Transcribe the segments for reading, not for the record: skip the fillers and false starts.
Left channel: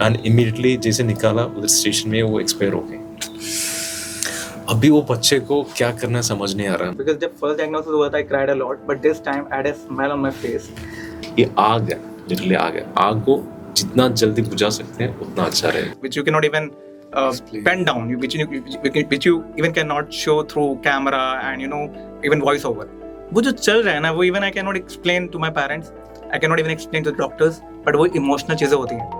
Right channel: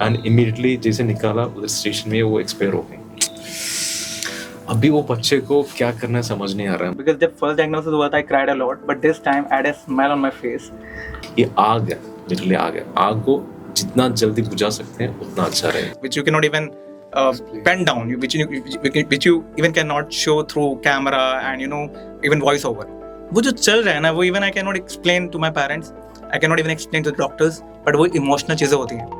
And immediately जैसे निकाला उधर स्टेशन में वो एक्सपायर हो गए। अभी वो बच्चे को क्या करना समझ नहीं आ रहा। Because जब फर्स्ट डायग्नोसिस हुआ था I cried a lot, but this time I had a smile on my face. ये आग है, लिटरली आग है। आग को जितना जल्दी बुझा सकते हैं उतना अच्छा रहेगा। Which you cannot even pen down, which you even cannot show through camera and even voice over. वो जो चल रहा है ना, वो even I cannot explain to my parents, I cannot even explain to the doctors, but वो emotional चीजें होती हैं।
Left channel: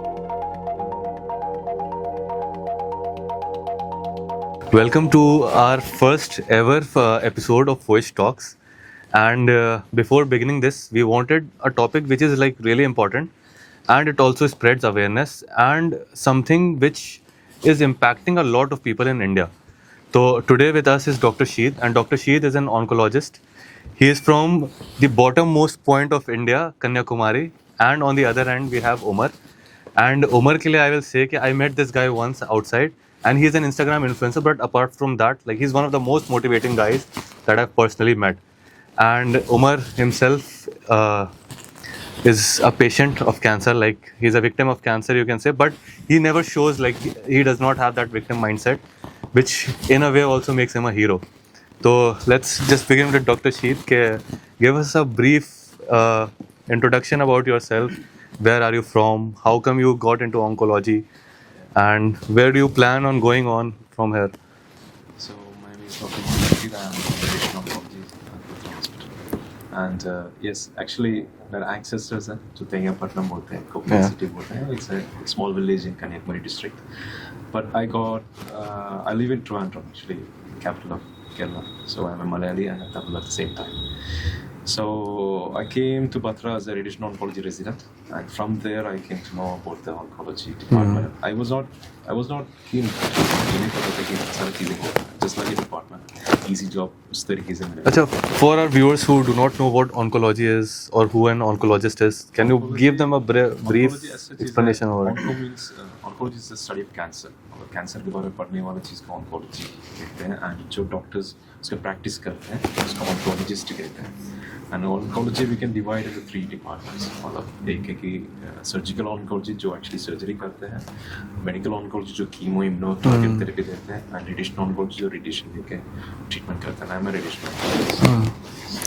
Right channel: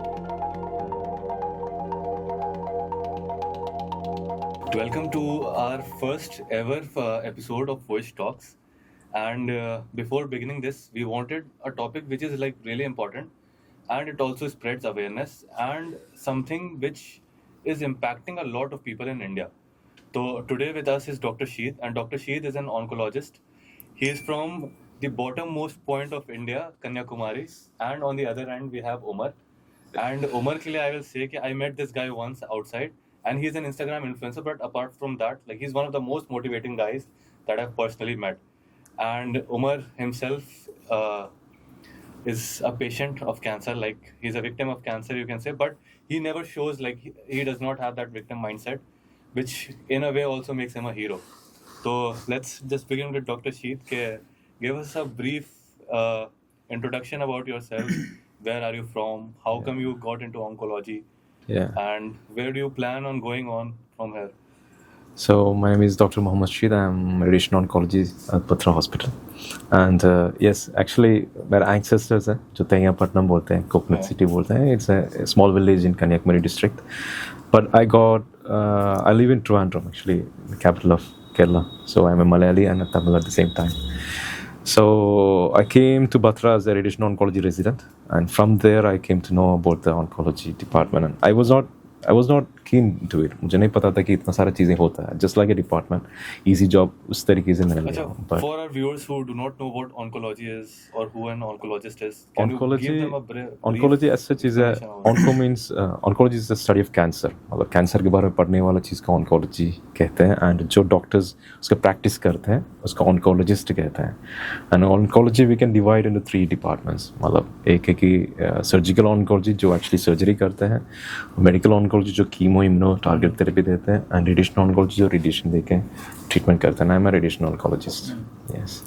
Welcome to our first ever episode of Voice Talks. And before beginning this, we wanted a topic which is like really important, and it also spreads awareness and something which is impacting a lot of people in India. So today with us is Dr. Sheet, and Dr. Sheet is an oncologist. He is from the bottommost point of India, Kanyakumari, and on the other hand we have Umar. And Umar ke liye I will say that I met this guy once outside, and he's an Instagram influencer, but apart from that, like, he's one of the most motivating guys that I've personally met. And Umar himself is a patient of cancer, like he's a victim of cancer, you can say, but he never shows, like, he does not have that victim mindset, which in a way also makes him a hero. So let's just begin with Dr. Sheet. Give us a brief introduction about yourself. Where are you from? How come you got into oncology? Yeah. And where do you plan on going on from here? So my name is Dr. Mohammed Sheet. I'm radiation oncologist at Patra Hospital. And yes, actually, मेरा ancestors है जो तैयापट्टनम बोलते हैं, Konkan city बोलते हैं. It's a small village in Kanyakumari district. But I live in Trivandrum, actually, the capital of Kerala. So I'm a Malayali and a Tamil at the same time. So I came to Batra as a radiation oncology resident, and from there I came to know about the oncology department. And I was not keen to. मुझे नहीं पता था कि इतना सारी चीजें होता है. Just like a department, easy job उस तरीके से मैंने. अच्छा, for our viewers who do not know what oncology is or who an oncologist is, can you give them a brief oncology as such is explanation over it? onco means oncology is the study of cancer. मतलब cancer के बारे में पढ़ने वाला चीज़ को oncology कहते हैं, and जो डॉक्टर्स उसका प्रैक्टिस करते हैं उसका oncologist कहते हैं. And oncology we can divide into 3 departments. मतलब एक है कि surgical oncology जो actually surgery करते हैं, medical oncology जो chemo immuno target therapy देते हैं, and radiation oncology जो radiation देके treatment करते हैं. I'm a radiation oncologist. Yes.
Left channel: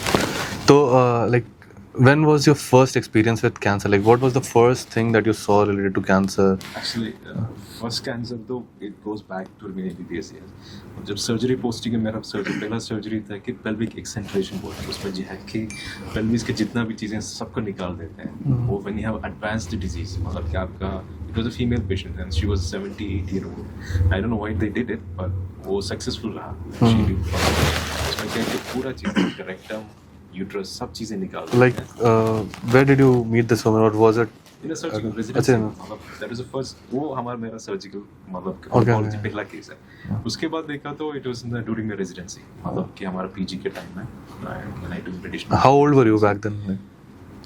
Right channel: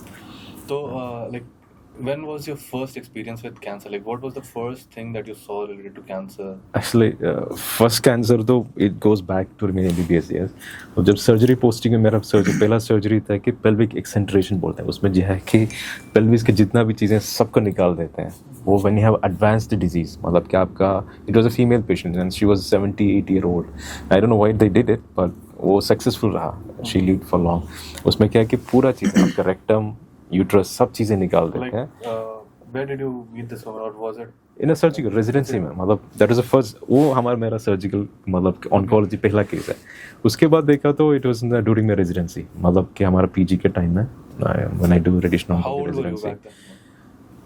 So, like, when was your first experience with cancer? Like, what was the first thing that you saw related to cancer? Actually, first cancer though it goes back to मेरे MBBS years. और जब surgery posting में मेरा पहला surgery था कि pelvic excenteration बोलते हैं. उसमें जो है कि pelvis के जितना भी चीज़ें सबको निकाल देते हैं. वो when you have advanced disease, मतलब कि आपका it was a female patient and she was 78-year-old. I don't know why they did it, but वो successful रहा. She lived for long. उसमें क्या है कि पूरा चीज़ आपका rectum, uterus सब चीज़ें निकाल देते Like, हैं. where did you meet this woman, or was it? In a surgical residency, मतलब that was the first. वो मेरा surgical मतलब oncology पहला केस है. उसके बाद देखा तो it was during my residency, मतलब कि हमारा PG के टाइम में when I do radiation. How old were you back then?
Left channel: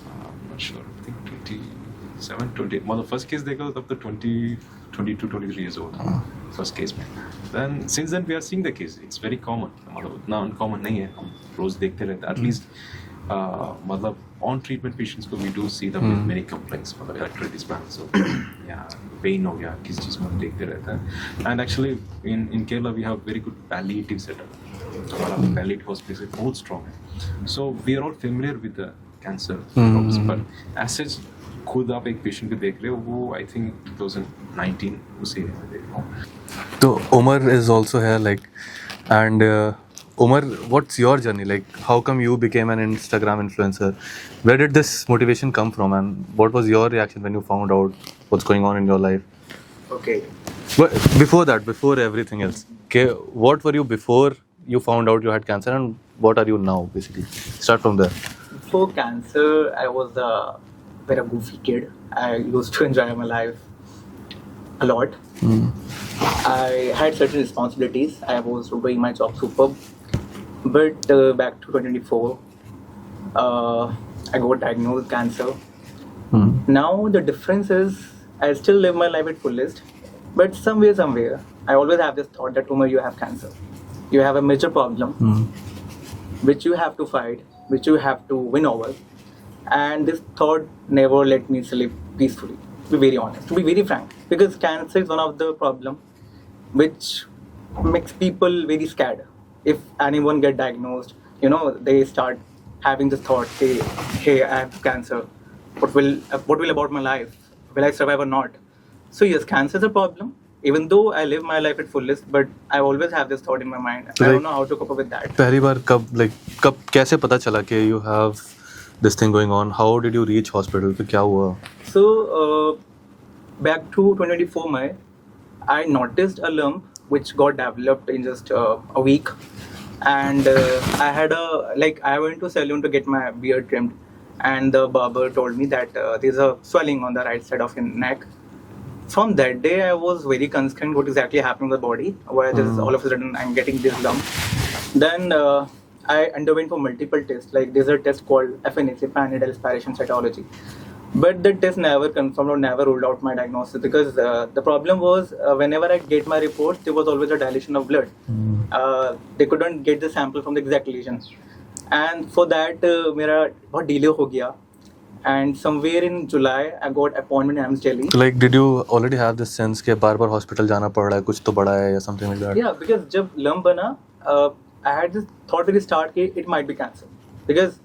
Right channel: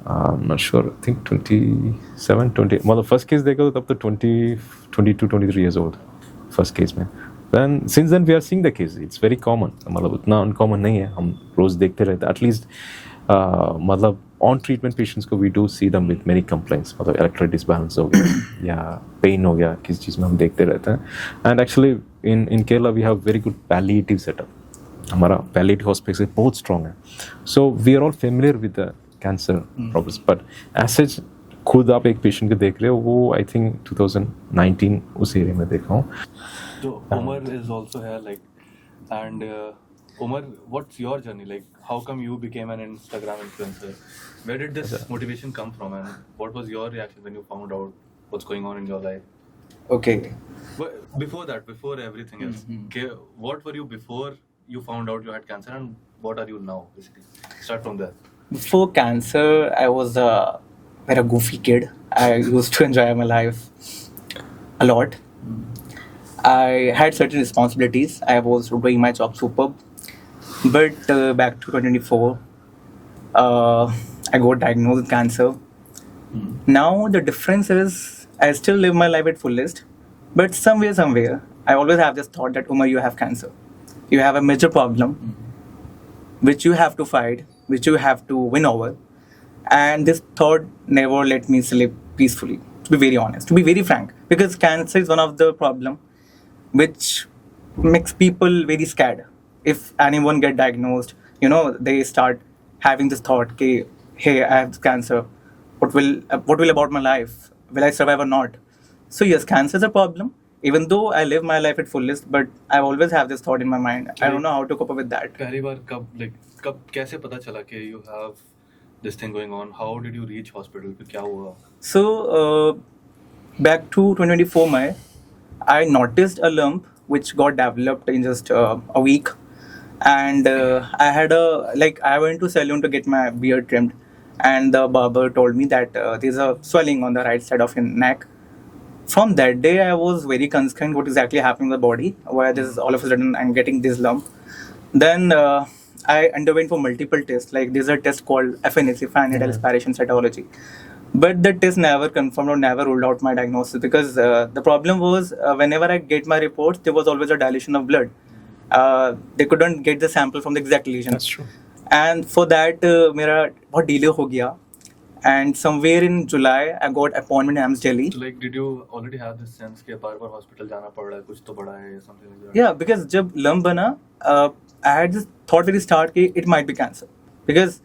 I'm not sure. I think 27, 20. मतलब first case देखा तो तब तो 22, 23 years old. First case में. Then since then we are seeing the case. It's very common. मतलब उतना uncommon नहीं है. हम रोज देखते रहते हैं. At least मतलब on treatment patients को we do see them with many complaints. मतलब electrolyte disbalance हो गया या pain हो गया, किस चीज़ में हम देखते रहते हैं. And actually in Kerala we have very good palliative setup. हमारा palliative hospital बहुत strong है. So we are all familiar with the cancer problems. But as such खुद आप एक पेशेंट को देख रहे हो, वो आई थिंक 2019 उस एरिया में देखा हूँ. So Umar is also here, like, and Umar, what's your journey? Like, how come you became an Instagram influencer? Where did this motivation come from, and what was your reaction when you found out what's going on in your life? Okay. But before that, before everything else, okay, what were you before you found out you had cancer, and what are you now, basically? Start from there. Before cancer, I was a very goofy kid. I used to enjoy my life a lot. I had certain responsibilities. I was doing my job superb. But back to 2024, I got diagnosed with cancer. Now the difference is I still live my life at fullest. But somewhere, I always have this thought that, Umar, you have cancer. You have a major problem, which you have to fight, which you have to win over. And this thought never let me sleep peacefully. to be very honest, to be very frank, because cancer is one of the problem which makes people very scared. If anyone get diagnosed, you know, they start having this thought, hey, I have cancer. What will about my life? Will I survive or not? So yes, cancer is a problem. Even though I live my life at fullest, but I always have this thought in my mind. I don't know how to cope up with that. पहली बार कब कैसे पता चला कि you have this thing going on? How did you reach hospital? फिर क्या हुआ? So back to 2024 May, I noticed a lump which got developed in just a week, and I went to salon to get my beard trimmed, and the barber told me that there's a swelling on the right side of your neck. From that day, I was very concerned what exactly happening in the body, why this is all of a sudden I'm getting this lump. Then I underwent for multiple tests. Like there's a test called FNAC, Needle Aspiration Cytology. But the test never confirmed or never ruled out my diagnosis, because the problem was whenever I get my reports, there was always a dilation of blood. They couldn't get the sample from the exact lesion. That's true. And for that, मेरा बहुत delay हो गया. And somewhere in July, I got appointment in AIIMS Delhi. So like, did you already have this sense कि बार-बार hospital जाना पड़ रहा है, कुछ तो बड़ा है या something like that? Yeah, because जब lump बना, I had this thought very start कि it might be cancer. Because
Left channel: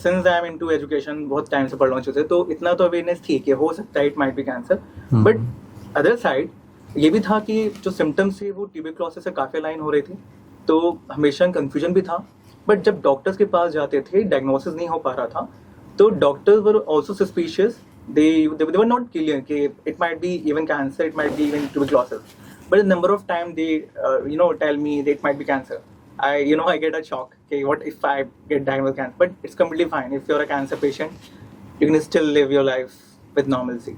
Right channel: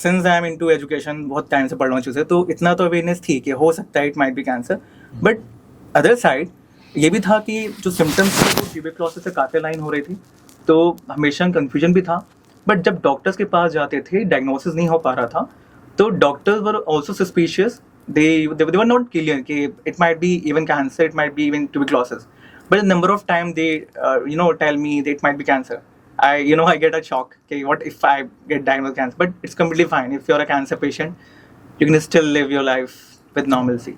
since I am into education, बहुत time से पढ़ रहा हूँ चीज़ें, तो इतना तो awareness थी कि हो सकता है it might be cancer. But other side, ये भी था कि जो symptoms थे वो tuberculosis से काफ़ी align हो रही थी, तो हमेशा confusion भी था. But जब doctors के पास जाते थे, diagnosis नहीं हो पा रहा था, तो doctors were also suspicious. They were not clear कि it might be even cancer, it might be even tuberculosis. But a number of times they tell me that it might be cancer. I get a shock. Okay, what if I get diagnosed with cancer? But it's completely fine. If you're a cancer patient, you can still live your life with normalcy.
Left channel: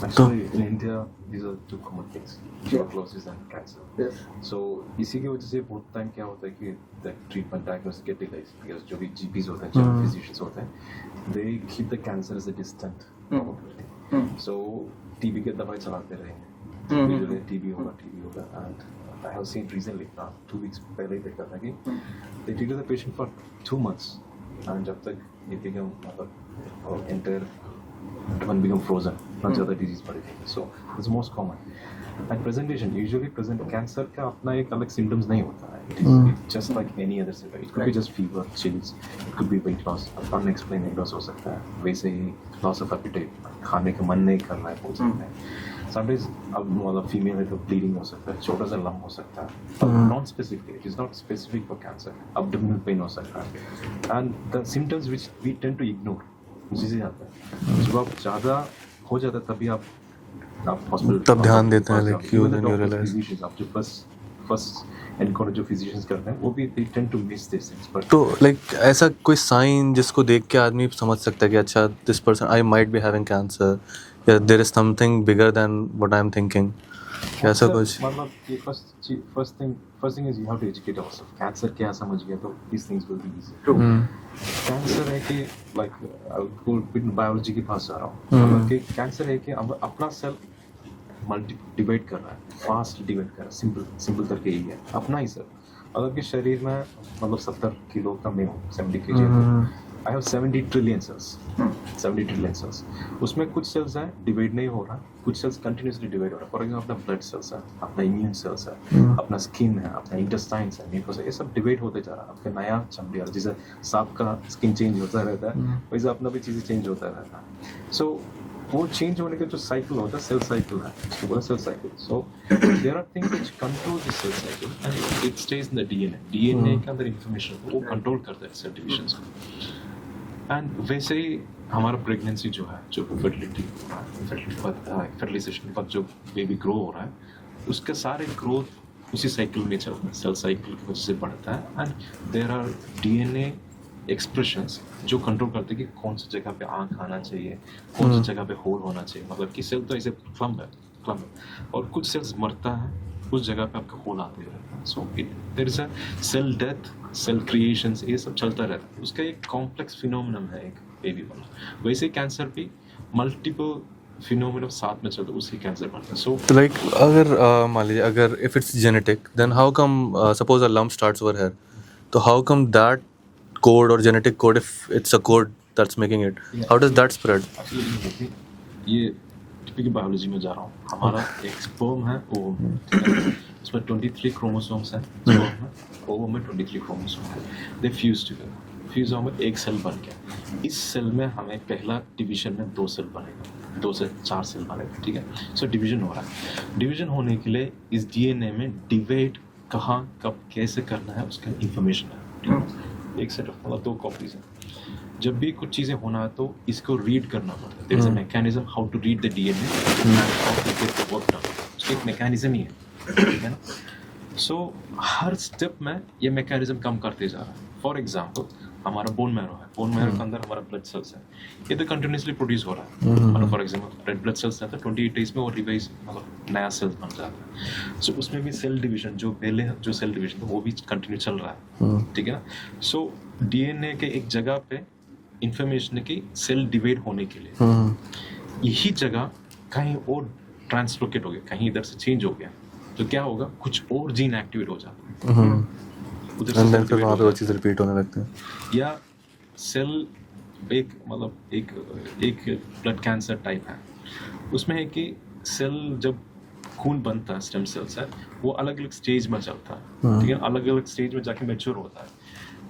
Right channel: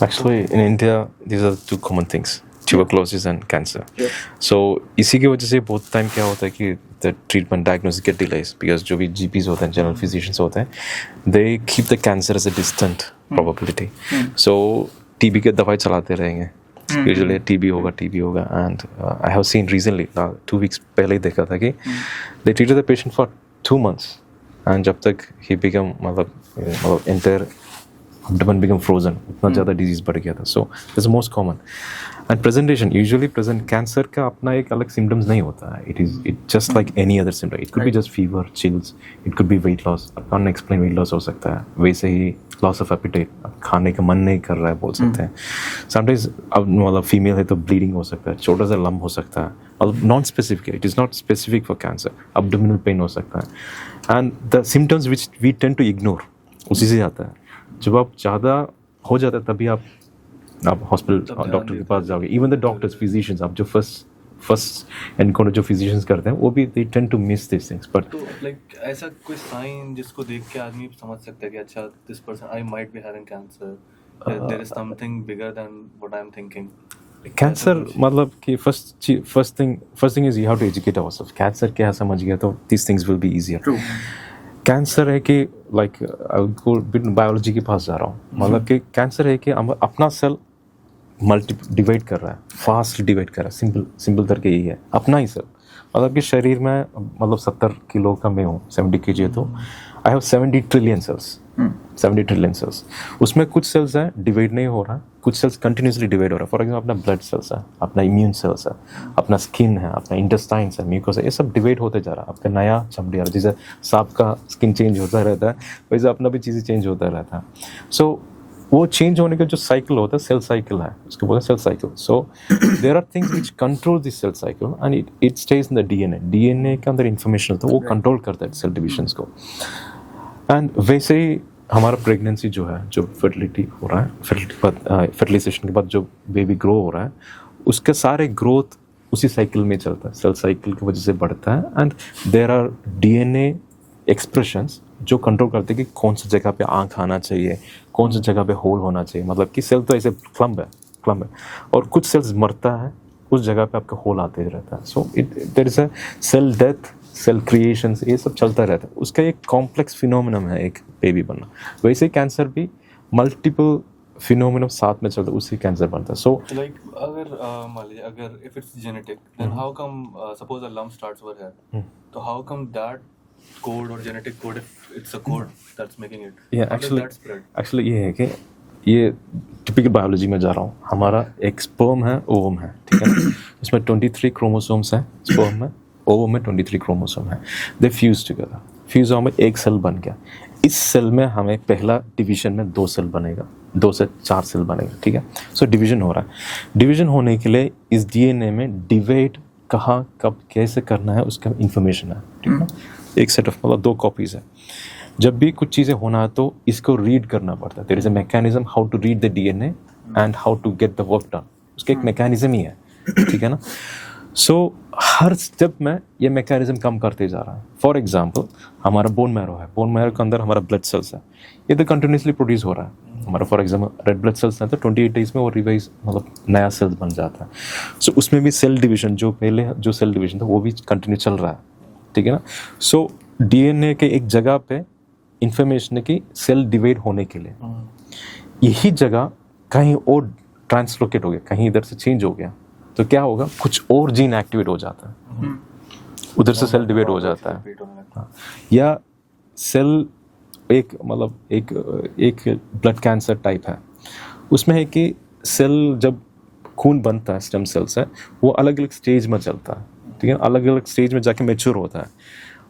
Actually, in India, these are two common things: tuberculosis and cancer. Yeah. So इसी की वजह से बहुत time क्या होता है कि the treatment diagnosis get delays, because जो भी GPs होते हैं, general physicians होते हैं, they keep the cancer as a distant probability. So TB के दवाई चलाते रहेंगे. Usually TB होगा, and I have seen recently 2 weeks पहले ही देखा था कि they treated the patient for 2 months, and जब तक he become मतलब entire abdomen become frozen, इतना ज़्यादा disease बढ़ गया था. So that's the most common. And presentation, usually cancer का अपना एक अलग symptoms नहीं होता है. It's just like any other symptom. It could be just fever, chills. It could be weight loss. Unexplained weight loss हो सकता है. वैसे ही loss of appetite, खाने का मन नहीं कर रहा है बोल सकते हैं. Sometimes अब मतलब female है तो bleeding हो सकता है. छोटा सा lump हो सकता है. Non-specific. It is not specific for cancer. Abdominal pain हो सकता है. And the symptoms which we tend to ignore, उसी से आता है. जब आप ज़्यादा हो जाता है तभी आप हॉस्पिटल तब ध्यान देते हैं. इवन द डॉक्टर्स, फिजिशियंस, आप जो फर्स्ट एनकाउंटर जो फिजिशियंस करते हैं वो भी they tend to miss this things. But तो लाइक ऐसा कोई साइन जिसको देख के आदमी समझ सकता है कि अच्छा this person I might be having cancer, या there is something bigger than what I am thinking? Cancer मतलब कि first thing is you have to educate ourself. Cancer क्या समझ गया तो this things will be easier. Cancer है कि like biology के पास जा रहा हूँ. मतलब कि कैंसर है कि अपना सेल डिवाइड कर रहा है, फास्ट डिवाइड कर रहा है. सिंपल करके यही है, अपना ही सेल. मतलब कि शरीर में मतलब 70 किलो का मैं हूँ, 70 kg है, तो आई हैव 70 ट्रिलियन सेल्स. उसमें कुछ सेल्स है डिवाइड नहीं हो रहा है, कुछ सेल्स कंटिन्यूसली डिवाइड हो रहा है. फॉर एग्जाम्पल अपना ब्लड सेल्स है, अपना इम्यून सेल्स है, अपना स्किन है, अपना इंटेस्टाइन्स है, म्यूकोसा, ये सब डिवाइड होते जा रहा है. आपका नया चमड़ी आ रहा है. जैसे सांप का स्किन चेंज होता रहता है, वैसे अपना भी चीज़ें चेंज होता रहता है. सो वो चेंज होने का जो साइकिल होता है सेल साइकिल है, उसको बोलते हैं cell cycle. So there are things which control this cell cycle and it stage in the DNA के अंदर इंफॉर्मेशन होता है, वो कंट्रोल करता है सेल डिविजन्स को. एंड वैसे ही हमारा प्रेगनेंसी जो है, जो फर्टिलिटी हो रहा है, फर्टिलाइजेशन के बाद जो बेबी ग्रो हो रहा है, उसके सारे ग्रोथ उसी साइकिल में चलता है, सेल साइकिल की वजह से बढ़ता है. And there are DNA expressions जो कंट्रोल करते हैं कि कौन सी जगह पे आँख आना चाहिए, कौन सी जगह पे होल होना चाहिए. मतलब कि सेल तो ऐसे क्लम्ब है और कुछ सेल्स मरता है, उस जगह पे आपका होल आते रहता है. So there is a cell death, cell creations, ये सब चलता रहता है. उसका एक कॉम्प्लेक्स फिनोमेनन है एक बेबी बनना. वैसे ही कैंसर भी मल्टीपल फिनोमेनन साथ में चलता है, उससे कैंसर बनता है. सो लाइक अगर मान लीजिए अगर if it's genetic, then how come suppose a lump starts over here, तो how come that code or genetic code, if it's a code that's making it. Yeah, How does actually- that spread? Actually ये है कि ये typical biology में जा रहा हूँ. हमारा एक स्पर्म है, ओवम है, ठीक है ना. उसमें 23 क्रोमोसोम्स हैं स्पर्म में, ओवम में 23 क्रोमोसोम है. दे फ्यूज टुगेदर. फ्यूज होने में एक सेल बन गया. इस सेल में हमें पहला डिवीजन में 2 सेल बनेगा, 2 से 4 सेल बनेगा, ठीक है. सो डिवीजन हो रहा है. डिवीजन होने के लिए इस डीएनए में डिवाइड कहाँ कब कैसे करना है उसका इंफॉर्मेशन है, ठीक है. एक सेट ऑफ मतलब 2 कॉपीज है. जब भी कुछ चीज़ें होना है तो इसको रीड करना पड़ता है. There is a mechanism how to read the DNA and how to get the work done. उसका एक मैकेनिज्म ही है, ठीक है ना. सो हर स्टेप में ये मैकेनिज्म कम करते जा रहा है. फॉर एग्जांपल हमारा बोन मैरो है, बोन मैरो के अंदर हमारा ब्लड सेल्स है, ये तो कंटिन्यूसली प्रोड्यूस हो रहा है. हमारा for example red blood cells है तो 28 डेज में वो रिवाइज मतलब नया सेल बन जाता है. सो उसमें भी सेल डिवीजन जो पहले जो सेल डिवीजन था वो भी कंटिन्यू चल रहा है, ठीक है ना. सो डीएनए के एक जगह पे इंफॉर्मेशन की सेल डिवाइड होने के लिए यही जगह कहीं और ट्रांसलोकेट हो गया, कहीं इधर से चेंज हो गया तो क्या होगा, कुछ और जीन एक्टिवेट हो जाता है, उधर से सेल डिवाइड हो जाता है. रिपीट होने लगता है. या सेल एक मतलब एक ब्लड कैंसर टाइप है. उसमें है कि सेल जब खून बनता है स्टेम सेल्स है वो अलग अलग स्टेज में चलता है, ठीक है. अलग अलग स्टेज में जाके मैच्योर होता है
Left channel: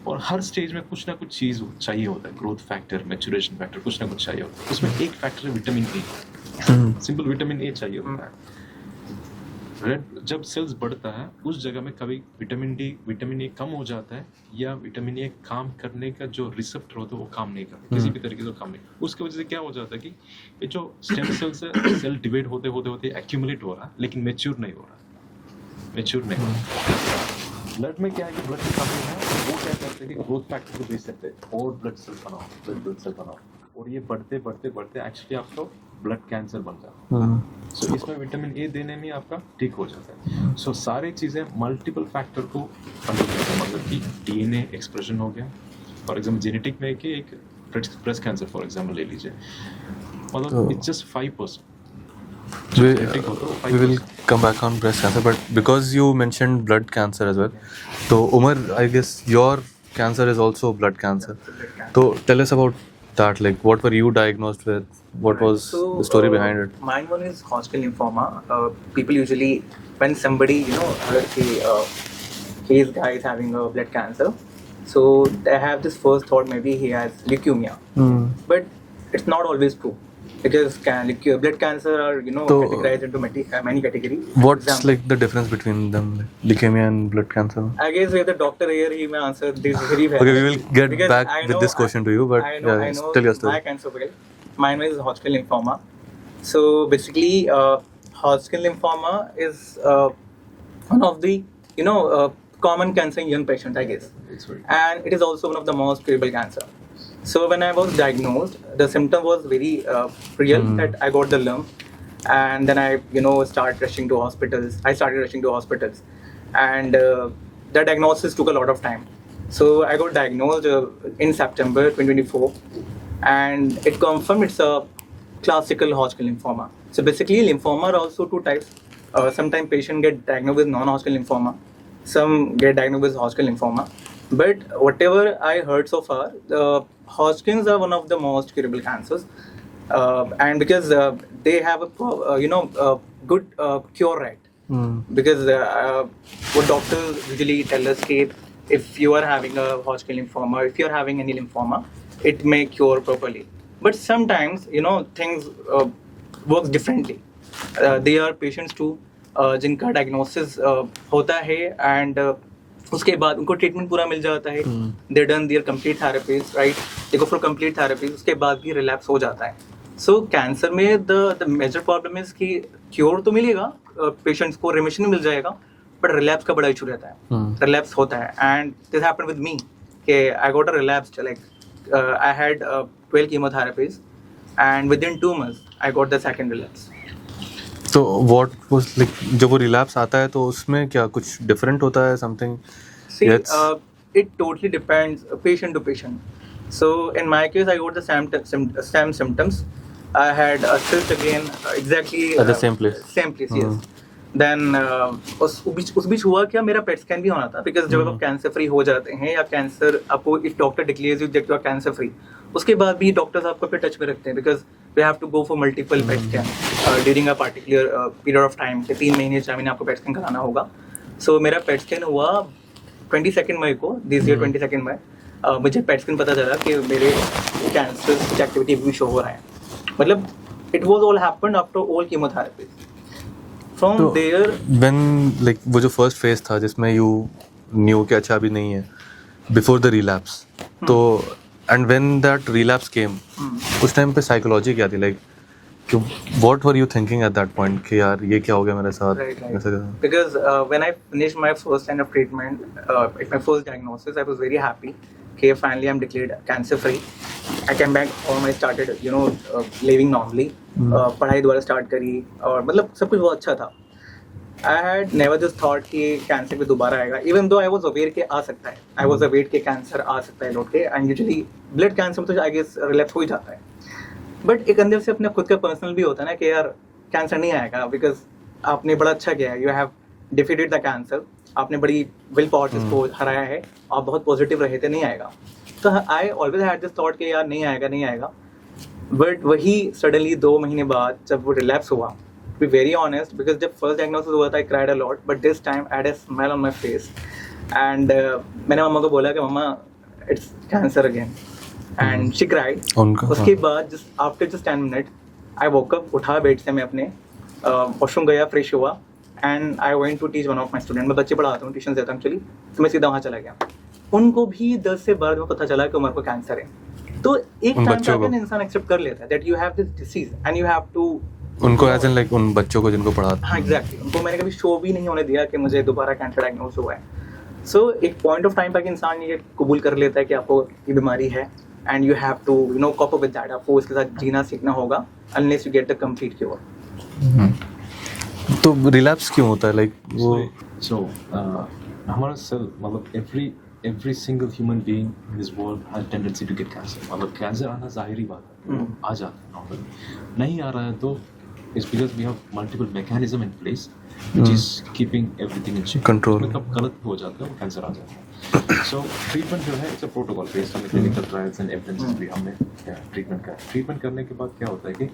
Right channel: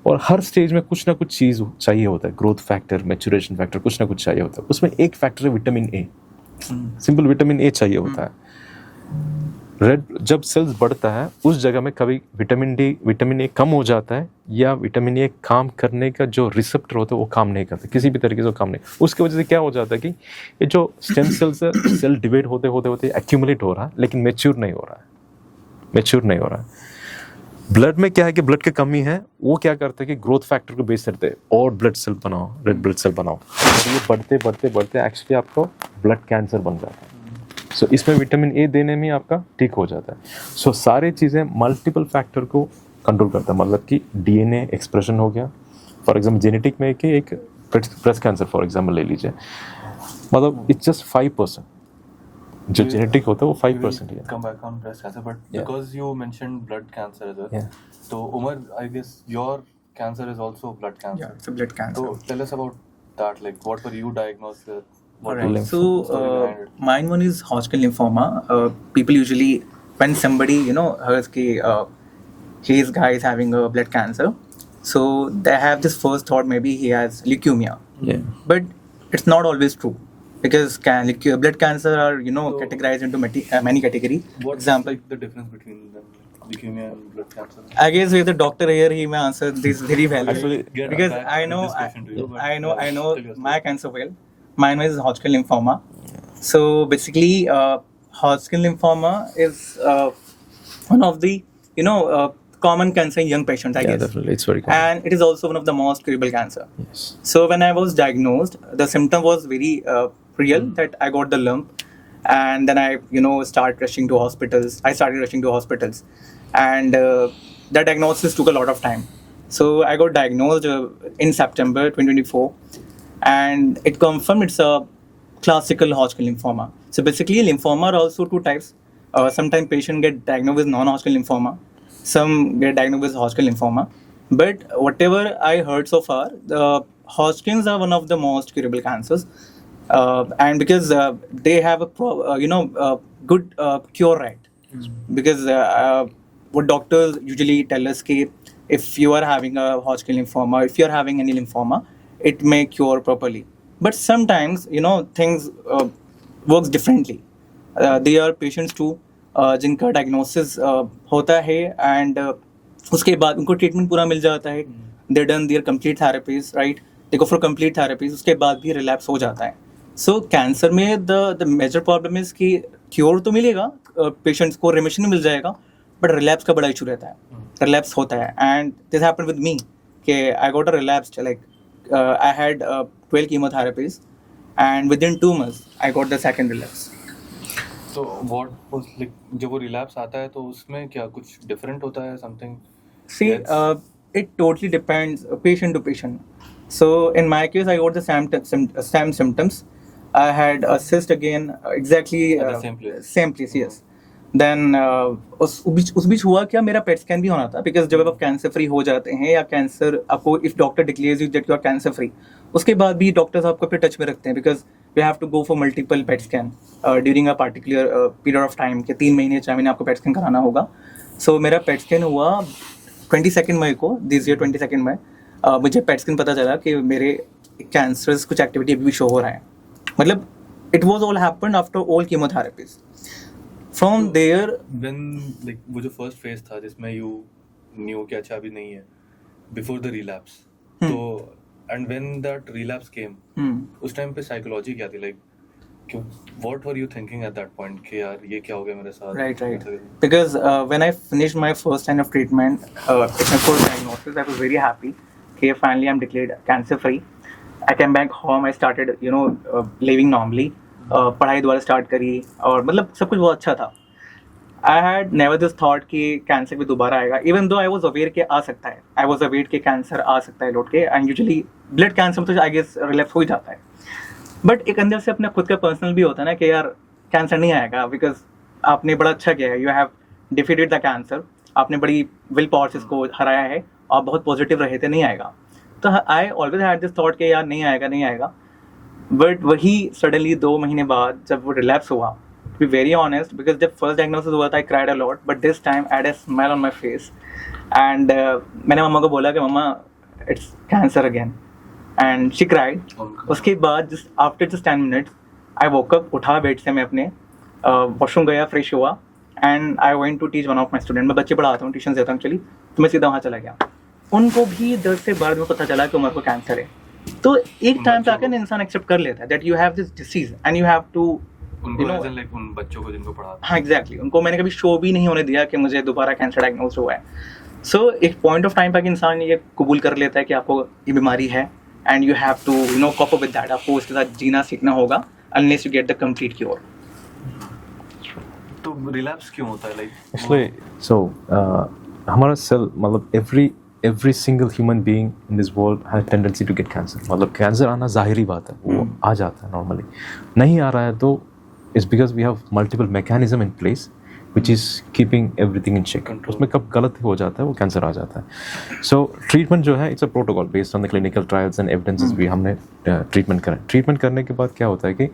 और हर स्टेज में कुछ ना कुछ चीज़ चाहिए होता है. ग्रोथ फैक्टर, मैच्योरेशन फैक्टर, कुछ ना कुछ चाहिए होता है. उसमें एक फैक्टर है vitamin A. Simple vitamin A चाहिए होता है. रेड जब सेल्स बढ़ता है उस जगह में कभी विटामिन ए कम हो जाता है या विटामिन ए काम करने का जो रिसेप्टर होता है वो काम नहीं करता, किसी भी तरीके से वो काम नहीं. उसकी वजह से क्या हो जाता है कि ये जो स्टेम सेल्स है सेल डिवाइड होते होते होते एक्यूमुलेट हो रहा है लेकिन मैच्योर नहीं हो रहा है. ब्लड में क्या है कि ब्लड की कमी है, वो क्या करते हैं कि ग्रोथ फैक्टर को बेस करते हैं और ब्लड सेल बनाओ, रेड ब्लड सेल बनाओ. और ये बढ़ते एक्चुअली आपको ब्लड कैंसर बन जाता है. सो इसमें विटामिन ए देने में आपका ठीक हो जाता है. सो सारी चीज़ें मल्टीपल फैक्टर को कंट्रोल करता है. मतलब कि डीएनए एक्सप्रेशन हो गया, फॉर एग्जाम्पल जेनेटिक में कि एक ब्रेस्ट कैंसर फॉर एग्जाम्पल ले लीजिए, मतलब इट्स जस्ट 5%. जो जेनेटिक होता है वो 5% है. Come back on breast cancer, but because you mentioned blood cancer as well, Yeah. so Umar, I guess your cancer is also blood cancer. It's a blood cancer. So tell us about that. Like, what were you diagnosed with? What was the story behind it? Mine one is Hodgkin lymphoma. People usually, when somebody his guy is having a blood cancer, so they have this first thought maybe he has leukemia, but it's not always true. Because blood cancer are So, categorized into many categories. What's like the difference between them, like leukemia and blood cancer? I guess we have the doctor here. He may answer this very well. Okay, we will get Because back with this question to you, but I know tell your story. my cancer well. Mine is Hodgkin lymphoma. So basically, Hodgkin lymphoma is one of the common cancer in young patients, I Yeah, guess. definitely. It's very common. And it is also one of the most curable cancer. Yes. So when I was diagnosed, the symptom was very real that I got the lump, and then I started rushing to hospitals. And the diagnosis took a lot of time. So I got diagnosed in September 2024, and it confirmed it's a classical Hodgkin lymphoma. So basically, lymphoma are also 2 types. Sometimes patients get diagnosed with non-Hodgkin lymphoma. Some get diagnosed with Hodgkin lymphoma. But whatever I heard so far, the Hodgkins are one of the most curable cancers. And because they have a good cure rate. Because what doctors usually tell us that if you are having a Hodgkin lymphoma, if you are having any lymphoma, it may cure properly. But sometimes, things works differently. They are patients too. जिनका diagnosis होता है and उसके बाद उनको treatment पूरा मिल जाता है. They done their complete therapies, right, they go for complete therapies, उसके बाद भी रिलैप्स हो जाता है. सो कैंसर में द मेजर प्रॉब्लम इज कि क्योर तो मिलेगा, पेशेंट्स को रेमिशन मिल जाएगा, बट रिलैप्स का बड़ा इशू रहता है. रिलैप्स होता है and this happened with me कि I got a relapse, like I had 12 chemotherapies and within 2 months I got the second relapse. तो what was like जब वो relapse आता है तो उसमें क्या कुछ different होता है something? See, it totally depends patient to patient. So in my case, I got the same symptoms. I had a cyst again, exactly At the same place? Same place, yes. Then उस बीच हुआ क्या, मेरा PET scan भी होना था. Because जब आप cancer free हो जाते हैं या कैंसर आपको, if doctor declares you that you are cancer free, उसके बाद भी डॉक्टर्स आपको अपने टच में रखते हैं because we have to go for multiple PET scan during a particular period of time कि 3 महीने 4 महीने आपको पेट स्कैन कराना होगा. सो मेरा पेट स्कैन हुआ 22 मई को, दिस ईयर 22 मई. मुझे पेट स्कैन पता चला कि मेरे कैंसरस कुछ एक्टिविटी अभी भी शो हो रहा है. मतलब it was all happened after all chemotherapies. From there when like वो जो फर्स्ट फेज था जिसमें यू न्यू कि अच्छा अभी नहीं है बिफोर द रिलैप्स, तो एंड व्हेन दैट रिलैप्स केम उस टाइम पे साइकोलॉजी क्या थी, लाइक कि what were you thinking at that point कि यार ये क्या हो गया मेरे साथ? Right. Because when I finished my first line of treatment, it's my first diagnosis, I was very happy. Okay, finally I'm declared cancer free. I came back home, I started, living normally. पढ़ाई दोबारा start करी और मतलब सब कुछ बहुत अच्छा था. I had never this thought कि कैंसर भी दोबारा आएगा. Even though I was aware कि आ सकता है. I was aware कि कैंसर आ सकता है लौट के. And usually ब्लड कैंसर तो I guess रिलैप्स हो ही जाता है. बट एक अंदर से अपना खुद का पर्सनल भी होता है ना कि यार कैंसर नहीं आएगा बिकॉज आपने बड़ा अच्छा किया है. You have defeated the cancer. आपने बड़ी विल पावर से इसको हराया है. आप बहुत पॉजिटिव रहे थे, नहीं आएगा. तो I always had this thought कि यार नहीं आएगा. बट वही सडनली 2 महीने बाद जब वो रिलैप्स हुआ, to be very honest, because जब फर्स्ट डायग्नोसिस हुआ था I cried a lot, but this time I had a smile on my face. And मैंने मम्मा को बोला कि मम्मा it's cancer again. And she cried. उसके बाद just after just 10 minutes, I woke up, उठा बेड से मैं अपने वॉशरूम गया, फ्रेश हुआ, and I went to teach one of my students. मैं बच्चे पढ़ाता हूँ, ट्यूशन देता हूँ एक्चुअली, तो मैं सीधा वहाँ चला गया. उनको भी 10 से 12 में पता चला कि उमर को कैंसर है. तो एक टाइम पे आकर इंसान एक्सेप्ट कर लेता है that you have this disease and you have to. उनको एज इन लाइक उन बच्चों को जिनको पढ़ाते. हाँ एग्जैक्टली. उनको मैंने कभी शो भी नहीं होने दिया कि मुझे दोबारा कैंसर डायग्नोज हुआ है. सो एक पॉइंट ऑफ टाइम पर इंसान ये कबूल कर लेता है कि आपको ये बीमारी है. And you have to, cope up with that. आपको उसके साथ जीना सीखना होगा unless you get the complete cure. तो रिलैप्स क्यों होता है? हमारा सेल मतलब every single human being in this world has tendency to get cancer. मतलब कैंसर आना जाहिरी बात है, वो आ जाता है नॉर्मली. नहीं आ रहा है तो it's because we have multiple mechanism in place which is keeping everything in check. Control. उसमें कब गलत हो जाता है वो कैंसर आ जाता है. So treatment जो है it's a protocol based on the clinical trials and evidences भी हमने ट्रीटमेंट करा. ट्रीटमेंट करने के बाद क्या होता है कि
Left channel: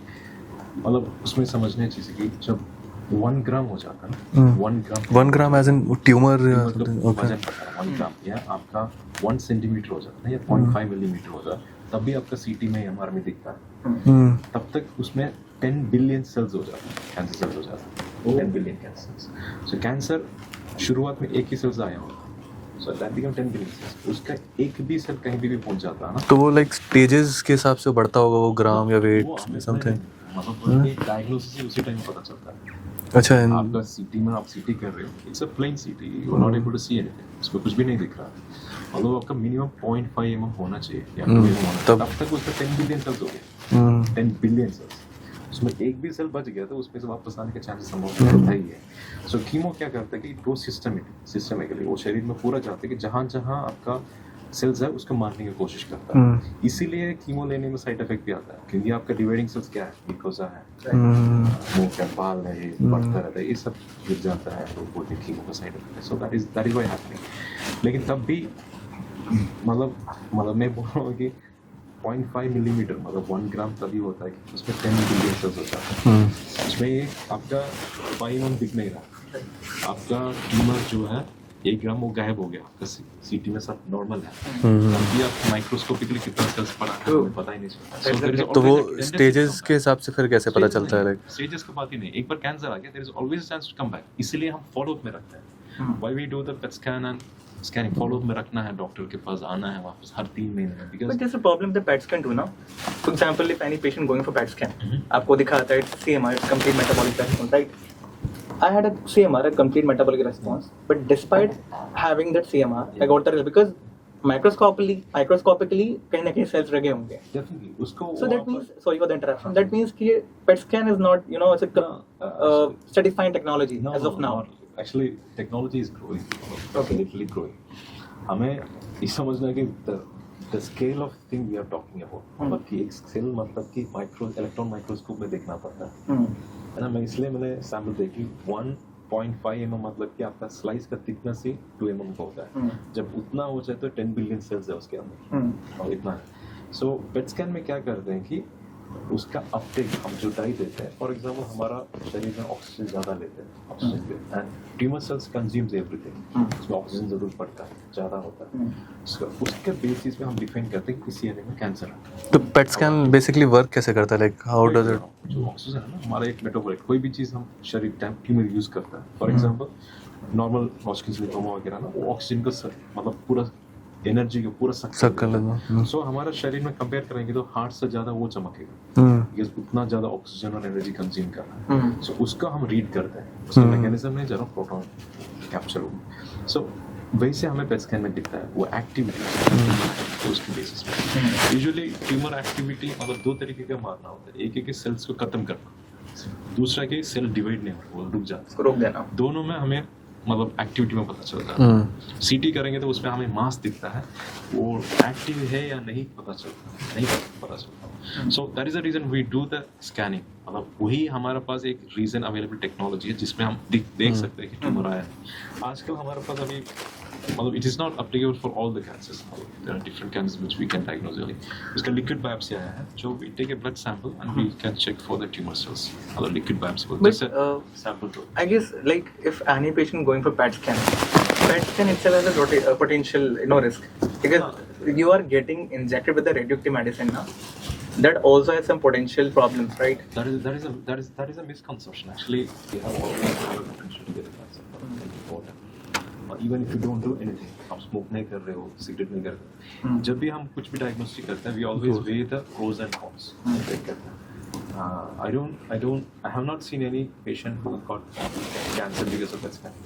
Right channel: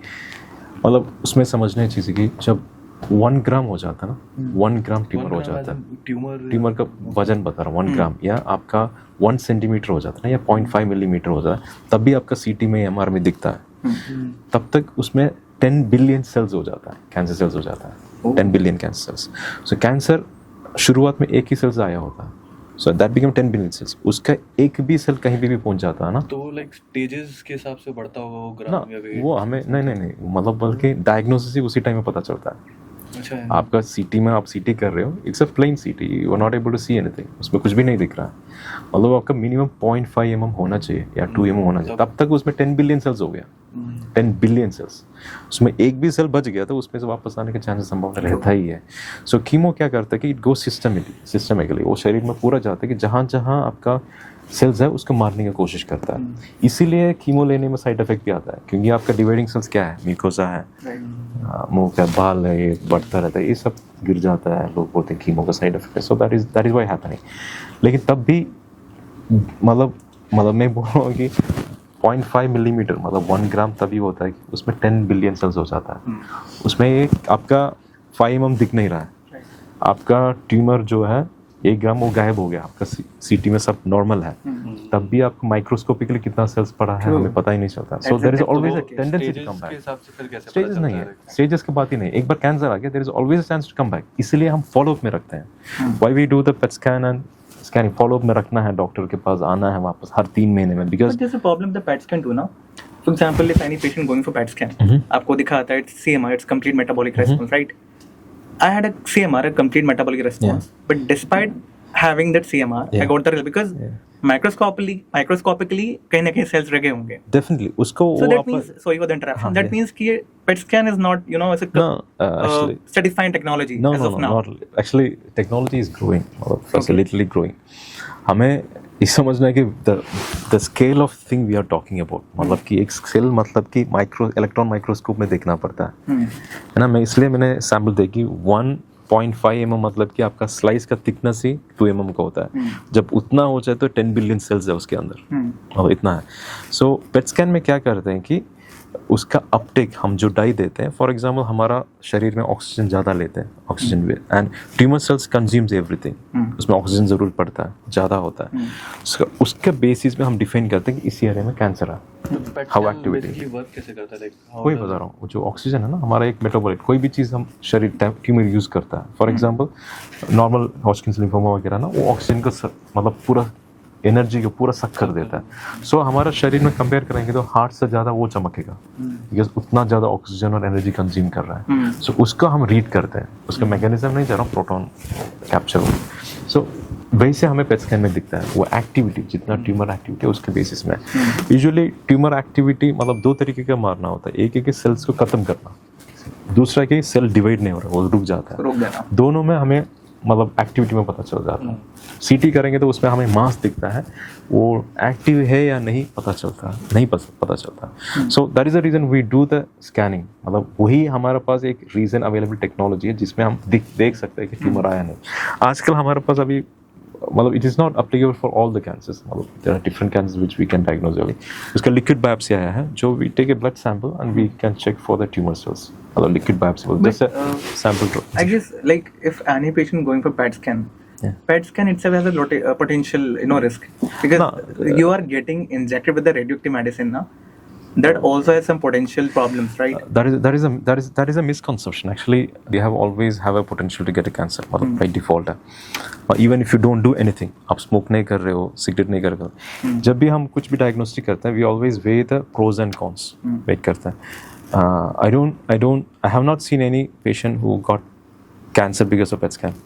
मतलब उसमें समझने चीज़ है कि जब 1 ग्राम हो जाता है ना, 1 ग्राम एज इन ट्यूमर का वजन बता रहा हूँ, 1 ग्राम या आपका 1 सेंटीमीटर हो जाता है ना, या 0.5 मिलीमीटर हो जाता है, तब भी आपका CT में MR में दिखता है. तब तक उसमें 10 बिलियन सेल्स हो जाता है, कैंसर सेल्स हो जाता है. 10 billion cancer cells. So cancer शुरुआत में एक ही सेल्स आया होता है. So that become 10 billion cells. उसका एक भी सेल कहीं भी पहुंच जाता है ना, तो वो लाइक स्टेजेस के हिसाब से बढ़ता होगा वो ग्राम या वेट. वो हमें नहीं मतलब बल्कि डायग्नोसिस ही उसी टाइम में पता चलता है. अच्छा, आपका CT में आप CT कर रहे हो, it's a plain CT, you are not able to see anything, उसमें कुछ भी नहीं दिख रहा. मतलब आपका मिनिमम 0.5 mm होना चाहिए या 2 mm होना चाहिए, तब तक उसमें 10 बिलियन सेल्स हो गया. 10 बिलियन सेल्स. उसमें एक भी सेल बच गया तो उसमें से वापस आने के चांसेस संभावना रहता ही है. सो कीमो क्या करता है कि इट गो सिस्टमिकली वो शरीर में पूरा जाता है कि जहाँ जहाँ आपका सेल्स है उसको मारने की कोशिश करता है. इसीलिए कीमो लेने में साइड इफेक्ट भी आता है, क्योंकि आपका डिवाइडिंग सेल्स क्या है, म्यूकोसा है, मुंह का बाल है, ये बढ़ता रहता है, ये सब गिर जाता है. लोग बोलते हैं कीमो का साइड इफेक्ट है. So that is why happening. लेकिन तब भी मतलब मैं बोल रहा हूँ कि 0.5 मिलीमीटर मतलब 1 ग्राम तभी होता है कि उसमें 10 बिलियन सेल्स हो जाता है. उसमें एक आपका 5 mm दिख नहीं रहा है, आपका ट्यूमर जो है 1 ग्राम वो गायब हो गया. आपका CT में सब नॉर्मल है, तब भी आप माइक्रोस्कोपिकली कितना सेल्स पड़ा है हमें पता ही नहीं चलता. So there is always stages के हिसाब से फिर कैसे पता चलता है? स्टेजेस की बात ही नहीं, एक बार कैंसर आ गया there is always a chance to come back. इसलिए हम फॉलो अप में रखते हैं. Why we do the PET scan and scanning. Follow up में रखना है, डॉक्टर के पास आना है वापस हर 3 महीने में. Because there's a problem with the PET scan too now. For example, if any patient going for PET scan, आपको दिखाता है it's CMR, it's complete metabolic response, right? I had a CMR, a complete metabolic response, but despite having that CMR, I got the result because microscopically कहीं ना कहीं cells रखे होंगे. Definitely उसको So that means, sorry for the interruption, that means कि PET scan is not, it's a certifying technology as of now. Actually technology is growing, or literally growing. हमें ये समझना है कि the scale of thing we are talking about, मतलब कि एक cell मतलब कि इलेक्ट्रॉन माइक्रोस्कोप में देखना पड़ता है ना. मैं इसलिए मैंने सैम्पल देखी 1 0.5 mm मतलब कि आपका स्लाइस का थिकनेस ही 2 mm का होता है. जब उतना हो जाए तो 10 बिलियन सेल्स है उसके अंदर, और इतना है. सो पेट स्कैन में क्या करते हैं कि उसका अपटेक, हम जो डाई देते हैं, फॉर एग्जांपल हमारा शरीर में ऑक्सीजन ज़्यादा लेते हैं, ऑक्सीजन भी, and tumour cells consumes everything, उसमें ऑक्सीजन ज़रूर पड़ता है, ज़्यादा होता है. उसके बेसिस पे हम डिफाइन करते हैं कि इस एरिया में कैंसर है. तो पेट स्कैन बेसिकली वर्क कैसे करता है, लाइक हाउ डज इट? वो जो ऑक्सीजन है ना, हमारा एक मेटाबॉलाइट, कोई भी चीज़ हम शरीर ट्यूमर यूज़ करता है. फॉर एग्जांपल नॉर्मल हॉजकिंस लिम्फोमा वगैरह ना, वो ऑक्सीजन को मतलब पूरा एनर्जी को पूरा सक कर देता है. सो हमारा शरीर में कंपेयर करेंगे तो हार्ट से ज़्यादा वो चमकेगा, बिकॉज उतना ज़्यादा ऑक्सीजन और एनर्जी कंज्यूम कर रहा है. सो उसको हम रीड करते हैं, उसका मैकेनिज्म नहीं जाना, प्रोटॉन कैप्चर. सो वही से हमें पेट स्कैन में दिखता है वो एक्टिविटी, जितना ट्यूमर एक्टिविटी उसके बेसिस में. यूजुअली ट्यूमर एक्टिविटी मतलब दो तरीके का मारना होता है. एक है कि सेल्स को खत्म करना, दूसरा कि सेल डिवाइड नहीं हो रहा, वो रुक जाता है. रोक देना. दोनों में हमें मतलब एक्टिविटी में पता चल जाता है. सीटी करेंगे तो उसमें हमें मास दिखता है, वो एक्टिव है या नहीं पता चलता, नहीं पता चलता. So that is the reason we do the scanning. मतलब वही हमारे पास एक रीजन अवेलेबल टेक्नोलॉजी है जिसमें हम देख सकते हैं कि ट्यूमर आया नहीं. आजकल हमारे पास अभी मतलब it is not applicable for all the cancers. मतलब there are different cancers which we can diagnose early. उसका लिक्विड बायोप्सी आया है, जो we take a blood sample and we can check for the tumour cells. मतलब liquid biopsy just a sample. I guess like if any patient going for PET scan itself has a potential risk, because you are getting injected with the radioactive medicine now. That also has some potential problems, right? That is a misconception. Actually, they always have a potential to get a cancer, मतलब by default है. Even if you don't do anything, आप smoke नहीं कर रहे हो, cigarette नहीं कर रहे हो, जब भी हम कुछ भी डायग्नोस्टिक करते हैं, we always weigh the pros and cons. Wait करते हैं. I have not seen any patient who got cancer because of PET scan.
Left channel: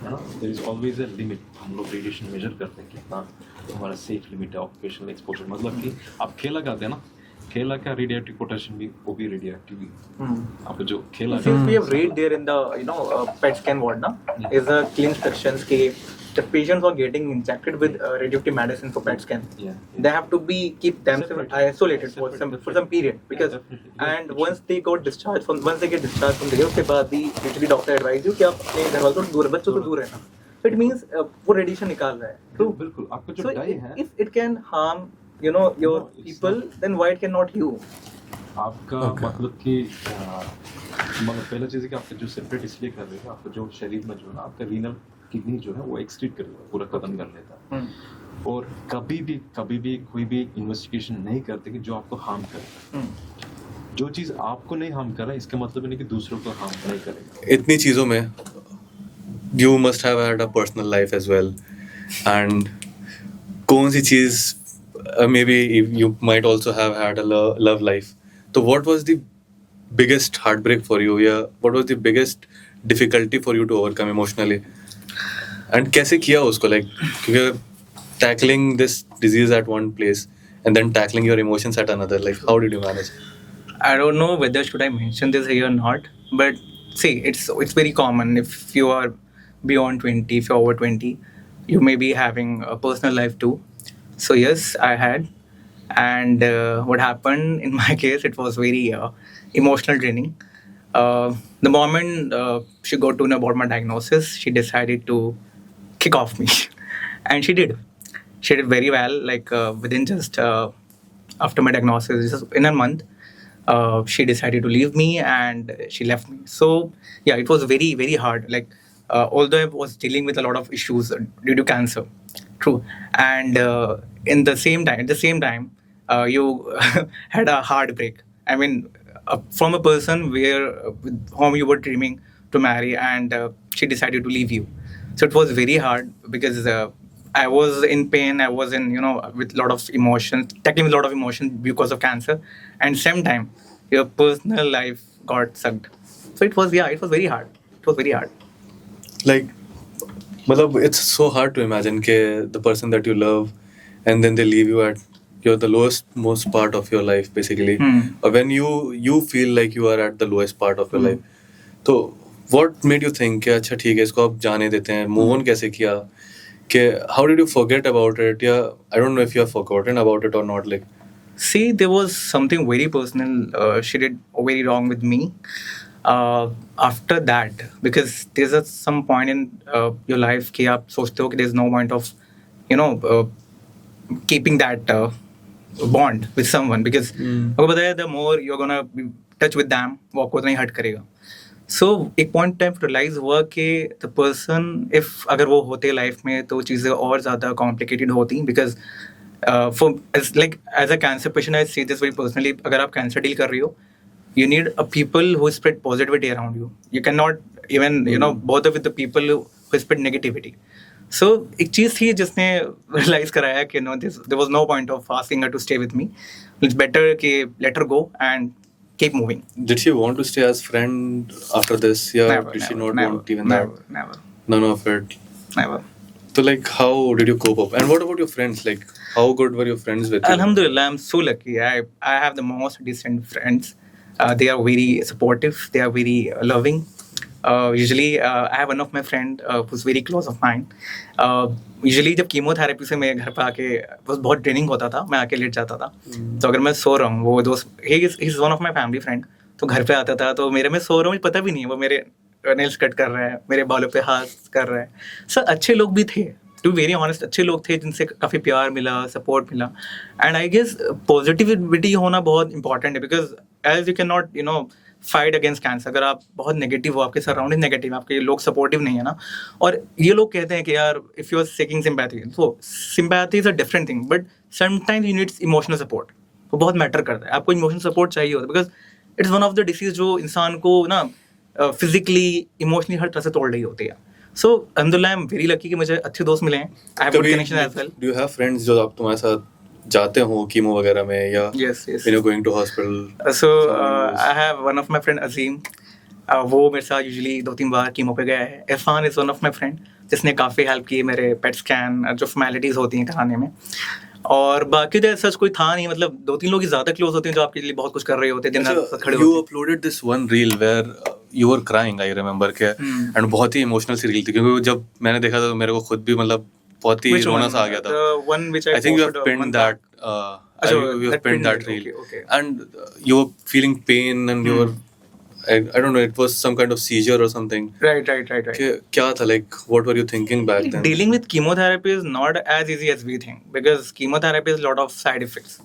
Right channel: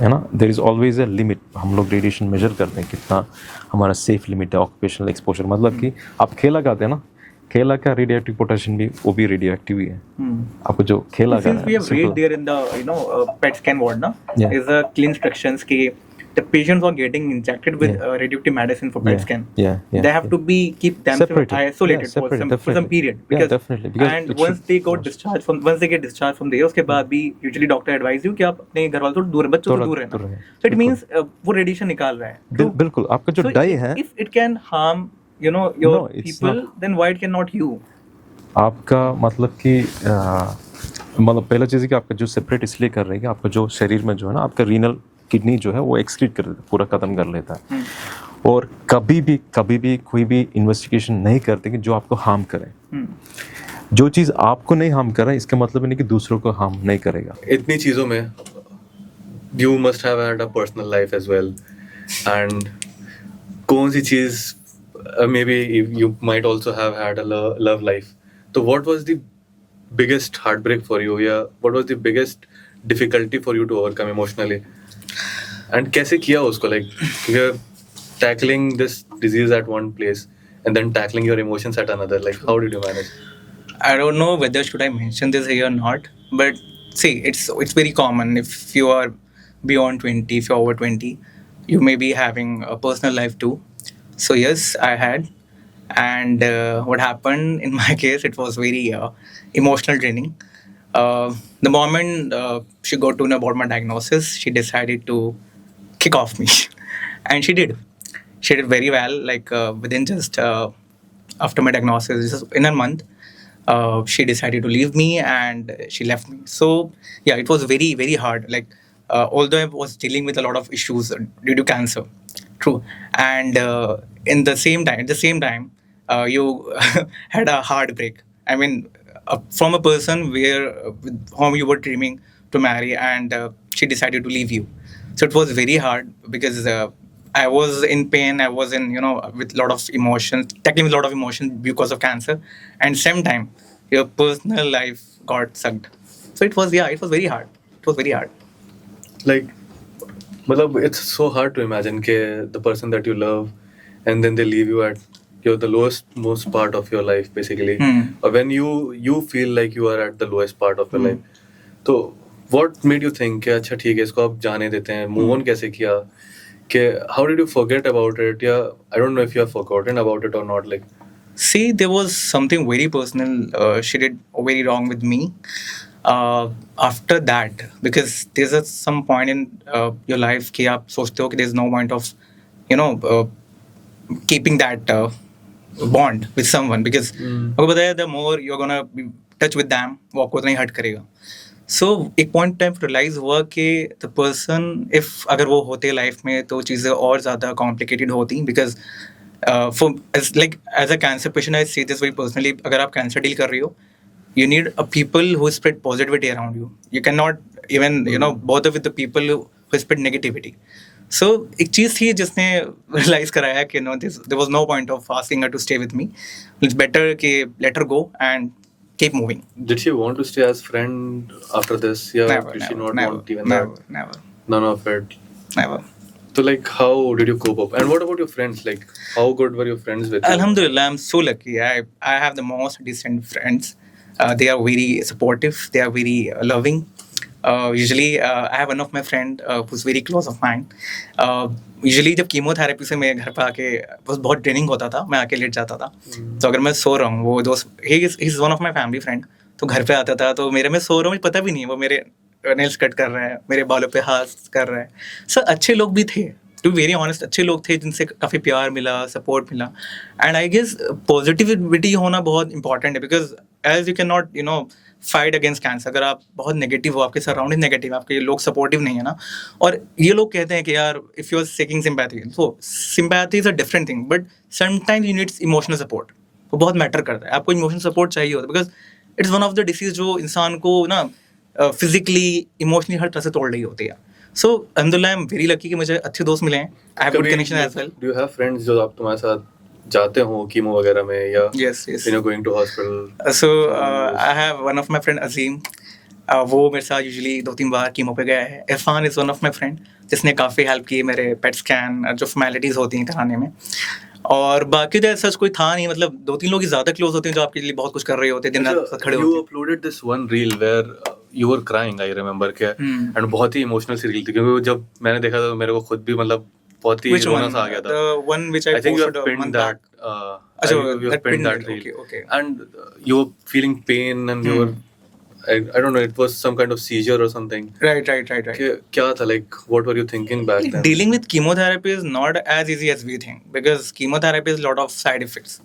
है ना. There is always a limit. हम लोग रेडिएशन मेजर करते हैं कितना हमारा सेफ लिमिट है. ऑक्यूपेशनल एक्सपोजर मतलब कि आप खेल लगाते हैं ना, खेला का रेडियोएक्टिव पोटेंशियल भी वो भी रेडियोएक्टिव ही है. आपको जो खेला का since we have read there in the PET scan ward na, is a clean instructions कि the patients are getting injected with radioactive medicine for PET scan. They have to be keep themselves isolated for some period, because and once they get discharged from there, उसके बाद भी usually doctor advise you कि आप अपने घर वालों से दूर, बच्चों से दूर रहना. So it means वो radiation निकाल रहा है. बिल्कुल. आपका जो डाई है, if it can harm your people, then why it cannot you? आपका मतलब कि मतलब पहला चीज़ है कि आपका जो सेपरेट इसलिए कर रहे हैं कि आपका जो शरीर में जो है ना, आपका रीनल किडनी जो है वो एक्सक्रीट कर पूरा खत्म कर लेता है. और कभी भी कोई भी इन्वेस्टिगेशन नहीं करते कि जो आपको हार्म करे. जो चीज़ आपको नहीं हार्म कर रहा है, इसका मतलब नहीं कि दूसरों को हार्म नहीं करेगा. इतनी चीज़ों में you must have had a personal life as well, and कौन सी चीज़ maybe you might also have had a love life. So what was the biggest heartbreak for you? Yeah, what was the biggest difficulty for you to overcome emotionally? And कैसे किया उसको, like you're tackling this disease at one place and then tackling your emotions at another. Like how did you manage? I don't know whether should I mention this here or not, but see, it's very common. If you are beyond 20, if you're over 20, you may be having a personal life too. So yes, I had, and what happened in my case, it was very emotional draining. The moment she got to know about my diagnosis, she decided to kick off me, and she did. She did very well. Like within just after my diagnosis, just in a month, she decided to leave me, and she left me. So yeah, it was very very hard. Like although I was dealing with a lot of issues due to cancer, true, and at the same time, you had a heartbreak. I mean, from a person with whom you were dreaming to marry, and she decided to leave you. So it was very hard because I was in pain. I was in with a lot of emotions, tackling with a lot of emotions because of cancer, and same time your personal life got sucked. So it was very hard. It was very hard. Like, मतलब it's so hard to imagine कि the person that you love and then they leave you at the most part of your life basically. Or when you feel like you are at the lowest part of your life. So what made you think कि अच्छा ठीक है इसको अब जाने देते हैं, move on कैसे किया, कि how did you forget about it? Yeah, I don't know if you have forgotten about it or not. Like, see, there was something very personal she did very wrong with me. After that, because there's some point in your life कि आप सोचते हो कि there's no point of keeping that bond with someone, because आपको पता है the more you're gonna be touch with them, वो आपको उतना ही हर्ट करेगा. So एक पॉइंट टाइम रियलाइज हुआ कि द पर्सन इफ अगर वो होते लाइफ में तो चीज़ें और ज़्यादा कॉम्प्लिकेटेड होती, because for like as a cancer patient I see this very personally, अगर आप कैंसर डील कर रही हो, you need a people who spread positivity around you. You cannot even bother with the people who spread negativity. So एक चीज़ थी जिसने realise कराया कि there was no point of asking her to stay with me. It's better कि let her go and keep moving. Did she want to stay as friend after this? Yeah, did she not want even that? Never. None of it. Never. So like, how did you cope up? And what about your friends? Like, how good were your friends with you? Alhamdulillah, I'm so lucky. I have the most decent friends. They are very supportive. They are very loving. Usually, I have one of my friend who's very close of mine. Usually, जब chemotherapy से मैं घर पे आके बस बहुत training होता था, मैं आके लेट जाता था. तो अगर मैं सो रहा हूँ, वो दोस्त he is one of my family friend, तो घर पे आता था, तो मेरे में सो रहा हूँ, मुझे पता भी नहीं है, वो मेरे नेल्स कट कर रहा है, मेरे बालों पे हाथ कर रहा है. सर अच्छे लोग भी थे, टू वेरी ऑनेस्ट, अच्छे लोग थे जिनसे काफ़ी प्यार मिला, सपोर्ट मिला. एंड आई गेस पॉजिटिविटी होना बहुत इंपॉर्टेंट है, because as you can not fight against cancer. अगर आप बहुत नेगेटिव हो, आपके सराउंडिंग नेगेटिव, आपके लोग सपोर्टिव नहीं है ना, और ये लोग कहते हैं कि यार if you are seeking sympathy, तो sympathy is a different thing, but sometimes you needs emotional support. वो बहुत मैटर करता है, आपको इमोशनल सपोर्ट चाहिए होता है, because it's one of the disease जो इंसान को ना फिजिकली इमोशनली हर तरह से तोड़ रही होती है. सो अल्हम्दुलिल्लाह आई एम वेरी लकी कि मुझे अच्छे दोस्त मिले हैं. I have good connection as well. Do you have friends जो आप तुम्हारे साथ जाते हो कीमो वगैरह में, या Yes. when you're going to hospital? So I have one of my friend Azim. वो मेरे साथ यूजुअली 2-3 बार कीमो पे गया है. Irfan is one of my friend, जिसने काफ़ी हेल्प की मेरे पेट स्कैन जो फॉर्मेलिटीज़ होती हैं कराने में. और बाकी तो सच कोई था नहीं, मतलब 2-3 लोग ही ज़्यादा क्लोज होते हैं जो आपके लिए बहुत कुछ कर रहे होते हैं, दिन रात खड़े You होते हैं. uploaded this one reel where you were crying, I remember के, and बहुत ही इमोशनल सी reel थी, क्योंकि जब मैंने देखा तो मेरे को खुद भी मतलब बहुत ही Which रोना one? सा आ गया था. The one which I I think you have posted a pinned month that. अच्छा, you have that pinned pinned that it. reel. Okay. And you were feeling pain, and you were, I don't know, it was some kind of seizure or something. Right. क्या था, like, what were you thinking back then? Dealing with chemotherapy is not as easy as we think, because chemotherapy is a lot of side effects.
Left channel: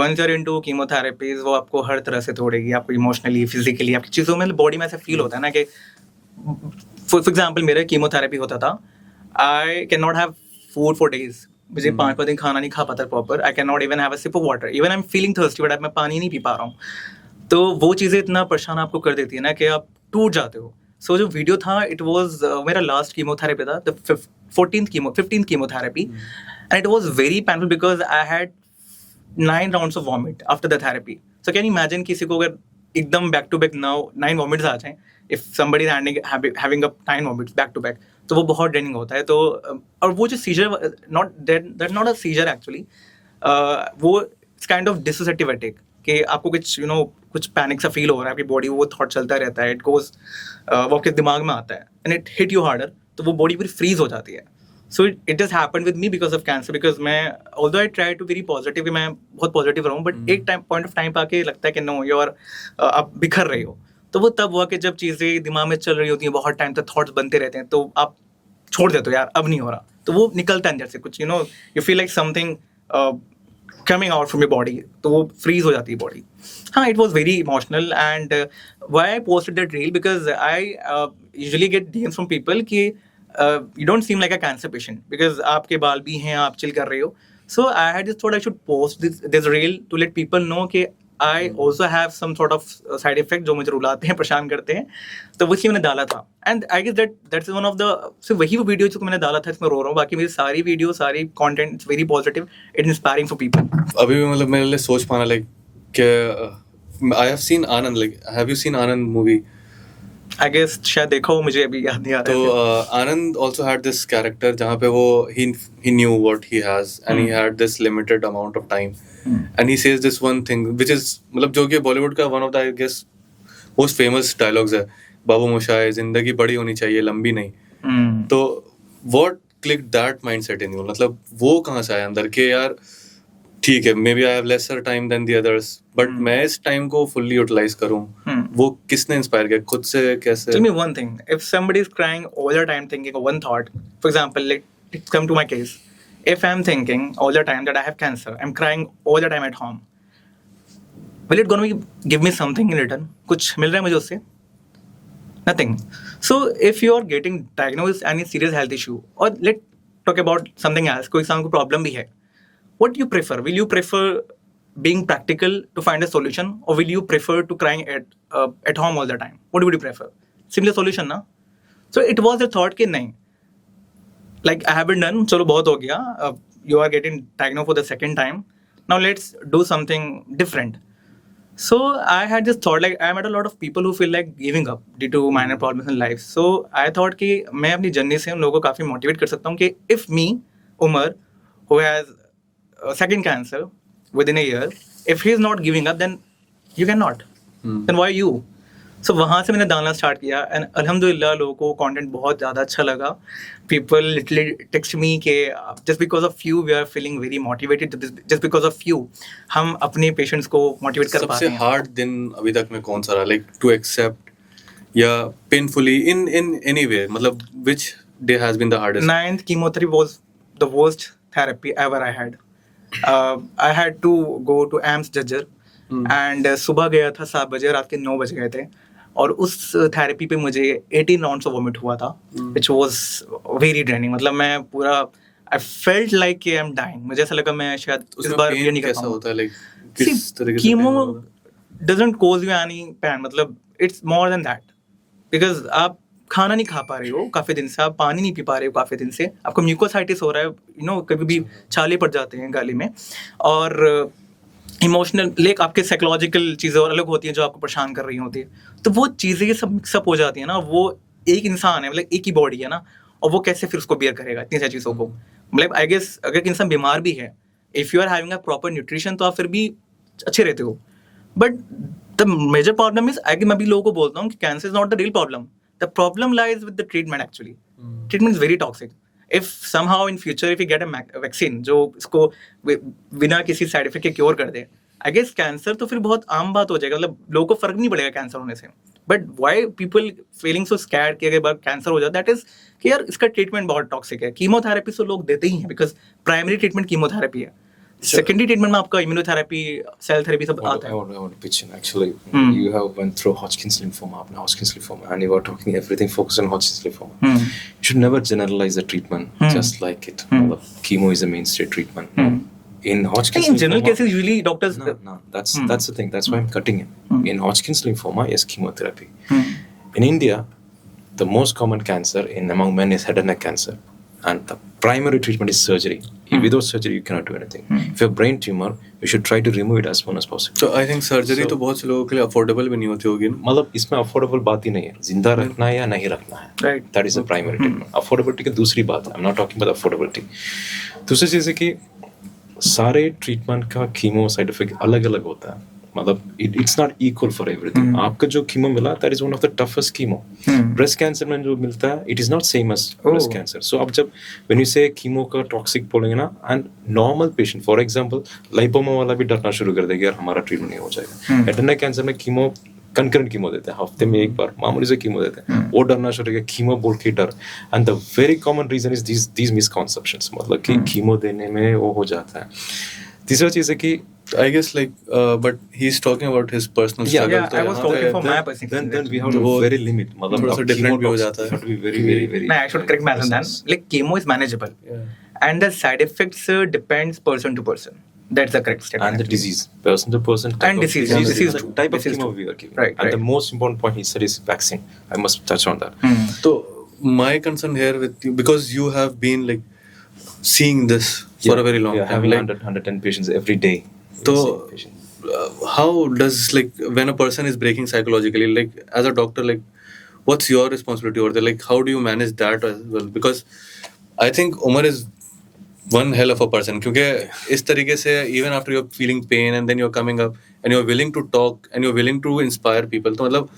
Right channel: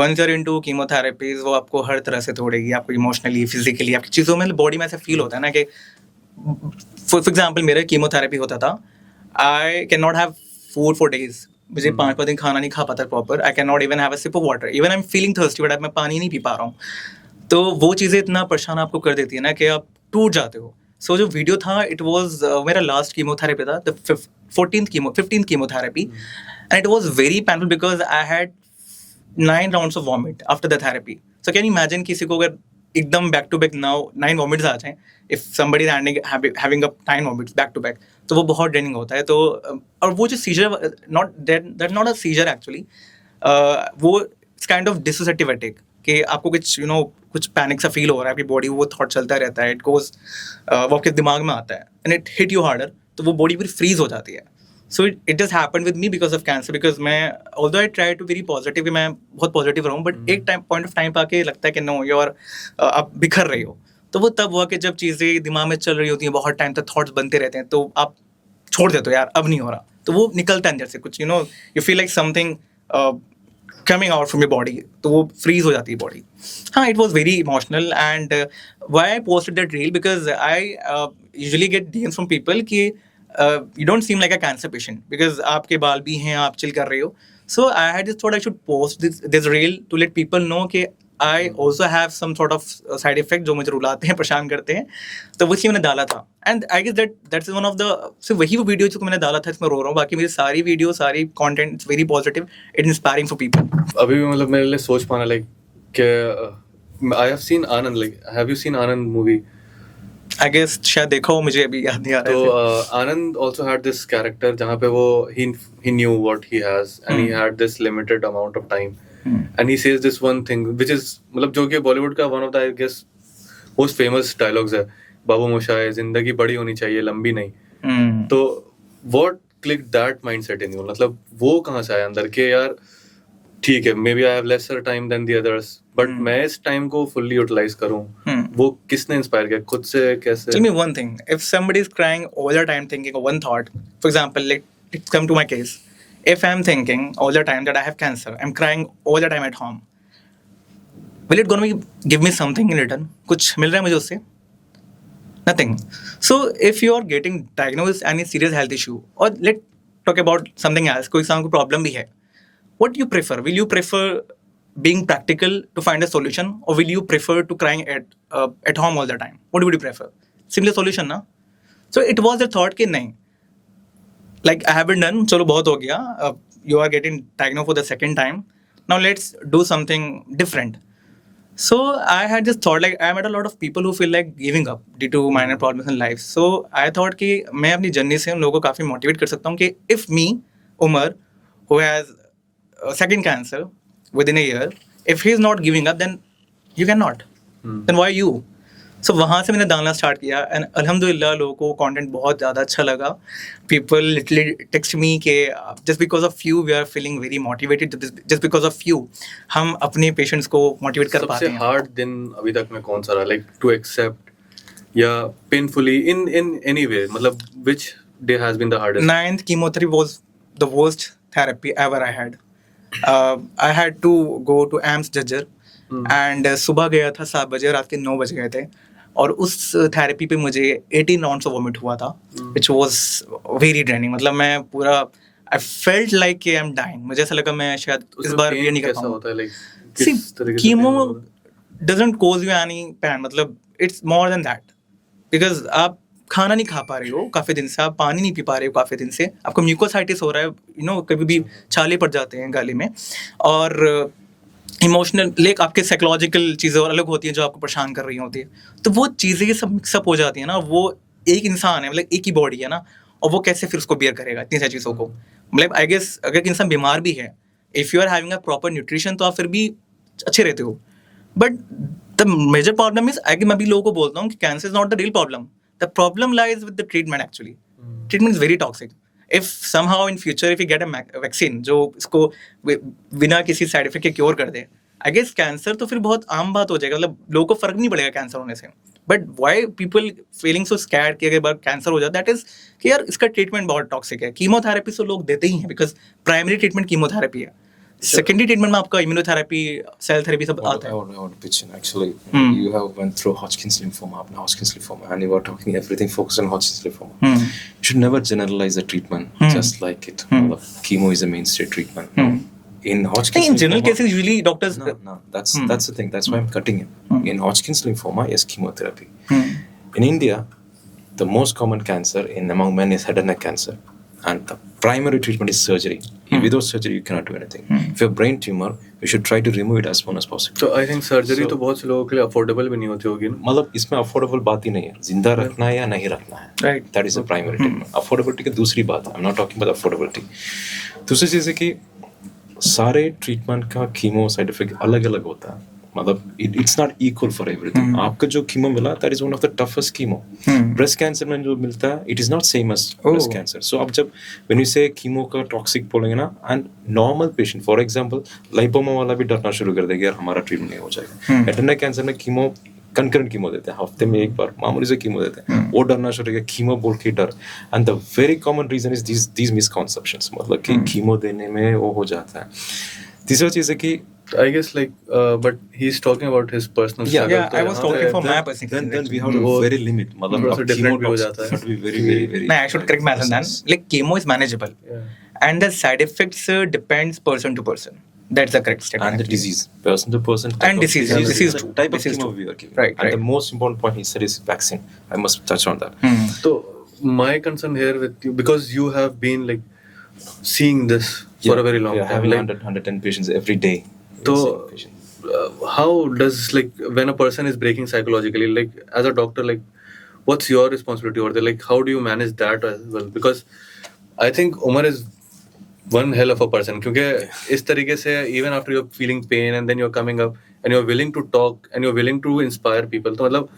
Once you're into chemotherapies, वो आपको हर तरह से तोड़ेगी, आपको emotionally, physically, आपकी चीज़ों में, body में ऐसा फील होता है ना कि फॉर एग्जाम्पल मेरा कीमोथेरेपी होता था, I can not have food for days. मुझे 5 दिन खाना नहीं खा पाता proper. I can not even have a sip of water. Even I am feeling thirsty, but मैं पानी नहीं पी पा रहा हूँ. तो वो चीज़ें इतना परेशान आपको कर देती है ना कि आप टूट जाते हो. सो जो वीडियो था, इट वॉज मेरा लास्ट कीमोथेरेपी था, the 15th chemotherapy, and it was very painful because I had 9 rounds of vomit after the therapy. So can you imagine किसी को अगर एकदम बैक टू बैक 9 वॉमिट्स आ जाएं, if somebody is having up 9 vomits back to back, तो वो बहुत draining होता है. तो और वो जो seizure, that's not a seizure actually, वो it's kind of dissociative attack, कि आपको कुछ कुछ पैनिक सा फील हो रहा है, आपकी बॉडी वो थॉट चलता रहता है, इट गोज, वो आपके दिमाग में आता है, and it hit you harder, तो वो बॉडी पूरी फ्रीज हो जाती है. So it just happened with me because of cancer, because मैं although I try to very positive, मैं बहुत पॉजिटिव रहूँ, बट एक पॉइंट ऑफ टाइम पे आके लगता है कि नो, यू आर, आप बिखर रहे हो. तो वो तब हुआ कि जब चीज़ें दिमाग में चल रही होती हैं, बहुत टाइम तक थॉट्स बनते रहते हैं, तो आप छोड़ देते हो, यार अब नहीं हो रहा, तो वो निकलता है अंदर से कुछ, you feel like something coming out from your body, तो वो freeze हो जाती है body. हाँ, it was very emotional, and why I posted that reel, because I usually get DMs from people कि you don't seem like a cancer patient, because आपके बाल भी हैं, आप chill कर रहे हो. So I had just thought I should post this reel to let people know कि I also have some sort of side effect जो मुझे रुलाते हैं, परेशान करते हैं, तो वही मैंने डाला था. And I guess that's one of the, so वही वो वीडियो जो मैंने डाला था, इसमें रो रहा हूँ. बाकी मेरी सारी वीडियो, सारी content, it's very positive, it's inspiring for people. अभी भी मतलब मेरे लिए सोच पाना, लाइक कि I have seen Anand, like have you seen Anand movie? I guess शायद देखा हो, मुझे अभी याद नहीं आ रहा है. तो आनंद also had this character जहाँ पे वो he knew what he has, and he had this limited amount of time, and he says this one thing which is मतलब जो कि बॉलीवुड का one of the I guess most famous dialogues है, बाबू मोशाय, जिंदगी बड़ी होनी चाहिए, लंबी नहीं. तो what clicked that mindset in you? मतलब वो कहाँ से आया अंदर के यार ठीक है, maybe I have lesser time than the others, but मैं इस time को fully utilize करूँ, वो किसने inspire किया, खुद से कैसे? Tell me one thing. If somebody is crying all the time thinking of one thought, for example, let's come to my case. If I'm thinking all the time that I have cancer, I'm crying all the time at home, will it gonna give me something in return? कुछ मिल रहा है मुझे उससे? Nothing. So if you are getting diagnosed with any serious health issue, or let's talk about something else, कोई सांस को problem भी है, what do you prefer? Will you prefer being practical to find a solution, or will you prefer to crying at home all the time? What would you prefer? Similar solution, na? So it was a thought कि नहीं, like I haven't done, चलो बहुत हो गया. You are getting diagnosed for the second time. Now let's do something different. So I had this thought, like I met a lot of people who feel like giving up due to minor problems in life. So I thought कि मैं अपनी journey से उन लोगों को काफ़ी motivate कर सकता हूँ कि if me, Umar, who has second cancer within a year, if he is not giving up, then you cannot. Then why you? So वहाँ से मैंने डालना स्टार्ट किया एंड अल्हम्दुलिल्लाह लोगों को कंटेंट बहुत ज़्यादा अच्छा लगा. पीपल लिटरली टेक्स्ट मी के just because of you we are feeling very motivated, just because of you हम अपने पेशेंट्स को मोटिवेट कर पा रहे हैं. सबसे हार्ड दिन अभी तक में कौन सा रहा, लाइक टू एक्सेप्ट या पेनफुली इन एनी वे, मतलब which day has been the hardest? 9th chemotherapy was the worst therapy ever I had. I had to go to AIMS Jajjar and सुबह गया था 7 बजे, रात के 9 बज गए थे और उस थेरेपी पे मुझे 18 राउंड्स ऑफ वोमिट हुआ था, विच वाज वेरी ड्रेनिंग. मतलब मैं पूरा I felt like I am dying. मुझे ऐसा लगा मैं शायद इस बार ये नहीं कर पाऊंगा. Chemo doesn't cause you any pain, मतलब it's more than that, because आप खाना नहीं खा पा रहे हो काफ़ी दिन से, आप पानी नहीं पी पा रहे हो काफ़ी दिन से, आपको म्यूकोसाइटिस हो रहा है, यू नो कभी भी छाले पड़ जाते हैं गाली में, और इमोशनल लेक आपके साइकोलॉजिकल चीज़ें और अलग होती हैं जो आपको परेशान कर रही होती है. तो वो चीज़ें ये सब मिक्सअप हो जाती है ना. वो एक इंसान है, मतलब एक ही बॉडी है ना, और वो कैसे फिर उसको बियर करेगा इतनी सारी चीज़ों को. मतलब आई गेस अगर इंसान बीमार भी है, if you are having a proper nutrition तो आप फिर भी अच्छे रहते हो. But the major problem is I मैं भी लोगों को बोलता हूँ कि cancer is not the real problem. The problem lies with the treatment. Actually treatment is very toxic. If somehow in future if you get a vaccine जो इसको बिना किसी साइड इफेक्ट के क्योर कर दे, आई गेस कैंसर तो फिर बहुत आम बात हो जाएगा. मतलब लोगों को फर्क नहीं पड़ेगा कैंसर होने से. But why people feeling so scared कि अगर बार कैंसर हो जाता है, दैट इज कि यार इसका ट्रीटमेंट बहुत टॉक्सिक है. कीमोथेरेपी तो लोग देते ही हैं बिकॉज प्राइमरी ट्रीटमेंट कीमोथेरेपी है. सेकेंडरी ट्रीटमेंट में आपका इम्यूनोथेरेपी, सेल थेरेपी सब आता है. I want to pitch in actually. You have went through Hodgkin's lymphoma, now Hodgkin's lymphoma, and you were talking everything focused on Hodgkin's lymphoma. You should never generalize the treatment just like it. Chemo is a mainstay treatment. In Hodgkin's in general lymphoma, cases usually doctors no, that's the thing. That's why I'm cutting it. In Hodgkin's lymphoma, yes, chemotherapy. In India, the most common cancer among men is head and neck cancer. And the primary treatment is surgery. Without surgery, you cannot do anything. If you have brain tumor, you should try to remove it as soon as possible. So I think surgery तो बहुत से लोगों के लिए affordable भी नहीं होती होगी. मतलब इसमें affordable बात ही नहीं है, जिंदा रखना है या नहीं रखना है. Right. That is the primary treatment. Affordability की दूसरी बात है. I'm not talking about affordability. दूसरी चीज़ है कि सारे ट्रीटमेंट का कीमो साइड इफेक्ट अलग अलग होता है. मतलब it's not equal for everything. आपका जो कीमो मिला that is one of the toughest chemo. Breast cancer में जो मिलता है it is not same as breast cancer. So अब जब व्हेन यू से कीमो का टॉक्सिक बोलेंगे ना, and normal patient for example lipoma वाला भी डरना शुरू कर देगा यार हमारा ट्रीटमेंट नहीं हो जाएगा. हेड एंड नेक कैंसर में कीमो कंकरेंट कीमो देते हैं, हफ्ते में एक बार मामूली से कीमो देते हैं, वो डरना शुरू हो गया कीमो बोल के डर. And the very common reason is these misconceptions, मतलब कि कीमो देने में वो हो जाता है. तीसरा चीज़ है कि I guess like but he's talking about his personal yeah, struggle. I was talking for my personal. Then we have to very limit. मतलब अब different भी हो chemo जाता है. have to be very. No, I should correct myself then. Like chemo is manageable, and the side effects depends person to person. That's the correct statement. And the disease, person to person. And disease too. Type of Disease chemo too. we are giving. Right. And the most important point he said is vaccine. I must touch on that. So my concern here with you, because you have been like seeing this for a very long time. Having like, 110 patients every day. So how does like when a person is breaking psychologically, like as a doctor, like what's your responsibility over there? Like how do you manage that as well? Because I think Umar is one hell of a person. क्योंकि इस तरीके से even after you're feeling pain and then you're coming up and you're willing to talk and you're willing to inspire people. तो मतलब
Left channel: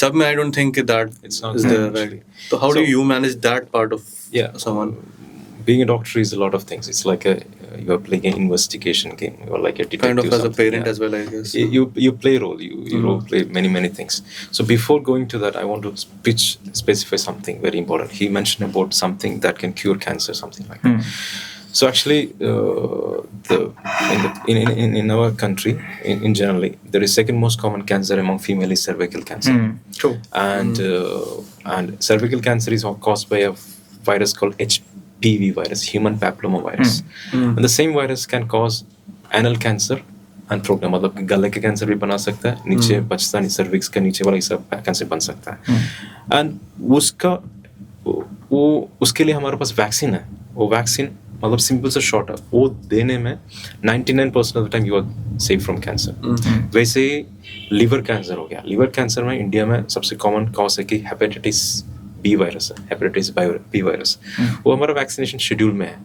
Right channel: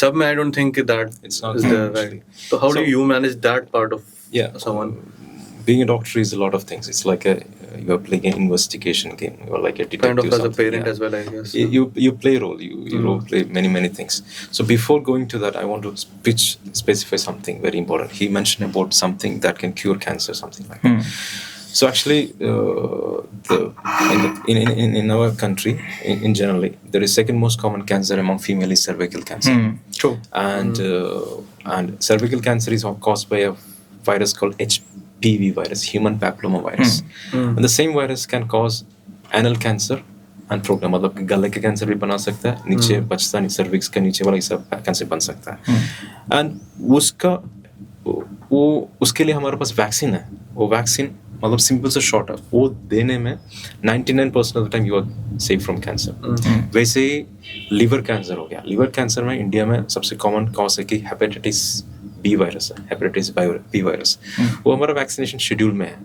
सब में I don't think that it's not is there there, actually. right? So how do you manage that part of someone? being a doctor is a lot of things. It's like you are playing an investigation game. You are like a detective. Kind of as a something, parent yeah. as well, I guess. You play role. You role play many things. So before going to that, I want to specify something very important. He mentioned about something that can cure cancer, something like that. So actually, in our country, in generally, there is second most common cancer among female is cervical cancer. True. And cervical cancer is caused by a virus called HPV virus, human papilloma virus. And the same virus can cause anal cancer and throat, मतलब गले का cancer भी बना सकता है, नीचे बचता नहीं, सर्विक्स का नीचे वाला ये सब कैंसर बन सकता है. एंड उसके लिए हमारे पास वैक्सीन है. वो वैक्सीन मतलब सिंपल से शॉर्ट है, वो देने में 99% of the time you are safe from cancer. वैसे ही लिवर कैंसर हो गया. लिवर कैंसर में इंडिया में सबसे कॉमन कॉज है कि हेपेटाइटिस बी वायरस है, हेपेटाइटिस बी वायरस. वो हमारा वैक्सीनेशन शेड्यूल में है.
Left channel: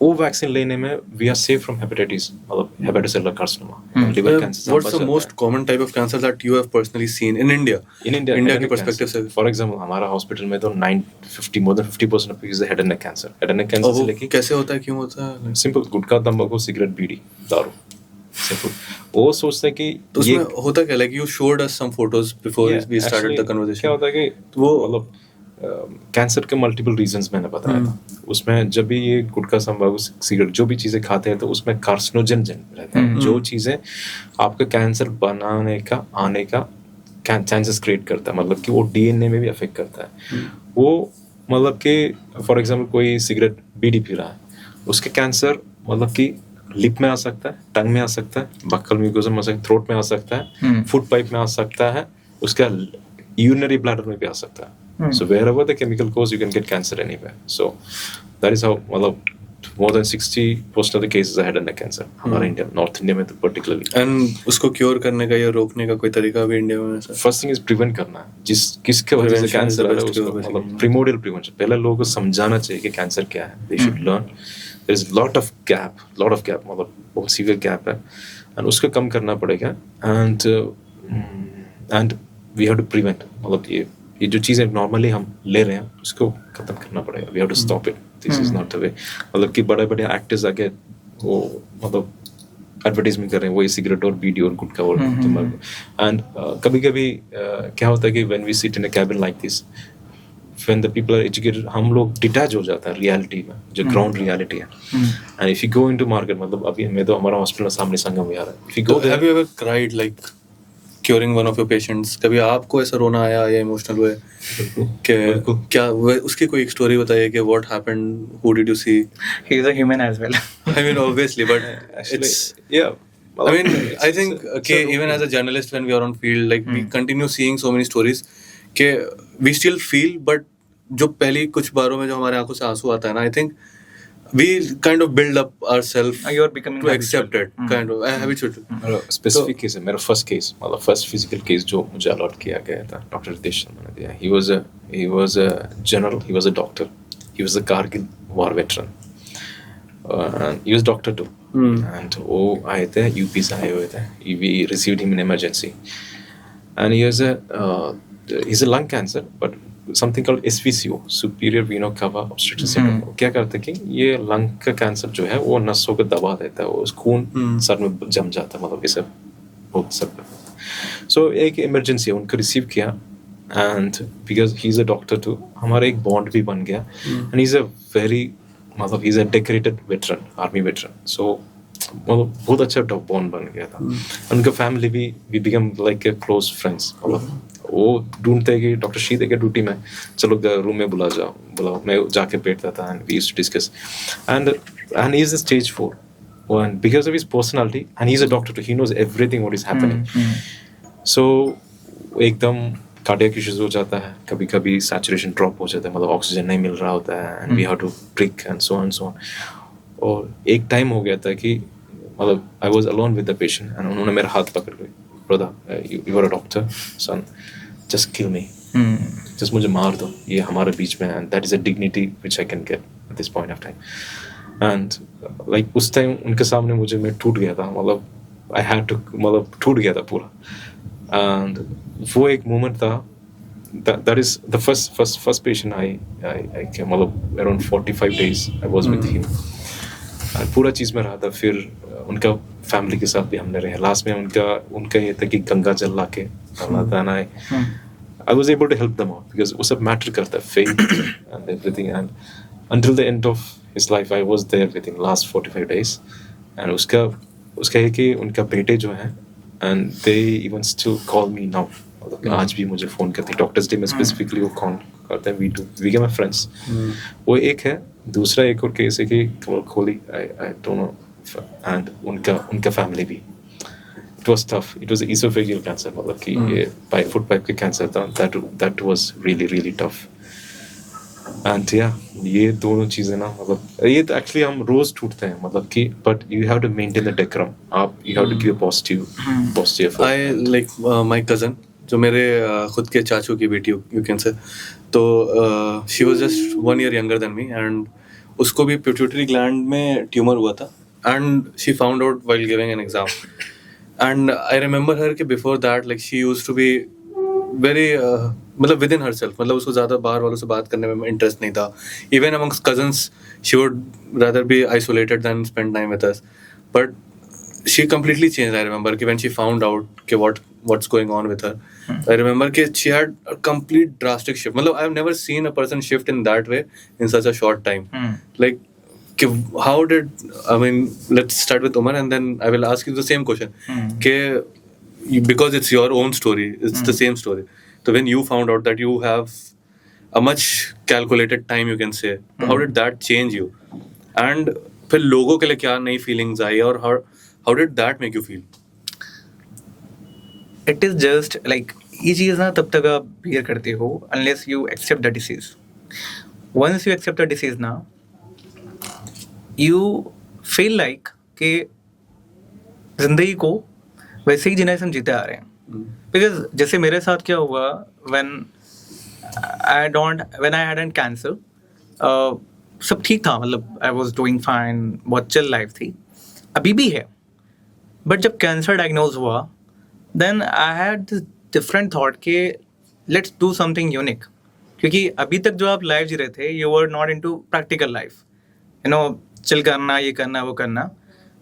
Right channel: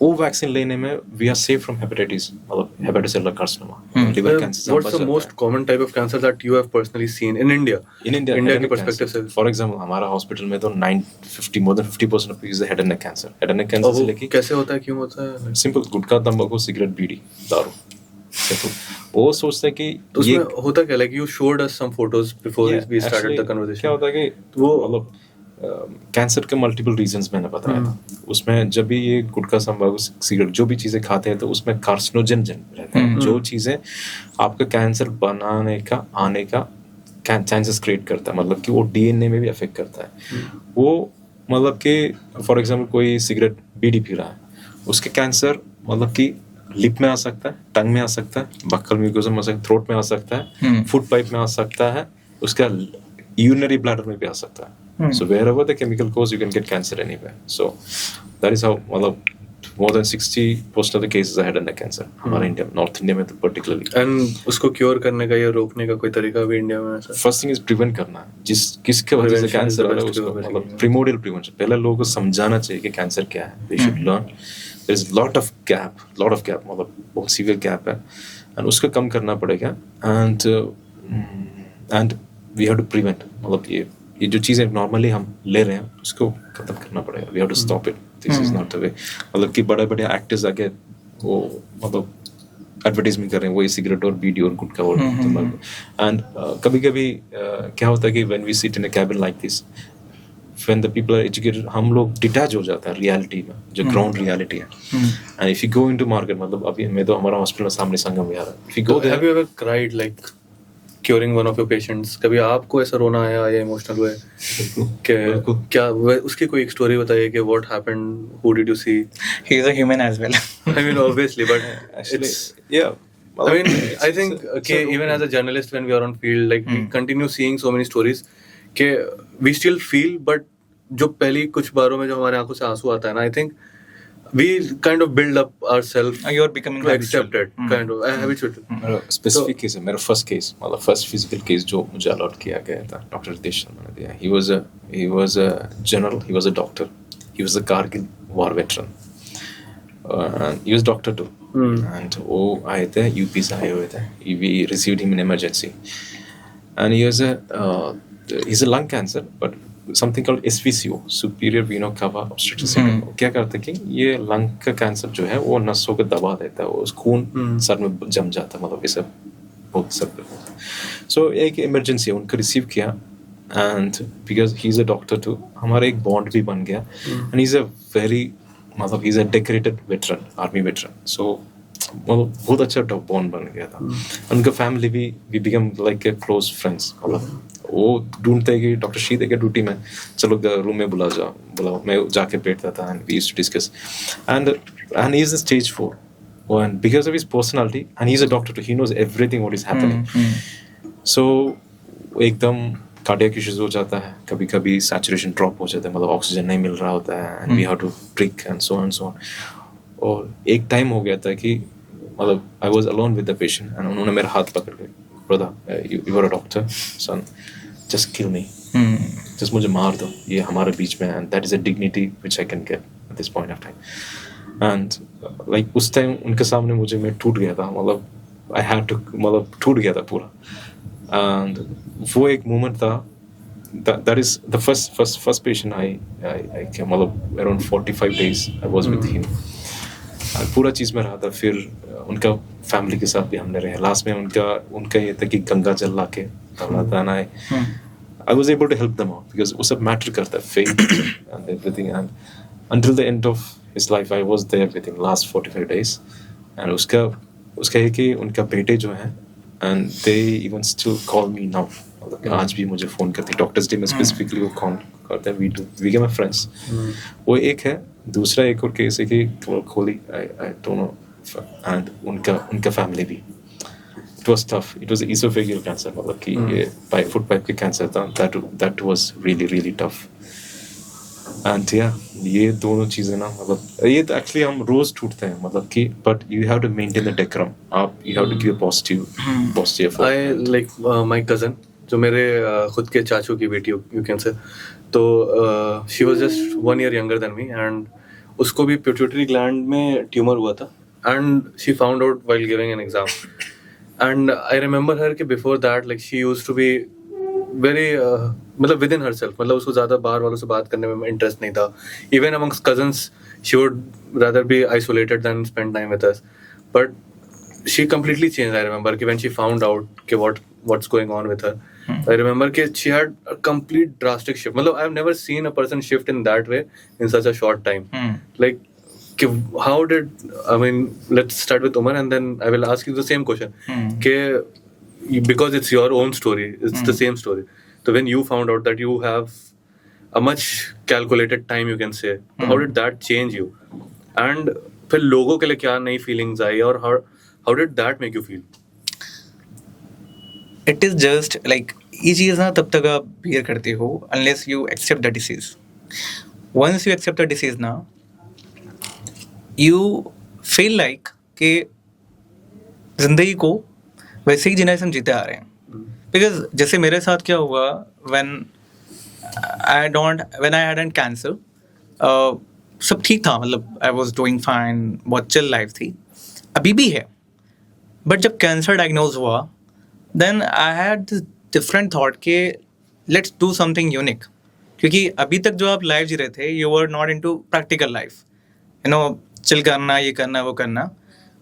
वो वैक्सीन लेने में we are safe from hepatitis, मतलब hepatocellular carcinoma, liver cancer. What's the most common type of cancer that you have personally seen in India? India के perspective से. फॉर एग्जाम्पल हमारा हॉस्पिटल में तो more than 50% of people head and neck cancer. Head and neck cancer से लेके कैसे होता है, क्यों होता है? सिंपल गुटखा, तंबाकू, सिगरेट, बीड़ी, दारू. सिंपल. वो सोचते हैं कि तो ये होता क्या, like you showed us some photos before we started the conversation. क्या होता है कि वो मतलब कैंसर के मल्टीपल रीजंस मैंने बताया था. उसमें जब भी ये गुटखा, तंबाकू, सिगरेट जो भी चीज़ें खाते हैं तो उसमें कार्सिनोजन रहते हैं. जो चीज़ें आपका कैंसर बनाने का आने का चांसेस क्रिएट करता है, मतलब कि वो डीएनए में भी अफेक्ट करता है. वो मतलब कि फॉर एग्जांपल कोई सिगरेट बीड़ी पी रहा है, उसके कैंसर मतलब कि लिप में आ सकता है, टंग में आ सकता है, बक्कल म्यूकोसा में आ सकता है, थ्रोट में आ सकता है, फूड पाइप में आ सकता है, उसका यूरिनरी ब्लैडर में भी आ सकता है. So wherever the chemical goes, you can get cancer anywhere. So that is how मतलब more than 60% of the cases are head and neck cancer हमारे इंडिया में, नॉर्थ इंडिया में तो particularly. And उसको क्योर करने का या रोकने का कोई तरीका भी इंडिया में है? First thing is prevent करना है. किसके वजह से कैंसर आ रहा है उसको मतलब primordial prevention. पहले लोगों को समझाना चाहिए कि कैंसर क्या है. They should learn. There is lot of gap मतलब बहुत severe gap है, and उसको कम करना पड़ेगा. And we have to prevent. मतलब ये जो चीज़ें नॉर्मली हम ले रहे हैं उसको खत्म करना पड़ेगा. We have to stop it. This is not the way. मतलब कि बड़े एक्टर्स आके वो मतलब एडवर्टाइजमेंट कर रहे हैं वो ये सिगरेट और बीडी और गुटखा और तंबाकू. एंड कभी क्या होता है कि when we sit in a cabin like this, when the people are educated, हम लोग डिटैच हो जाता है रियलिटी में, जो ग्राउंड रियलिटी है. And if you go into market, मतलब अभी मैं तो हमारा हॉस्पिटल सामने संगम में आ रहा है. If you go there, have you ever cried like curing one of your patients? कभी आपको ऐसा रोना आया या इमोशनल हुए कि क्या उसकी कोई एक स्टोरी बताइए कि what happened, who did you see? He is a human as well. I mean obviously, but actually, it's, yeah. I mean, I think okay, even as a journalist when we are on field, like we continue seeing so many stories कि we still feel, but जो पहली कुछ बारों में जो हमारे आंखों से आंसू आता है ना, I think we kind of build up ourselves You're becoming to accept it, kind of habitual. मेरा स्पेसिफिक केस है, मेरा फर्स्ट केस मतलब फर्स्ट फिजिकल केस जो मुझे अलॉट किया गया था, डॉक्टर रितेश शर्मा ने दिया. he was a general, he was a doctor, he was a Kargil war veteran, and he was doctor too. And वो आए थे यूपी से आए हुए थे. we received him in emergency, and he's a lung cancer, but something called SVCO, superior veno cava obstructive syndrome. क्या करते हैं कि ये लंग का कैंसर जो है वो नसों को दबा देता है, वो खून सर में जम जाता है, मतलब ये सब बहुत सब. सो एक इमरजेंसी है, उनको रिसीव किया. And because he is a doctor too, हमारा एक बॉन्ड भी बन गया. And he is a very मतलब he is a decorated veteran, army veteran. So मतलब बहुत अच्छा बॉन्ड बन गया था. उनका फैमिली भी we become like a close friends. मतलब वो ढूंढते हैं कि डॉक्टर शीत है ड्यूटी में, चलो रूम में बुलाओ. मैं जाके बैठता था and we used to discuss. And he is a stage 4, and because of his personality, and he's a doctor too, he knows everything what is happening. So एकदम कार्डियक इश्यूज हो जाता है, कभी कभी सैचुरेशन ड्रॉप हो जाता है, मतलब ऑक्सीजन नहीं मिल रहा होता है, and we have to prick and so on. और एक टाइम हो गया था कि मतलब I was alone with the patient, and उन्होंने मेरा हाथ पकड़ के, brother you are a doctor son, just kill me, just मुझे मार दो, ये हमारे बीच में, and that is a dignity which I can get at this point of time. And like उस टाइम उनके सामने मैं टूट गया था, मतलब आई हैड टू, मतलब टूट गया था पूरा. एंड वो एक मोमेंट था that is the first patient I came, मतलब around 45 days I was with him. और पूरा चीज़ में रहा था. फिर उनका फैमिली के साथ भी हमने रहे. लास्ट में उनका ये था कि गंगा जल ला के डाला था. And I was able to help them out because वो सब मैटर करता है, faith and everything. And until the end of his life I was there with him last 45 days. And उसका है कि उनका बेटे जो हैं, and they even still call me now. मतलब आज भी मुझे फ़ोन करते हैं. डॉक्टर्स डे में स्पेसिफिकली वो कॉल करते हैं. we became friends. वो एक है. दूसरा एक और केस है कि कमल खोली, I don't know, and उनका फैमिली भी. It was tough. It was esophageal cancer, मतलब कि ये फूड पाइप के कैंसर था. That was really tough. And yeah, ये दोनों चीज़ें ना, मतलब ये तो एक्चुअली हम रोज टूटते हैं, मतलब कि but you have to maintain the decorum. आप you have to give a positive effort. I like my cousin, जो मेरे खुद के चाचू की बेटी you can say, तो she was just 1 year younger than me, and उसको भी pituitary gland में ट्यूमर हुआ था, and she found out while giving an exam. And I remember her कि before that like she used to be very मतलब within herself, मतलब उसको ज़्यादा बाहर वालों से बात करने में इंटरेस्ट नहीं था. Even amongst cousins she would rather be isolated than spend time with us. But she completely changed. I remember कि when she found out कि what's going on with her, I remember कि she had a complete drastic shift. मतलब I've never seen a person shift in that way in such a short time. Like कि how did, I mean, let's start with Umar and then I will ask you the same question. कि because it's your own story, it's the same story. So when you found out that you have a much calculated time, you can say, how did that change you? And फिर लोगों के लिए क्या नई feelings आई और how did that make you feel? It is just like ये चीज़ ना तब तक आप bear करते हो unless you accept the disease. Once you accept the disease ना, you feel like कि जिंदगी को वैसे ही जीना हम जीते आ रहे हैं. Because जैसे मेरे साथ क्या हुआ when I had cancer, सब ठीक था, मतलब I was doing fine, बहुत chill life थी, अभी भी है. But जब कैंसर डायग्नोज हुआ, then I had this different thought कि let's do something unique. क्योंकि अभी तक जो आप लाइफ जी रहे थे, you were not into practical life, you know, chill करना, ये करना, वो करना.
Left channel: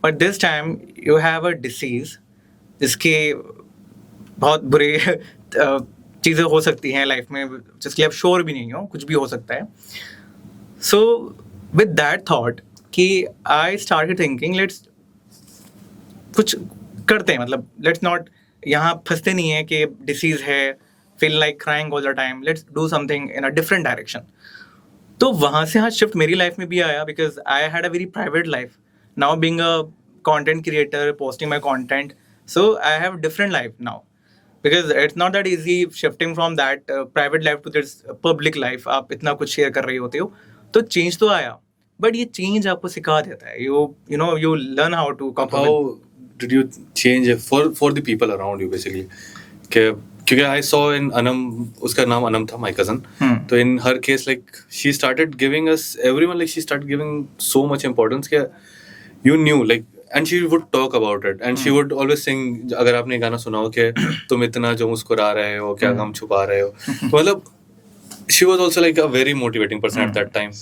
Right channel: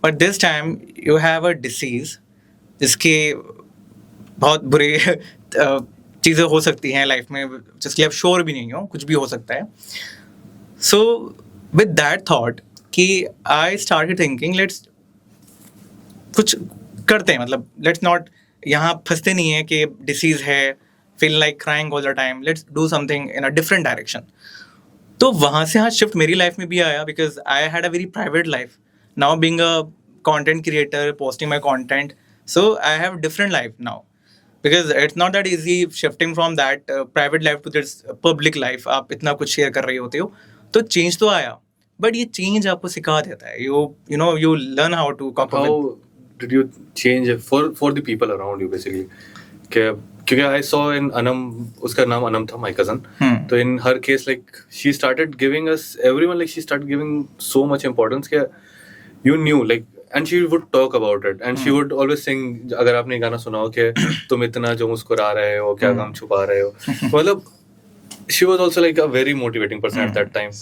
But this time you have a disease जिसके बहुत बुरे चीज़ें हो सकती हैं लाइफ में, जिसके लिए आप श्योर भी नहीं हो, कुछ भी हो सकता है. सो विद दैट थॉट कि आई स्टार्टेड थिंकिंग लेट्स कुछ करते हैं, मतलब लेट्स नॉट यहाँ फंसते नहीं है कि डिसीज़ है, feel like crying all the time, let's do something in a different direction. तो वहाँ से हाँ शिफ्ट मेरी लाइफ में भी आया, because I had a very private life. Now being a content creator, posting my content, so I have different life now, because it's not that easy shifting from that private life to this public life. आप इतना कुछ share कर रहे होते हो, तो change तो आया, बट ये चेंज आपको सिखा देता है. you know you learn how to cope with. How did you change for the people around you basically? क्योंकि I saw in Anam, उसका नाम अनम था, my cousin. तो in her case like she started giving us everyone, like she started giving so much importance कि you knew like, and she would talk about it and she would always sing. अगर आपने गाना सुना हो कि तुम इतना जो मुस्कुरा रहे हो, क्या गम छुपा रहे हो, मतलब she was also like a very motivating person at that time.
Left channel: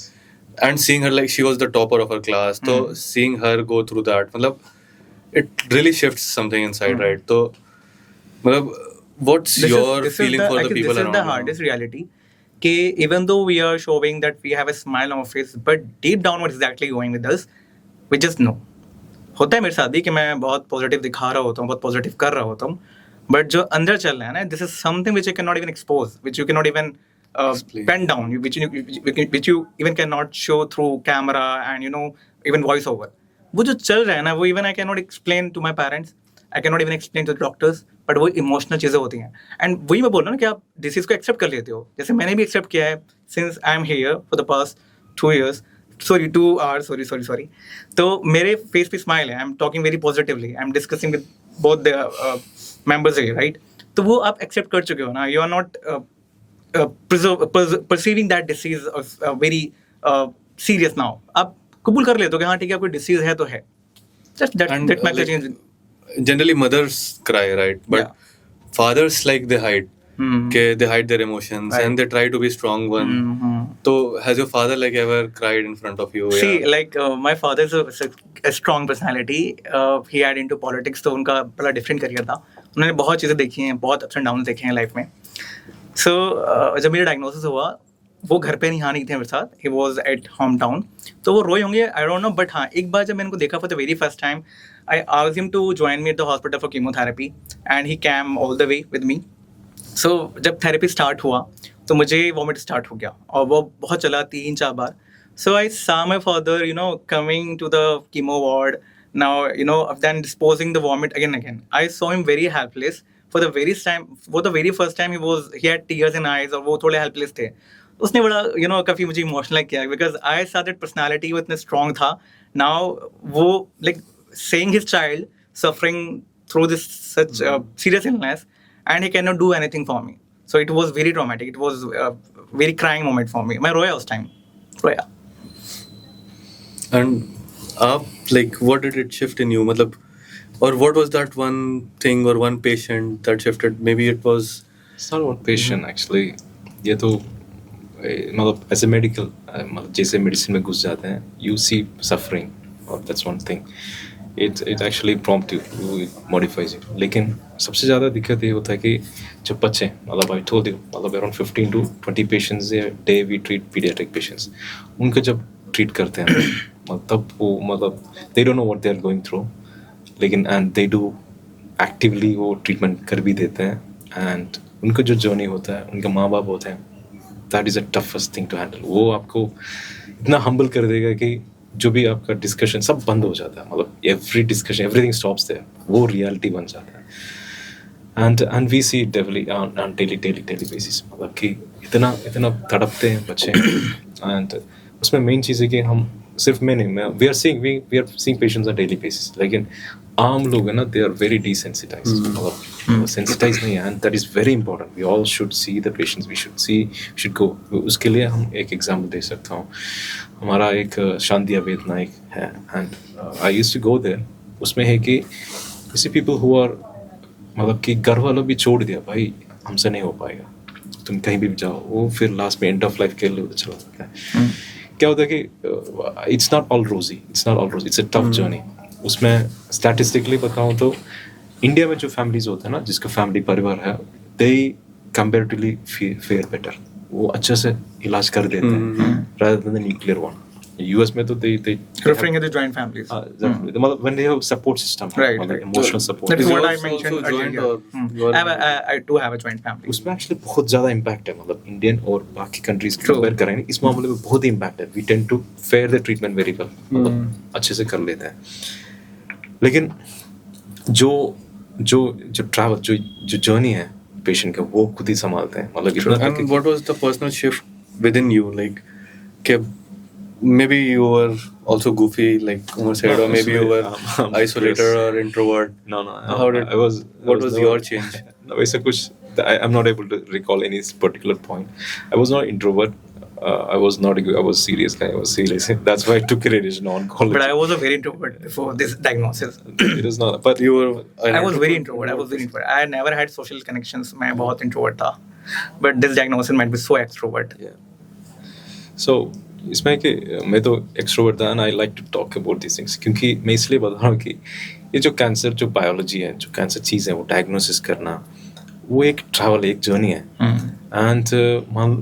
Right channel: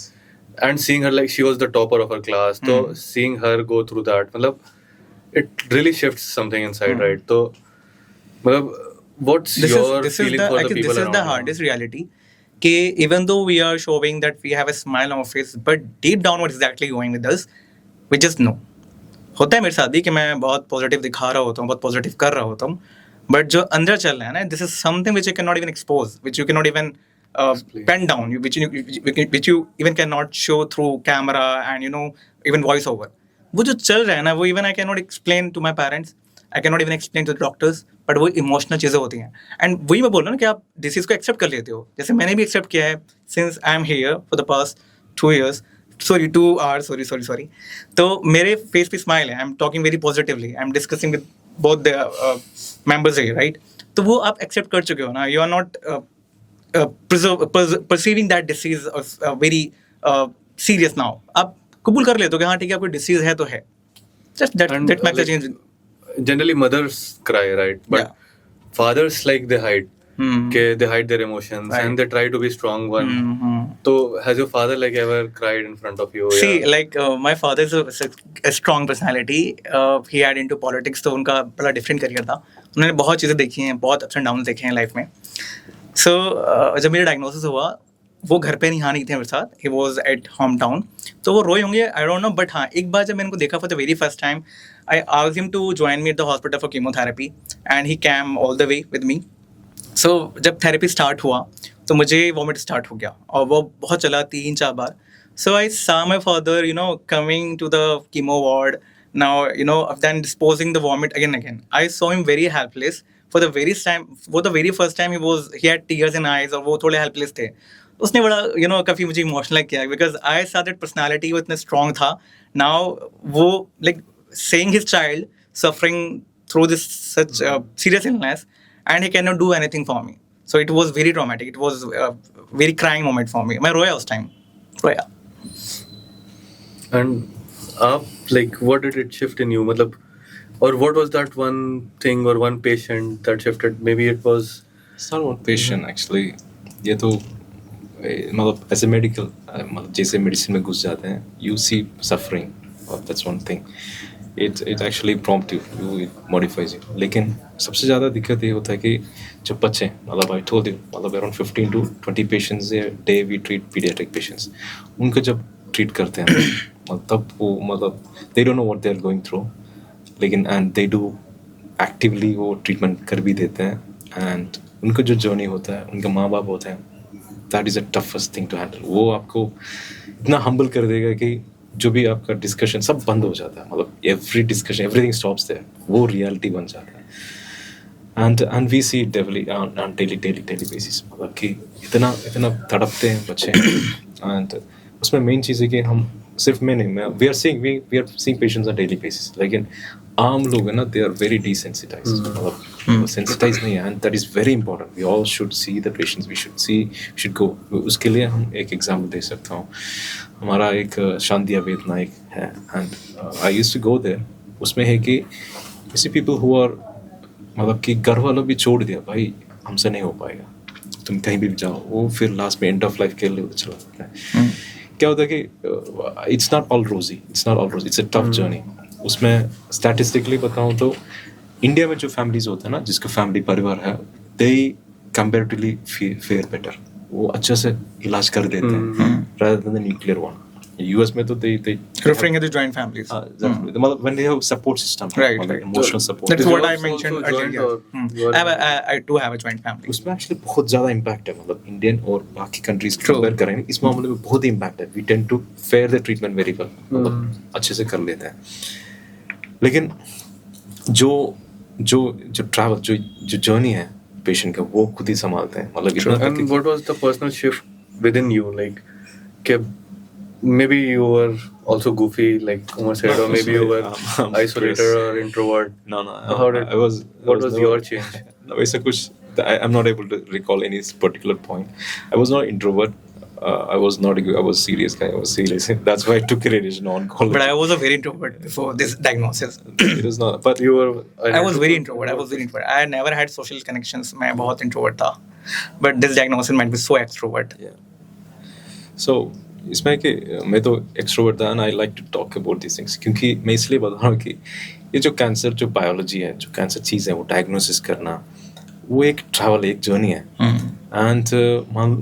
And seeing her like she was the topper of her class, so seeing her go through that, मतलब it really shifts something inside, right? So मतलब what's your feeling for the people around you? This is the hardest reality. कि even though we are showing that we have a smile on our face, but deep down what is exactly going with us, we just know. होता है मेरे साथ भी कि मैं बहुत positive दिखा रहा होता हूँ, बहुत पॉजिटिव कर रहा होता हूँ, बट जो अंदर चल रहा है ना, this is something which you can not even expose, which you can not even pen down, which you even can not show through camera and you know even voice over. वो जो चल रहा है ना, वो even I can not explain to my parents, I can not even explain to doctors, but वो emotional चीज़ें होती हैं. एंड वही मैं बोल रहा हूँ ना कि आप डिसीज़ को एक्सेप्ट कर लेते हो, जैसे मैंने भी एक्सेप्ट किया है since I am here for the past 2 years. 2 hours, sorry. तो मेरे फेस पे स्माइल है, I am talking very positively, I am discussing with both the members है, राइट? तो वो आप एक्सेप्ट कर चुके हो ना, you are not perceiving that disease very serious now. आप कबूल कर लेते हो कि हाँ ठीक है, कोई डिसीज है तो है. Just that makes a change. Generally mothers cry, right? But fathers like they hide. कि they hide their emotions and they try to be strong one. So has your father like ever cried in front of you? See, या- like my father is a strong personality. He had into politics, तो उनका बड़ा different career था. उन्होंने बहुत चीज़ें देखी हैं, बहुत अप्स एंड डाउन देखे हैं लाइफ में. सो जब मेरा डायग्नोसिस हुआ, वो घर पे नहीं नहीं थे मेरे साथ. He was at home town. तो वो रोए होंगे, आई डोंट नो. बट हाँ, एक बार जब मैंने उनको देखा for the very first time, I asked him to join me at the hospital for chemotherapy and he came all the way with me. So जब थेरेपी स्टार्ट हुआ तो मुझे वॉमिट स्टार्ट हो गया और वो बहुत चला 3-4 बार. So I saw my father coming to the chemo ward. Now, then disposing the vomit again. I saw him very helpless. For the very first time, he had tears in eyes और वो थोड़े helpless थे. उसने बड़ा काफ़ी मुझे emotional किया because I saw that personality वो इतना strong था. Now वो like seeing his child suffering through this such serious illness and he cannot do anything for me. So it was very traumatic. It was a very crying moment for me. मैं रोया उस time. रोया. And आप like what did it shift in you? मतलब or what was that one thing or one patient that shifted? Maybe it was It's not one patient actually. ये तो मतलब as a medical मतलब जैसे medicine में घुस जाते हैं, यू सी सफरिंग और that's one thing. It actually prompt you, it modifies you. लेकिन सबसे ज़्यादा दिक्कत ये होता है कि जब बच्चे मतलब आई टोल्ड यू मतलब around 15 to 20 patients a day we treat pediatric patients. उनको जब ट्रीट करते हैं तब वो मतलब they don't know what they are going through, लेकिन एंड दे डू एक्टिवली वो ट्रीटमेंट कर भी देते हैं. एंड उनका जो जर्नी होता है, उनके माँ बाप होते हैं, that is a toughest thing to handle. वो आपको इतना हम्बल कर देगा कि जो भी आपका डिस्कशन सब बंद हो जाता है. मतलब every discussion everything stops there. वो रियलिटी बन जाता है. And we see daily on daily basis. मतलब कि इतना तड़पते हैं बच्चे. एंड उसमें मेन चीज़ है कि हम सिर्फ मैं नहीं, we are seeing patients on daily basis. लेकिन आम लोग है ना, दे आर वेरी डिसेंसिटाइज्ड. मतलब सेंसिटाइज नहीं है. And that is very important. We all should see the patients. We should go. उसके लिए हम एक एग्जाम्पल दे सकता हूँ. हमारा एक शांति अवेद नाइक है and I used to go there. उसमें है कि ऐसे पीपल हु आर मतलब कि घर वालों भी छोड़ दिया, भाई हमसे नहीं हो पाएगा, तुम कहीं भी जाओ. वो फिर लास्ट में एंड ऑफ लाइफ के लिए चला जाता है. क्या होता है कि इट्स नॉट ऑल रोजी, इट्स अ टफ जर्नी. उसमें स्टैटिस्टिकली बताऊँ तो इंडिया में जो फैमिलीज होते हैं ना, जिसका फैमिली परिवार है, दे कंपेरेटिवली फेयर बेटर. वो अच्छे से इलाज कर देते हैं rather than the nuclear one. US में तो they Referring to the joint families. मतलब when they have support system, Right. मतलब emotional support. That's Is what I yours mentioned also joint earlier. or- I do have a joint family. उसमें actually बहुत ज़्यादा impact है. मतलब Indian और बाकी countries compare करेंगे इस मामले में बहुत ही इम्पैक्ट है. We tend to fare the treatment very well, मतलब अच्छे से कर लेते हैं. लेकिन जो ट्रैवल जो जर्नी है पेशेंट का, वो खुद ही संभालते हैं. मतलब इतना तक And what was the personal shift within you? Like, maybe you were also goofy, like Umar said, or maybe you were I'm isolated curious. or introvert. No, How did- I was. what was never- your change? No, वैसा कुछ. I'm not able to recall any particular point. I was not introvert. I was not. I was serious guy. I was serious. That's why I took radiation oncology. But I was a very introvert before this diagnosis. It is not. But You were. I was very introvert. I never had social connections. मैं बहुत introvert था. But this diagnosis made me so extrovert. yeah. So इसमें कि मैं तो extrovert था, and I like to talk about this things. क्योंकि मैं इसलिए बता रहा हूँ कि ये जो कैंसर जो बायोलॉजी है, जो कैंसर चीज़ है, वो डायग्नोसिस करना, वो एक ट्रैवल, एक जर्नी है. एंड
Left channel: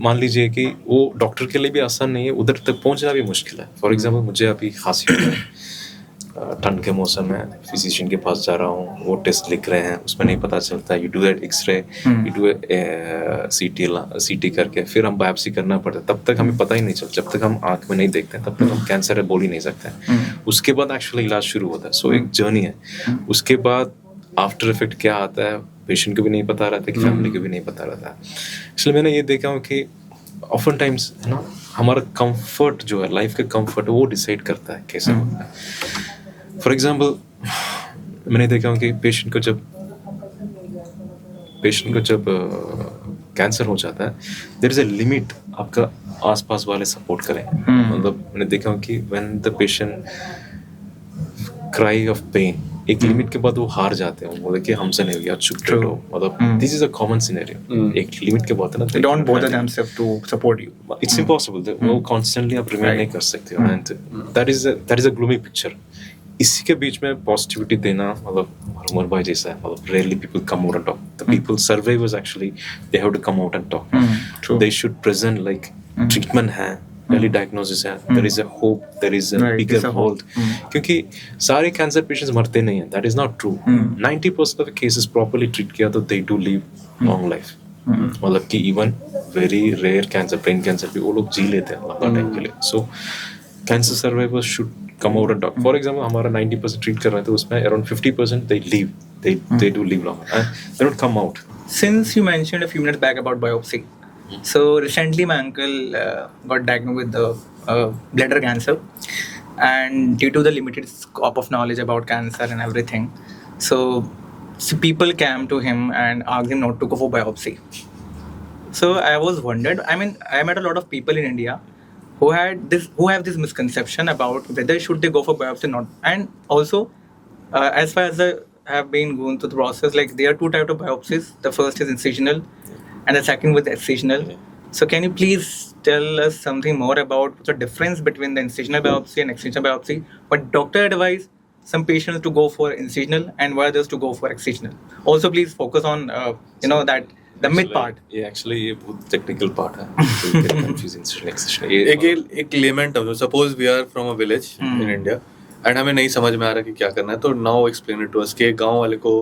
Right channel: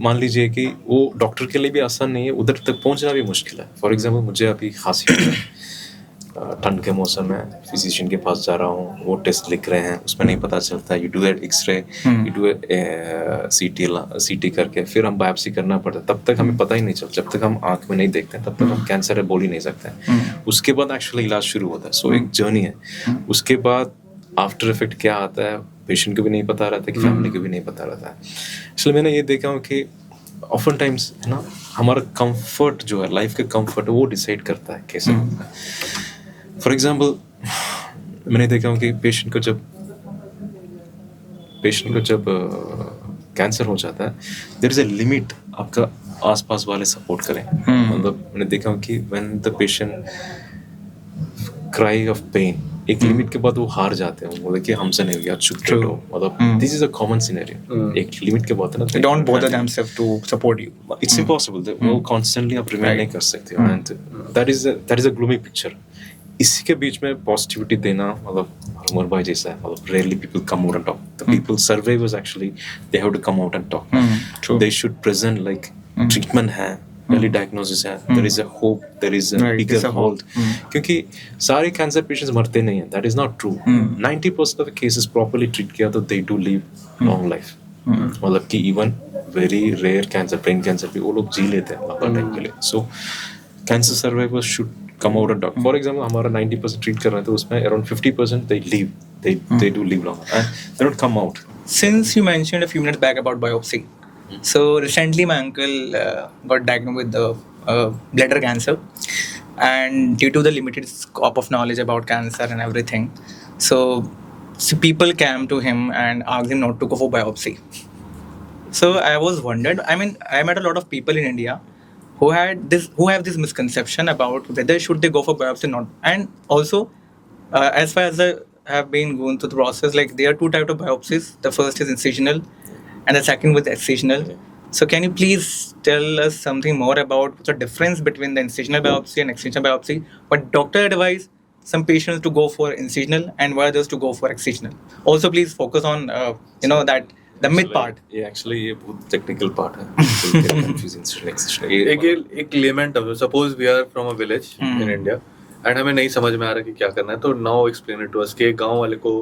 मान लीजिए कि वो डॉक्टर के लिए भी आसान नहीं है, उधर तक पहुंचना भी मुश्किल है. फॉर एग्जांपल मुझे अभी खांसी हो रहा है, ठंड के मौसम में फिजिशियन के पास जा रहा हूँ, वो टेस्ट लिख रहे हैं, उसमें नहीं पता चलता. You do X-ray, you do CT करके फिर हम बायोप्सी करना पड़ता है. तब तक हमें पता ही नहीं चलता. जब तक हम आँख में नहीं देखते हैं तब तक हम कैंसर है बोल ही नहीं सकते. उसके बाद एक्चुअली इलाज शुरू होता है. सो एक जर्नी है. उसके बाद आफ्टर इफेक्ट क्या आता है, पेशेंट को भी नहीं पता रहता, कि फैमिली को भी नहीं पता रहता. इसलिए मैंने ये देखा हूँ कि ऑफन टाइम्स है ना, हमारा कंफर्ट जो है, लाइफ का कंफर्ट, वो डिसाइड करता है कैसे होता है. फॉर एग्जाम्पल मैंने देखा हूँ कि पेशेंट को जब कैंसर हो जाता है, देयर इज अ लिमिट आपका आसपास वाले सपोर्ट करें. मतलब मैंने देखा हूँ कि when the patient cry of pain, एक लिमिट के बाद वो हार जाते हैं, वो बोले कि हमसे नहीं होगा, चुप बैठो, मतलब this is a common scenario. एक लिमिट के बाद है ना, They don't bother themselves to support you. It's impossible, वो कॉन्स्टेंटली आप रिमेन नहीं कर सकते हो, and that is a gloomy picture. इसी के बीच में पॉजिटिविटी देना, मतलब उमर भाई जैसा है, मतलब rarely people come out and talk, the people survivors actually they have to come out and talk, they should present like treatment है, early diagnosis है, there is a hope, there is a Right, bigger there's a hope. hold, क्योंकि सारे cancer patients मरते नहीं हैं, that is not true। 90% of the cases properly treat किया तो they do live long life, मतलब कि even very rare cancer, brain cancer भी वो लोग जी लेते हैं लंबा टाइम के लिए। So cancer survivors should come out and talk। For example, हमारा 90% treat कर रहे थे, उसमें around 50% they leave, they do live long and they don't come out। Since you mentioned a few minutes back about biopsy, so recently my uncle got diagnosed with the bladder cancer, and due to the limited scope of knowledge about cancer and everything, so people came to him and asked him not to go for biopsy. So I was wondered. I mean, I met a lot of people in India who have this misconception about whether should they go for biopsy or not, and also as far as I have been going through the process, like there are two types of biopsies. The first is incisional, and the second was excisional. So can you please tell us something more about the difference between the incisional biopsy and excisional biopsy? What doctor advise some patients to go for incisional and why others to go for excisional? Also, please focus on that the myth part. ये actually ये बहुत technical part है, people get confused incisional, excisional। एक layman term, suppose we are from a village in India and हमें नहीं समझ में आ रहा कि क्या करना है, तो now explain it to us कि एक गांव वाले को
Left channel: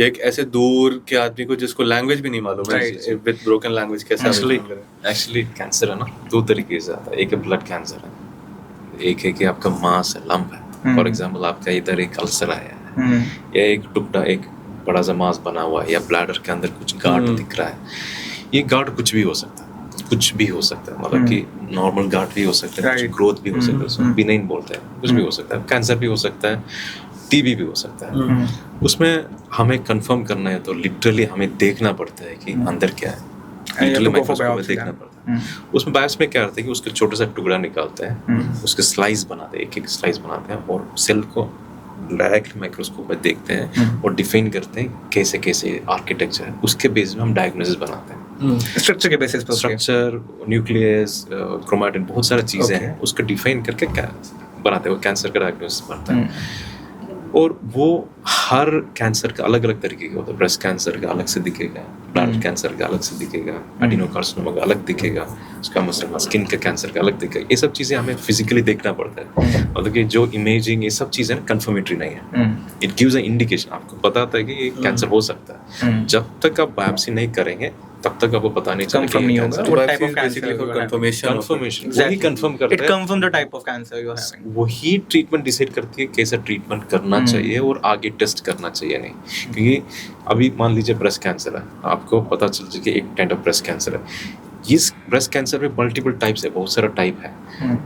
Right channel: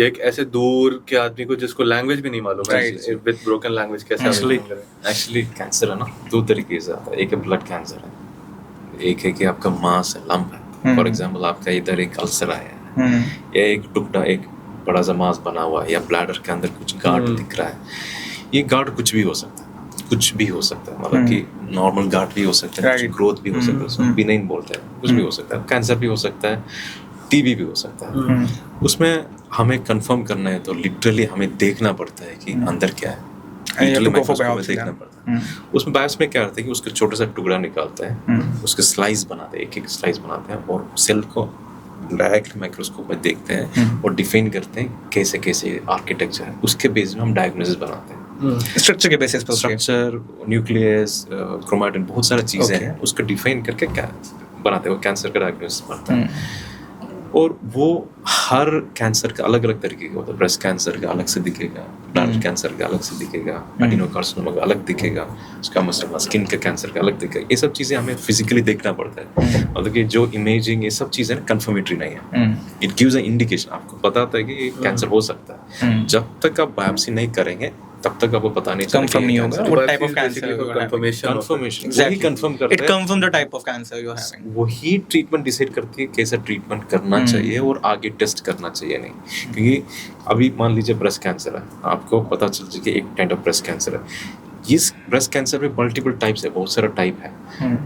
या एक ऐसे दूर के आदमी को जिसको लैंग्वेज भी नहीं मालूम है, विद ब्रोकन लैंग्वेज कैसे एक्चुअली कैंसर है ना, दो तरीके से आता है। एक है ब्लड कैंसर है, एक है कि आपका मांस है, लंप है। फॉर एग्जांपल आपका इधर एक अल्सर आया है, या एक टुकड़ा, एक बड़ा सा मांस बना हुआ है, या ब्लैडर के अंदर कुछ गार्ड दिख रहा है। ये गार्ड कुछ भी हो सकता है, कुछ भी हो सकता है, मतलब कि नॉर्मल गार्ड भी हो सकता है, कुछ ग्रोथ भी हो सकता है, उसमें बिनाइन बोलते हैं, कुछ भी हो सकता है, कैंसर भी हो सकता है, टीबी भी हो सकता है। उसमें हमें कंफर्म करना है तो लिटरली हमें देखना पड़ता है कि अंदर क्या है, लिटरली माइक्रोस्कोप में देखना पड़ता है। उसमें बायोप्सी में क्या होता है कि उसका छोटा सा टुकड़ा निकालते हैं, उसके स्लाइस बनाते हैं, एक एक स्लाइस बनाते हैं, और सेल को डायरेक्ट माइक्रोस्कोप में देखते हैं और डिफाइन करते हैं कैसे कैसे आर्किटेक्चर है, उसके बेस में हम डायग्नोसिस बनाते हैं। स्ट्रक्चर के बेसिस पर, स्ट्रक्चर, न्यूक्लियस, क्रोमैटिन, बहुत सारी चीजें हैं, उसको डिफाइन करके क्या बनाते हैं, वो कैंसर का डायग्नोसिस बनता है। और वो हर कैंसर का अलग अलग तरीके का होता है। ब्रेस्ट कैंसर का अलग से दिखेगा, ब्लैडर कैंसर का अलग से दिखेगा, एडिनोकार्सिनोमा का अलग दिखेगा, उसका मतलब स्किन का कैंसर का अलग दिखेगा। ये सब चीज़ें हमें फिजिकली देखना पड़ता है, मतलब कि जो इमेजिंग, ये सब चीज़ें कंफर्मेटरी नहीं है। इट गिव्स अ इंडिकेशन, आपको बताता है कि ये कैंसर हो सकता है। जब तक आप बायोप्सी नहीं करेंगे तब तक आपको पता नहीं चलेगा कि कैंसर है। What type of cancer you are having. Confirmation वही कंफर्म करता It है, confirms the type of cancer you are having. वही ट्रीटमेंट डिसाइड करती है कैसा ट्रीटमेंट करना चाहिए और आगे टेस्ट करना चाहिए नहीं। क्योंकि अभी मान लीजिए ब्रेस्ट कैंसर है, आपको पता चल जाए कि एक टाइप ऑफ ब्रेस्ट कैंसर है। इस ब्रेस्ट कैंसर में मल्टीपल टाइप्स है, बहुत सारा टाइप है,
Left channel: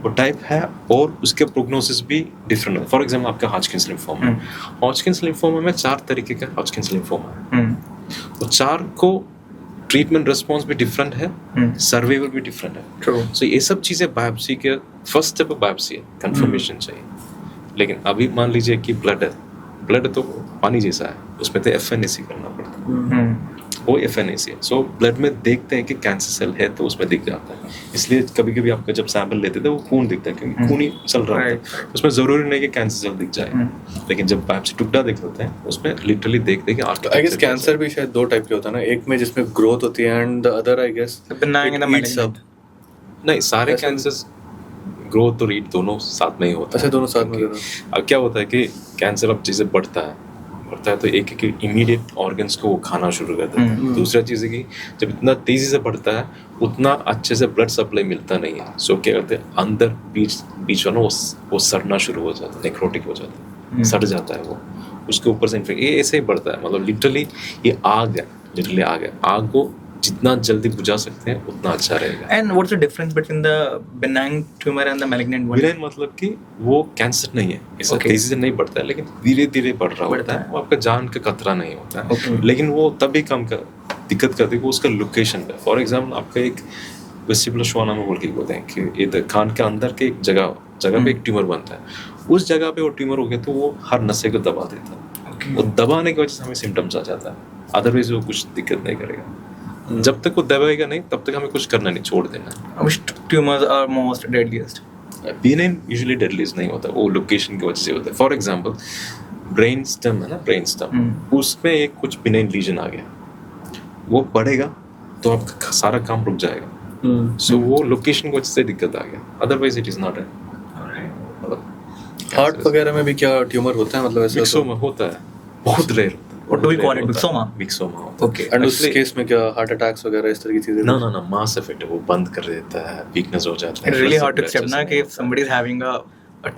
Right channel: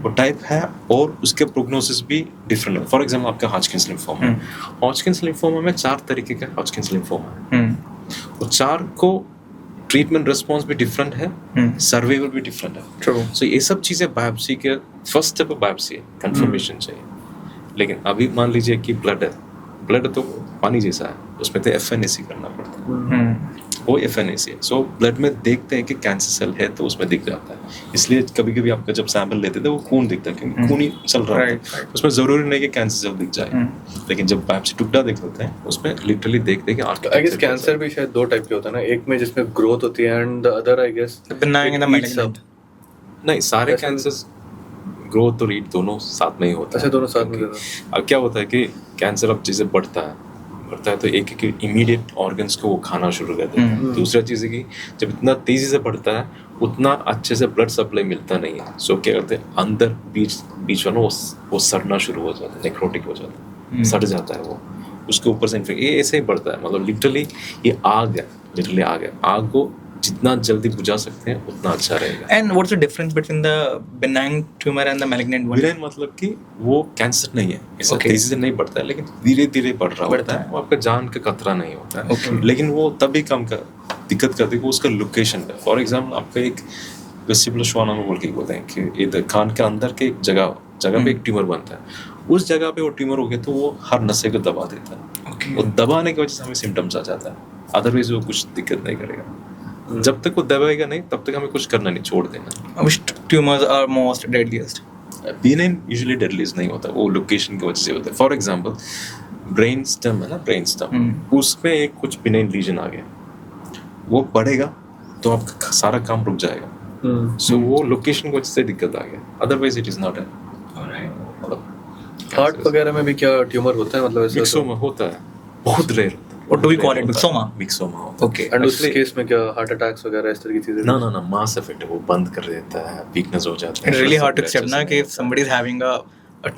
वो टाइप है, और उसके प्रोग्नोसिस भी डिफरेंट है। फॉर एग्जाम्पल आपका हॉजकिंस लिम्फोमा है, हॉजकिंस लिम्फोमा में 4 तरीके का हॉजकिंस लिम्फोमा है, और 4 को ट्रीटमेंट रिस्पॉन्स भी डिफरेंट है, सर्वाइवल भी डिफरेंट है। सो ये सब चीज़ें बायोप्सी के फर्स्ट स्टेप बायोप्सी है, कंफर्मेशन चाहिए। लेकिन अभी मान लीजिए कि ब्लड है, ब्लड तो पानी जैसा है, उसमें तो FNAC करना पड़ता है, वो FNAC है। सो ब्लड में देखते हैं कि कैंसर सेल है तो उसमें दिख जाता है। इसलिए कभी कभी आपका जब सैंपल लेते थे वो खून दिखता है, क्योंकि खून ही चल रहा है, उसमें जरूरी नहीं कि कैंसर सेल दिख जाए। लेकिन जब बायोप्सी टुकड़ा देख लेते हैं उसमें लिटरली देखते हैं कि आई गेस कैंसर भी शायद 2 टाइप के होता है ना, एक में जिसमें ग्रोथ होती है and the other I guess benign and the malignant. नहीं, सारे कैंसर्स ग्रोथ और ईट दोनों साथ में ही होता है। दोनों साथ में। अब क्या होता है कि कैंसर अब जैसे बढ़ता है तो एक एक इमीडिएट ऑर्गन्स को वो खाना शुरू करता है। दूसरा चीज़ है कि जब इतना तेजी से बढ़ता है उतना अच्छे से ब्लड सप्लाई मिलता नहीं है। सो क्या करते हैं, अंदर बीच वाला वो सड़ना शुरू हो जाता है, नेक्रोटिक हो जाता है, सड़ जाता है वो, उसके ऊपर से इन्फेक्शन, ये ऐसे ही बढ़ता है। मतलब लिटरली ये आग है, लिटरली आग है। आग को जितना जल्दी बुझा सकते हैं उतना अच्छा रहेगा। And what's the difference between the benign tumor and the malignant one? Villain मतलब कि वो कैंसर नहीं है, इससे तेजी से नहीं बढ़ता है, लेकिन धीरे धीरे बढ़ रहा होता है, वो आपका जान का खतरा नहीं होता है। लेकिन वो तभी कम का दिक्कत करती है वो उसका लोकेशन पे। फॉर एग्जाम्पल आपका एक वेस्टिबुलर श्वानम बोल के बोलते हैं कि इधर कान के अंदर के एक जगह पे एक ट्यूमर बनता है, उस जगह पे वो ट्यूमर हो गया तो वो हर नशे को दबा देता है। वो दबाने की वजह से हमें सिम्टम्स आ जाता है, अदरवाइज वो कुछ दिक्कत नहीं करेगा। जब तक वो दबाएगा नहीं तब तक हमें कुछ करना नहीं, छोड़ देना। Which tumors are most deadliest? Benign usually deadlies नहीं होता, वो लोकेशन की वजह से होता है। फॉर एग्जांपल ब्रेन स्टेम है ना, ब्रेन स्टेम, उसमें एक कुछ बिनाइन लीजन आ गया, वो बढ़ेगा तो आपका सारा काम रुक जाएगा। सो वो लोकेशन की वजह से दिक्कत आ गया, अदरवाइज इट इज नॉट है। हार्ट वगैरह में भी क्या ट्यूमर होता है, मतलब ऐसे? मिक्सोमा होता है, बहुत रेयर होता है। What do we call it? Myxoma? मिक्सोमा होता है। Okay. एंड उस Actually- केस में क्या हार्ट अटैक्स वगैरह इस तरह की चीजें? ना मास इफेक्ट है, वो बंद कर देता है, वीकनेस हो जाता है। It's really blood hard to pressure accept ना नहीं कि होता है। somebody is having a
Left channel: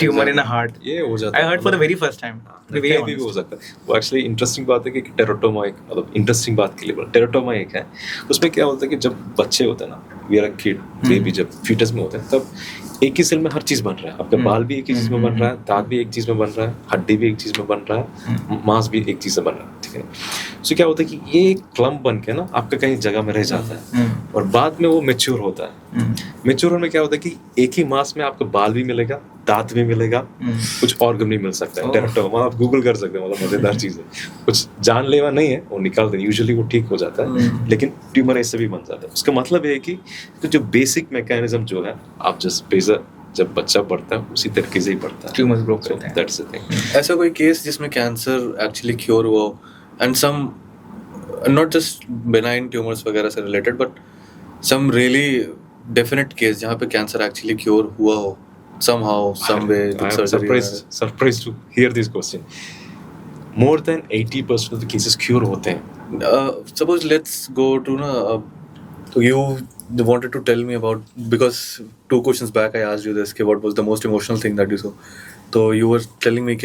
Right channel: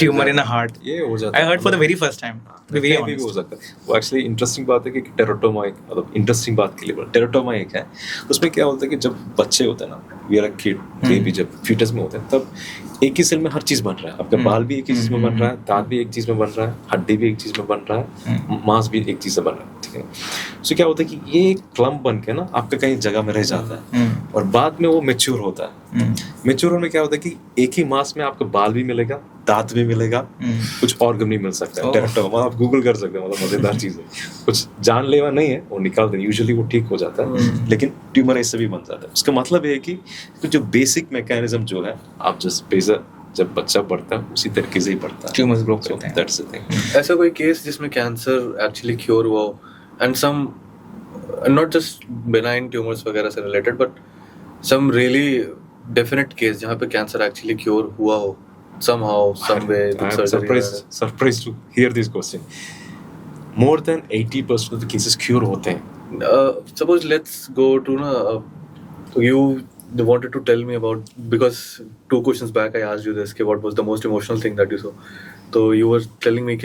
tumor in a heart. ये हो जाता I है, heard for the मतलब- very first time. To be very कहीं भी हो honest. सकता है। वो एक्चुअली इंटरेस्टिंग बात है कि टेराटोमा एक, मतलब इंटरेस्टिंग बात के लिए बोला, टेराटोमा एक है। उसमें क्या होता है कि जब बच्चे होते हैं ना, we are a kid, baby, जब फीटस में होते हैं, तब एक ही सेल में हर चीज बन रहा है। आपका बाल भी एक ही चीज में बन रहा है, दांत भी एक चीज में बन रहा है, हड्डी भी एक चीज में बन रहा है, मांस भी एक चीज से बन रहा है, ठीक है। सो क्या होता है कि ये एक क्लम्प बन के ना आपका कहीं जगह में रह जाता है, और बाद में वो मेच्योर होता है। मेच्योर होने में क्या होता है कि एक ही मास में आपको बाल भी मिलेगा, दांत भी मिलेगा, कुछ ऑर्गन भी मिल सकता है। टेराटोमा आप गूगल कर सकते हैं, मतलब मजेदार चीज है, कुछ जानलेवा नहीं है, वो निकाल दें, यूजुअली वो ठीक हो जाता है, लेकिन ट्यूमर ऐसे भी बन जाता है। उसका मतलब ये है कि जो बेसिक मैकेनिज्म जो है, आप जब बच्चा बढ़ता है उसी तरीके से ही बढ़ता है। Tumors grow करते हैं। That's the thing. ऐसा कोई केस जिसमें कैंसर एक्चुअली क्योर हुआ हो, and some not just benign tumours वगैरह से related, but some really definite case जहाँ पे कैंसर एक्चुअली क्योर हुआ हो somehow, some way, I with am surgery surprised to hear this question. More than 80% of the cases cure होते हैं। Suppose let's go to you wanted to tell me about, because 2 questions back I asked you this, what was the most emotional thing that you saw. So you were telling me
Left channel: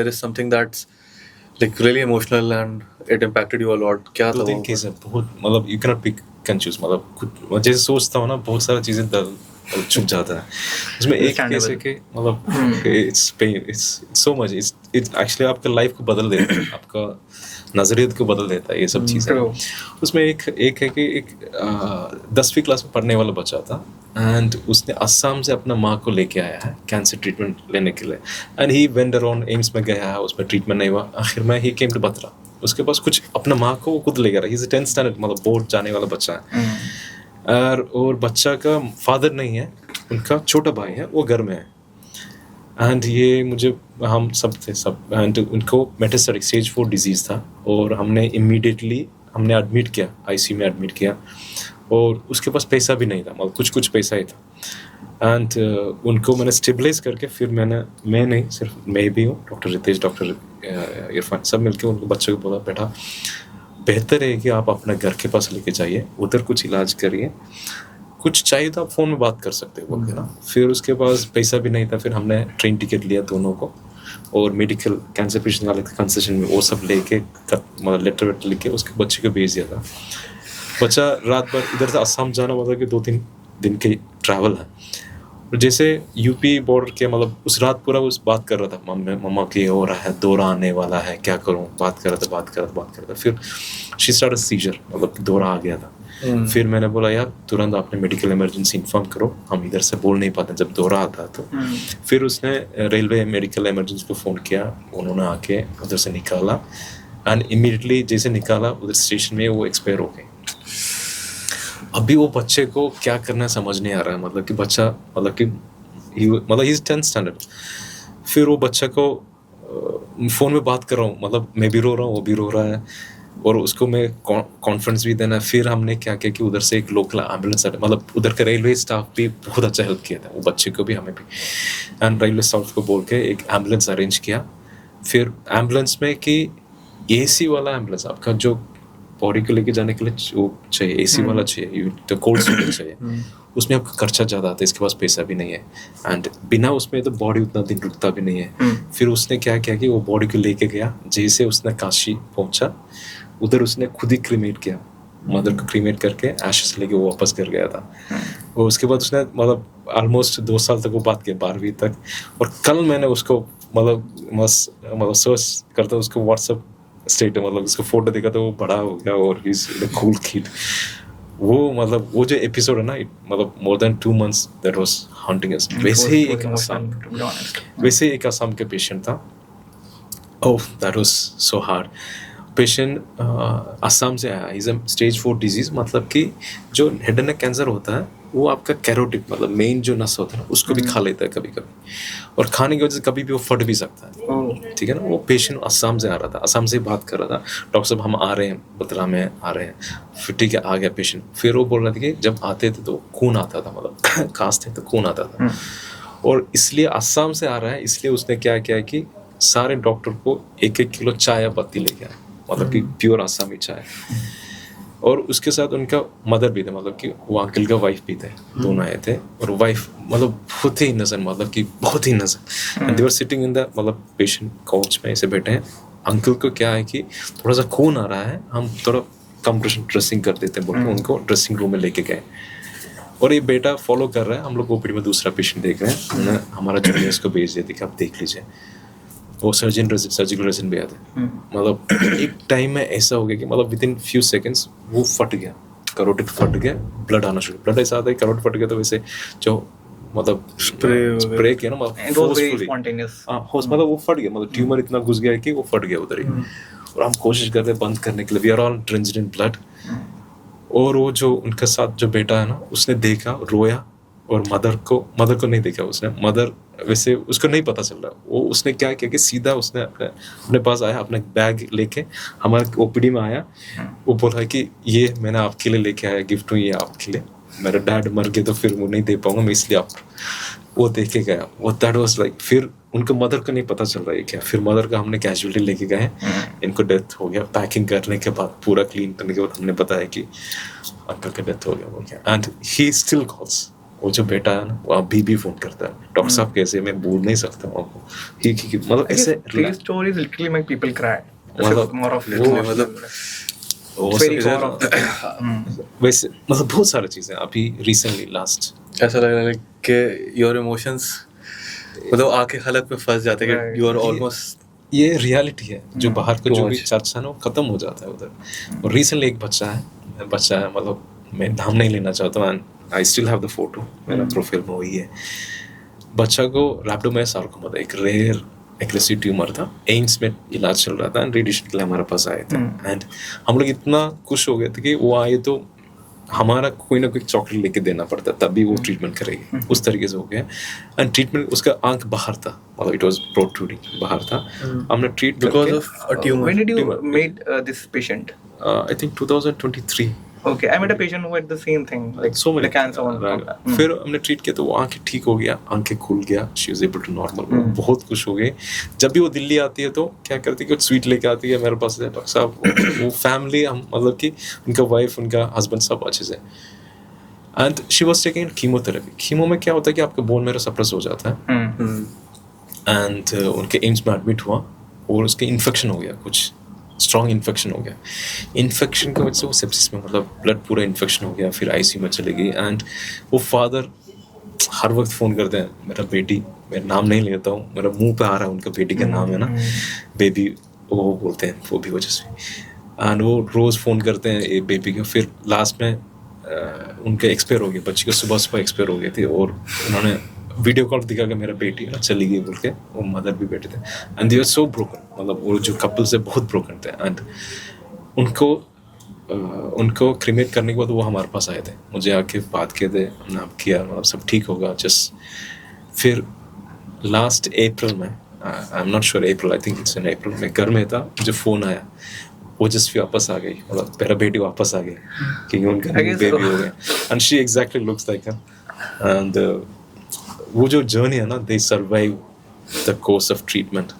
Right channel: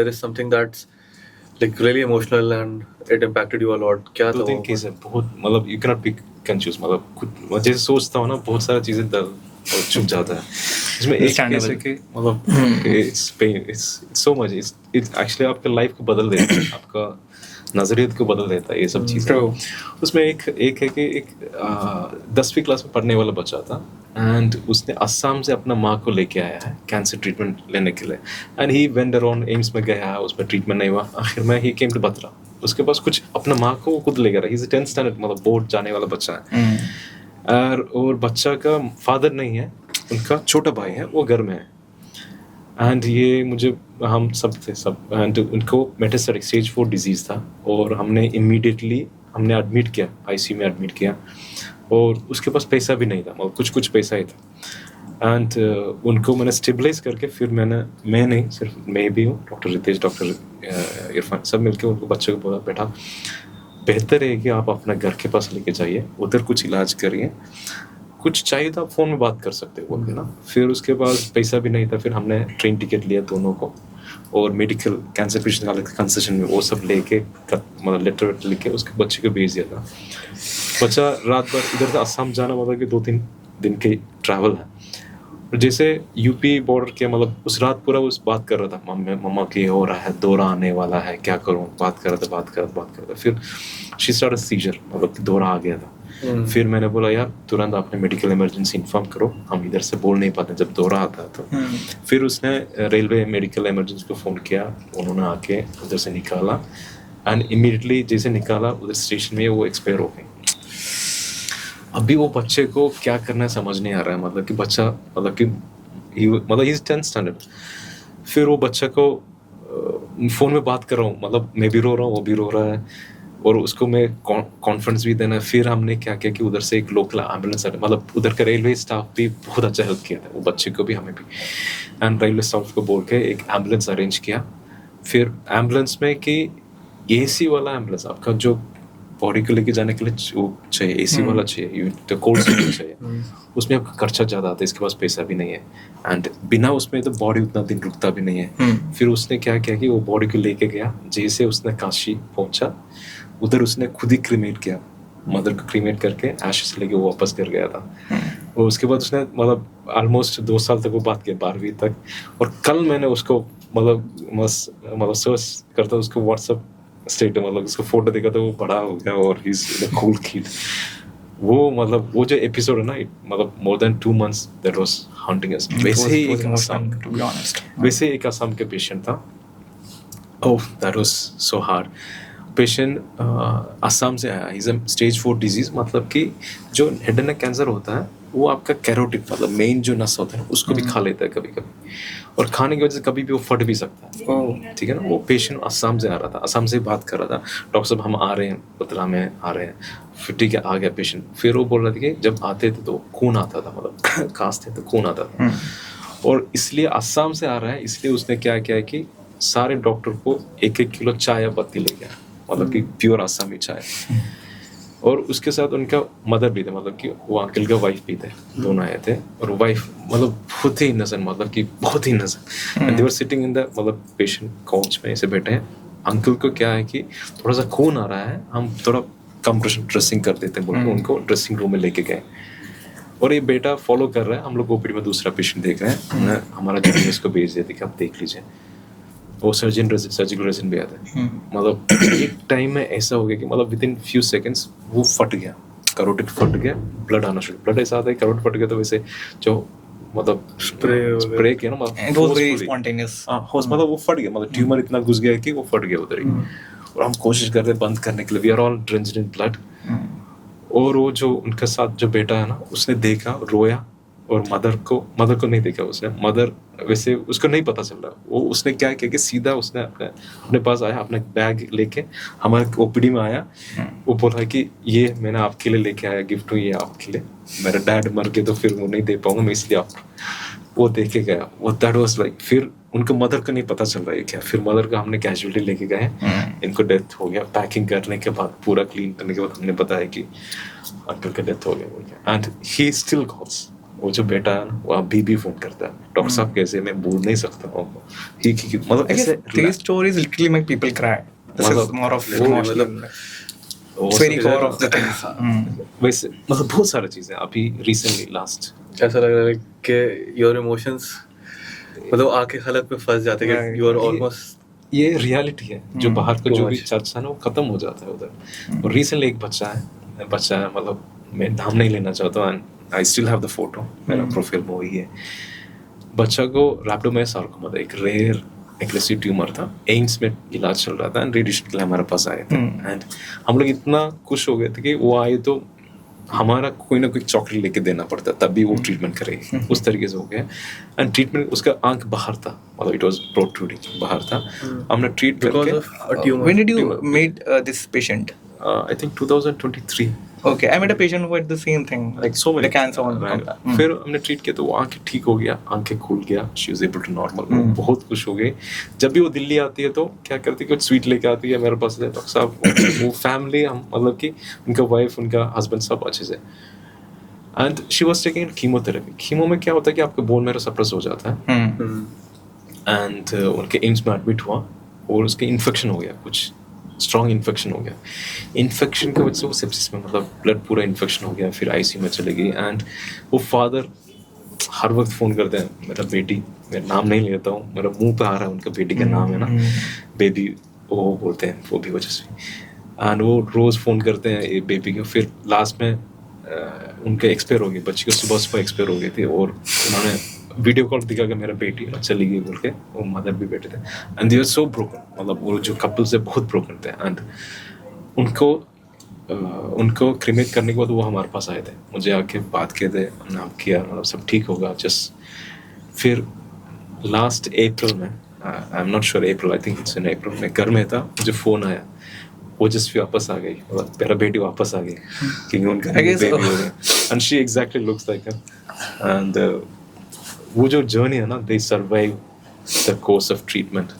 there is something that's like really emotional and it impacted you a lot. क्या था 2-3 वो? Case है, बहुत, मतलब you cannot be confused, मतलब कुछ जैसे सोचता हूँ ना, बहुत सारी चीजें छुप जाता है। इसमें एक केस है कि मतलब it's pain, it's so much, it's actually आपका लाइफ को बदल देता है, आपका नजरियत को बदल देता है ये सब चीज़ें। उसमें एक है कि एक 10वीं क्लास में पढ़ने वाला बच्चा था, एंड उसने असम से अपना माँ को लेके आया है कैंसर ट्रीटमेंट लेने के लिए, and he went around, AIIMS में गया है, उसमें ट्रीटमेंट नहीं हुआ, आखिर में ही केम टू बत्रा। उसके पास कुछ अपना माँ को वो खुद ले गया, ही इज 10th स्टैंडर्ड, मतलब बोर्ड जाने वाला बच्चा है। और बच्चा का फादर नहीं है, उनका छोटा भाई है, वो घर में है। एंड ये मुझे, हम सब थे सब, एंड उनको मेटास्टेटिक स्टेज 4 डिजीज़ था, और हमने एडमिट किया, आईसीयू में एडमिट किया, और उसके पास पैसा भी नहीं था, मतलब कुछ पैसा ही था। एंड उनको मैंने स्टेबलाइज करके, फिर मैं नहीं सिर्फ मैं भी हूँ, डॉक्टर रितेश, डॉक्टर इरफान, सब मिलके उनको बच्चों को बोला, बेटा बेहतर है कि आप अपना घर के पास लेके जाइए, उधर कुछ इलाज करिए, कुछ चाहिए तो आप फ़ोन में बात कर सकते हो बोल के ना। फिर उसके पास पैसा भी नहीं था, फिर हमने ट्रेन टिकट लिया दोनों को, और मेडिकल कैंसर पेशेंट वाले कंसेशन में वो सब लेके, मतलब लेटर वेटर लिख के उसके बच्चे को भेज दिया था। बच्चा रात भर इधर से असम जाना, मतलब कि 2-3 दिन के ट्रैवल है। और जैसे यूपी बॉर्डर के, मतलब उस रात पूरा उस बात कर रहा था, मम्मा के हो रहा है, दौरा आने वाला है, क्या करूँ, बात कर रहा था। फिर शी स्टार्टेड सीजर, मतलब दौरा आ गया था। फिर मैंने बोला, यार तुरंत आपने मेडिकल इमरजेंसी इन्फॉर्म करो, हम इधर से बोल नहीं पाते जब दौरा आता है तो। फिर उसने रेलवे मेडिकल इमरजेंसी को फ़ोन किया, उन्होंने आके उधर से निकाला, एंड इमीडिएटली जैसे निकाला उधर स्टेशन में वो एक्सपायर हो गए। अभी वो बच्चे को क्या करना है समझ नहीं आ रहा है, मतलब कि बच्चा, मतलब ही इज 10th स्टैंडर्ड। फिर वो बच्चा को फ़ोन में बात कर रहा हूँ, मतलब मैं भी रो रहा हूँ, वो भी रो रहा है, और उसको मैं कॉन्फ्रेंस भी देना। फिर हमने क्या किया कि उधर से एक लोकल एम्बुलेंस, मतलब उधर का रेलवे स्टाफ भी बहुत अच्छा हेल्प किया था, वो बच्चे को भी, हमें भी, एंड रेलवे स्टाफ को बोल के एक एम्बुलेंस अरेंज किया। फिर एम्बुलेंस में कि AC वाला एम्बुलेंस, आपका जो बॉडी को लेके जाने के लिए वो चाहिए, AC वाला चाहिए, तो कोल्ड स्टोरेज चाहिए, उसमें आपका खर्चा ज़्यादा आता है, इसके पास पैसा भी नहीं है, एंड बिना उसमें तो बॉडी उतना दिन रुकता भी नहीं है। फिर उसने क्या किया कि वो बॉडी को लेके गया, जैसे उसने काशी पहुंचा, उधर उसने खुद ही क्रीमेट किया, मदर को क्रीमेट करके एशेस लेके वो वापस कर गया था। और उसके बाद उसने, मतलब ऑलमोस्ट 2 साल तक वो बात की, 12वीं तक। और कल मैंने उसको मतलब सर्च करता उसको व्हाट्सएप स्टेट, मतलब उसको फोटो देखा तो वो बड़ा हो गया, और he is a cool kid. वो मतलब वो जो एपिसोड है ना, मतलब more than 2 months that was haunting us. वैसे ही एक असम के पेशेंट था, Oh, that was so hard. Patient Assam से आया. इज स्टेज 4 डिजीज, मतलब कि जो हेड एंड नेक कैंसर होता है वो आपका कैरोटिड मतलब मेन जो नस होता है उसको भी खा लेता है कभी कभी, और खाने की वजह से कभी भी वो फट भी सकता है. ठीक है ना. वो पेशेंट असम से आ रहा था, असम से बात कर रहा था. डॉक्टर साहब हम आ रहे हैं, बतला में आ रहे हैं. फिर ठीक है आ गया पेशेंट. फिर वो बोल रहा था कि जब आते थे तो खून आता था, मतलब खांसते तो खून आता था. और इसलिए असम से आ रहा है, इसलिए उसने क्या किया कि सारे डॉक्टर को 1-1 किलो चाय या पत्ती लेके आया, मतलब कि प्योर आसामी चाय. और उसके साथ उनका मदर भी थे, मतलब कि वो अंकल का वाइफ भी थे. दोनों आए थे. और वाइफ मतलब बहुत ही नजर, मतलब कि बहुत ही नजर. And they were sitting in the मतलब पेशेंट काउच में ऐसे बैठे हैं. अंकल को क्या है कि थोड़ा सा खून आ रहा है, हम थोड़ा कंप्रेशन ड्रेसिंग कर देते हैं बोल के उनको ड्रेसिंग रूम में लेके गए. और ये बेटा फॉलो कर रहा है. हम लोग ओपीडी में दूसरा पेशेंट देख रहे हैं. मैं हमारा जूनियर्स को भेज देते कि आप देख लीजिए. वो सर्जिकल रेजिन भी आता है. मतलब एक टाइम में ऐसा हो गया कि मतलब विद इन फ्यू सेकेंड्स वो फट गया, करोटिड फट गया, ब्लड आना शुरू. ब्लड ऐसा आता है करोटिड फट गया तो वैसे जो मतलब स्प्रे किया ना, मतलब फोर्सफुली मतलब वो फट गया, मतलब ट्यूमर इतना घुस गया कि वो फट गया उधर ही. और हम कोशिश कर रहे हैं बंद करने के लिए. We are all drenched in blood. और वो जो उनके साथ जो बेटा है ना, उसने देखा, रोया. और मदर को नहीं देखा उसने. मदर वैसे उसको नहीं पता चल रहा. वो उसने क्या किया कि सीधा उसने अपने पास आया, अपना बैग लेके हमारे ओपीडी में आया. वो बोला कि ये मैंने आपके लिए लेके आया, गिफ्ट हूँ ये आपके लिए. मेरा डैड मर गए तो फिर वो नहीं दे पाऊंगा मैं, इसलिए आप. वो देखे गया. वो दैट वाज लाइक. फिर उनको मदर को नहीं पता चल रहा है क्या. फिर मदर का हमने कैजुअलिटी लेके गए. इनको डेथ हो गया. पैकिंग करने के बाद, पूरा क्लीन करने के बाद हमने बताया कि अंकल का डेथ हो गया बोल के. And he still calls. वो जो बेटा है ना वो अभी भी फोन करता है. डॉक्टर साहब कैसे, मैं बोल नहीं सकता हूँ. मतलब ऐसे these stories literally make people cry. This मतलब is more of वो emotional. वो It's very सब core of the thing. वैसे मतलब बहुत सारी चीजें अभी रिसेंटली लास्ट. ऐसा लगा कि योर इमोशंस मतलब आके हलक में फंस जाते हैं कि यू आर ऑलमोस्ट. ये रियलिटी है. जो बाहर का जो भी चर्चा है ना वो खत्म हो जाता है उधर. और रिसेंटली एक बच्चा है, मतलब मैं नाम नहीं लेना चाहता हूँ. I still have the photo, मेरा प्रोफाइल में वही है. बच्चा को रैप्डोमायोसार्कोमा था, एक रेयर एग्रेसिव ट्यूमर था. एम्स में इलाज चल रहा था. एंड रेडिएशन के लिए हमारे पास आए थे. एंड हम लोग इतना खुश हो गए थे कि वो आए तो हमारा कोई ना कोई चॉकलेट लेके देना पड़ता तभी वो ट्रीटमेंट करेगी. उस तरीके से हो गया. एंड ट्रीटमेंट, उसका आंख बाहर था, मतलब इट वाज प्रोट्रूडिंग, बाहर था. हमने ट्रीट करके. When did you meet this patient? I think 2023. Okay, I met a patient who had the same thing, like so many the cancer one. right. फिर हमने ट्रीट किया तो वो आंखें ठीक हो गया, आंखें खुल गया. She was able to normal. बहुत खुश हो गई. जब भी वो दिल्ली आती है तो क्या करती है, कुछ स्वीट लेके आती है मेरे पास. डॉक्टर साहब वो फैमिली, हम मतलब कि उनका वाइफ, उनका हस्बैंड सब अच्छे से. And she was taking chemotherapy. Chemo में क्या होता है कि आपका बोन मैरो सप्रेस हो जाता है. एंड उनके एम्स में एडमिट हुआ और उसके इन्फेक्शन हो गया, कुछ स्ट्रॉन्ग इन्फेक्शन हो गया. इन्फेक्शन की वजह से वो सेप्सिस में, मतलब ब्लड पूरा इन्फेक्शन हो गया. फिर आईसीयू में चले गई. एंड वो फादर हर वक्त फ़ोन करते हैं, मेरा बेटी, मैं नाम नहीं लेता हूँ, मेरा मुंह पे आ रहा है उनका बेटी का नाम है ना, बेबी वो बोलते हैं, वो भी वजह से. एंड वो रोज़ फ़ोन करते हैं ये बेबी को. फिर लास्ट में उनका एक्सपायर हो गया, बच्ची को सुबह एक्सपायर हो गए थे. और उन्होंने वीडियो कॉल दिखा कि मेरा बेटी चली गई बोल के. वो मदर भी बैठे थे. And they are so broken, मतलब वो जो कपल से बहुत ब्रोकन थे. एंड उनको क्रिमेट करने के बाद वो हमारे पास आए थे. मुझे आके बात किए थे, हमने आप किया, मतलब सब ठीक होगा जस्ट. फिर लास्ट अप्रैल में, I am not sure, April, I think it's in April, मैं घर में था, मुझे फ़ोन आया. वो जस्ट वापस आ गई, मतलब मेरा बेटी वापस आ गई क्योंकि उनका बेबी हो गया. And she exactly looks like him. And वो जो जर्नी है ना, दे survive the course of treatment.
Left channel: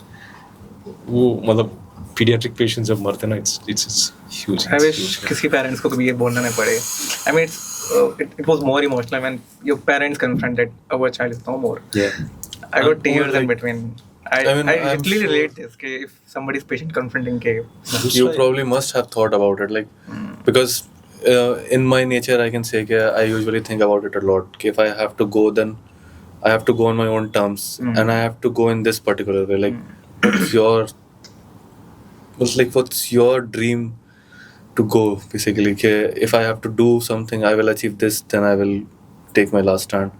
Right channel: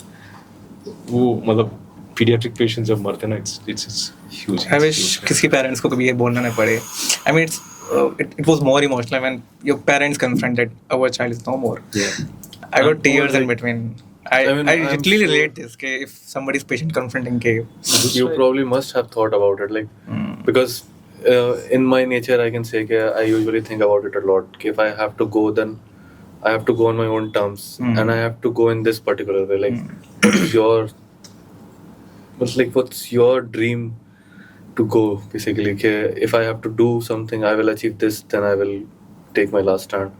वो मतलब पीडियाट्रिक पेशेंट्स जब मरते हैं ना, इट्स ह्यूज. I wish किसी पेरेंट्स को कभी ये बोलना नहीं पड़े. I mean, it was more emotional when your parents confronted our child is no more. Yeah. I got tears in between. I literally relate this. कि if somebody's patient confronting के, You probably must have thought about it, like because in my nature I can say that I usually think about it a lot. If I have to go, then I have to go on my own terms, and I have to go in this particular way. Like, what's your dream to go? Basically, if I have to do something, I will achieve this. Then I will take my last stand.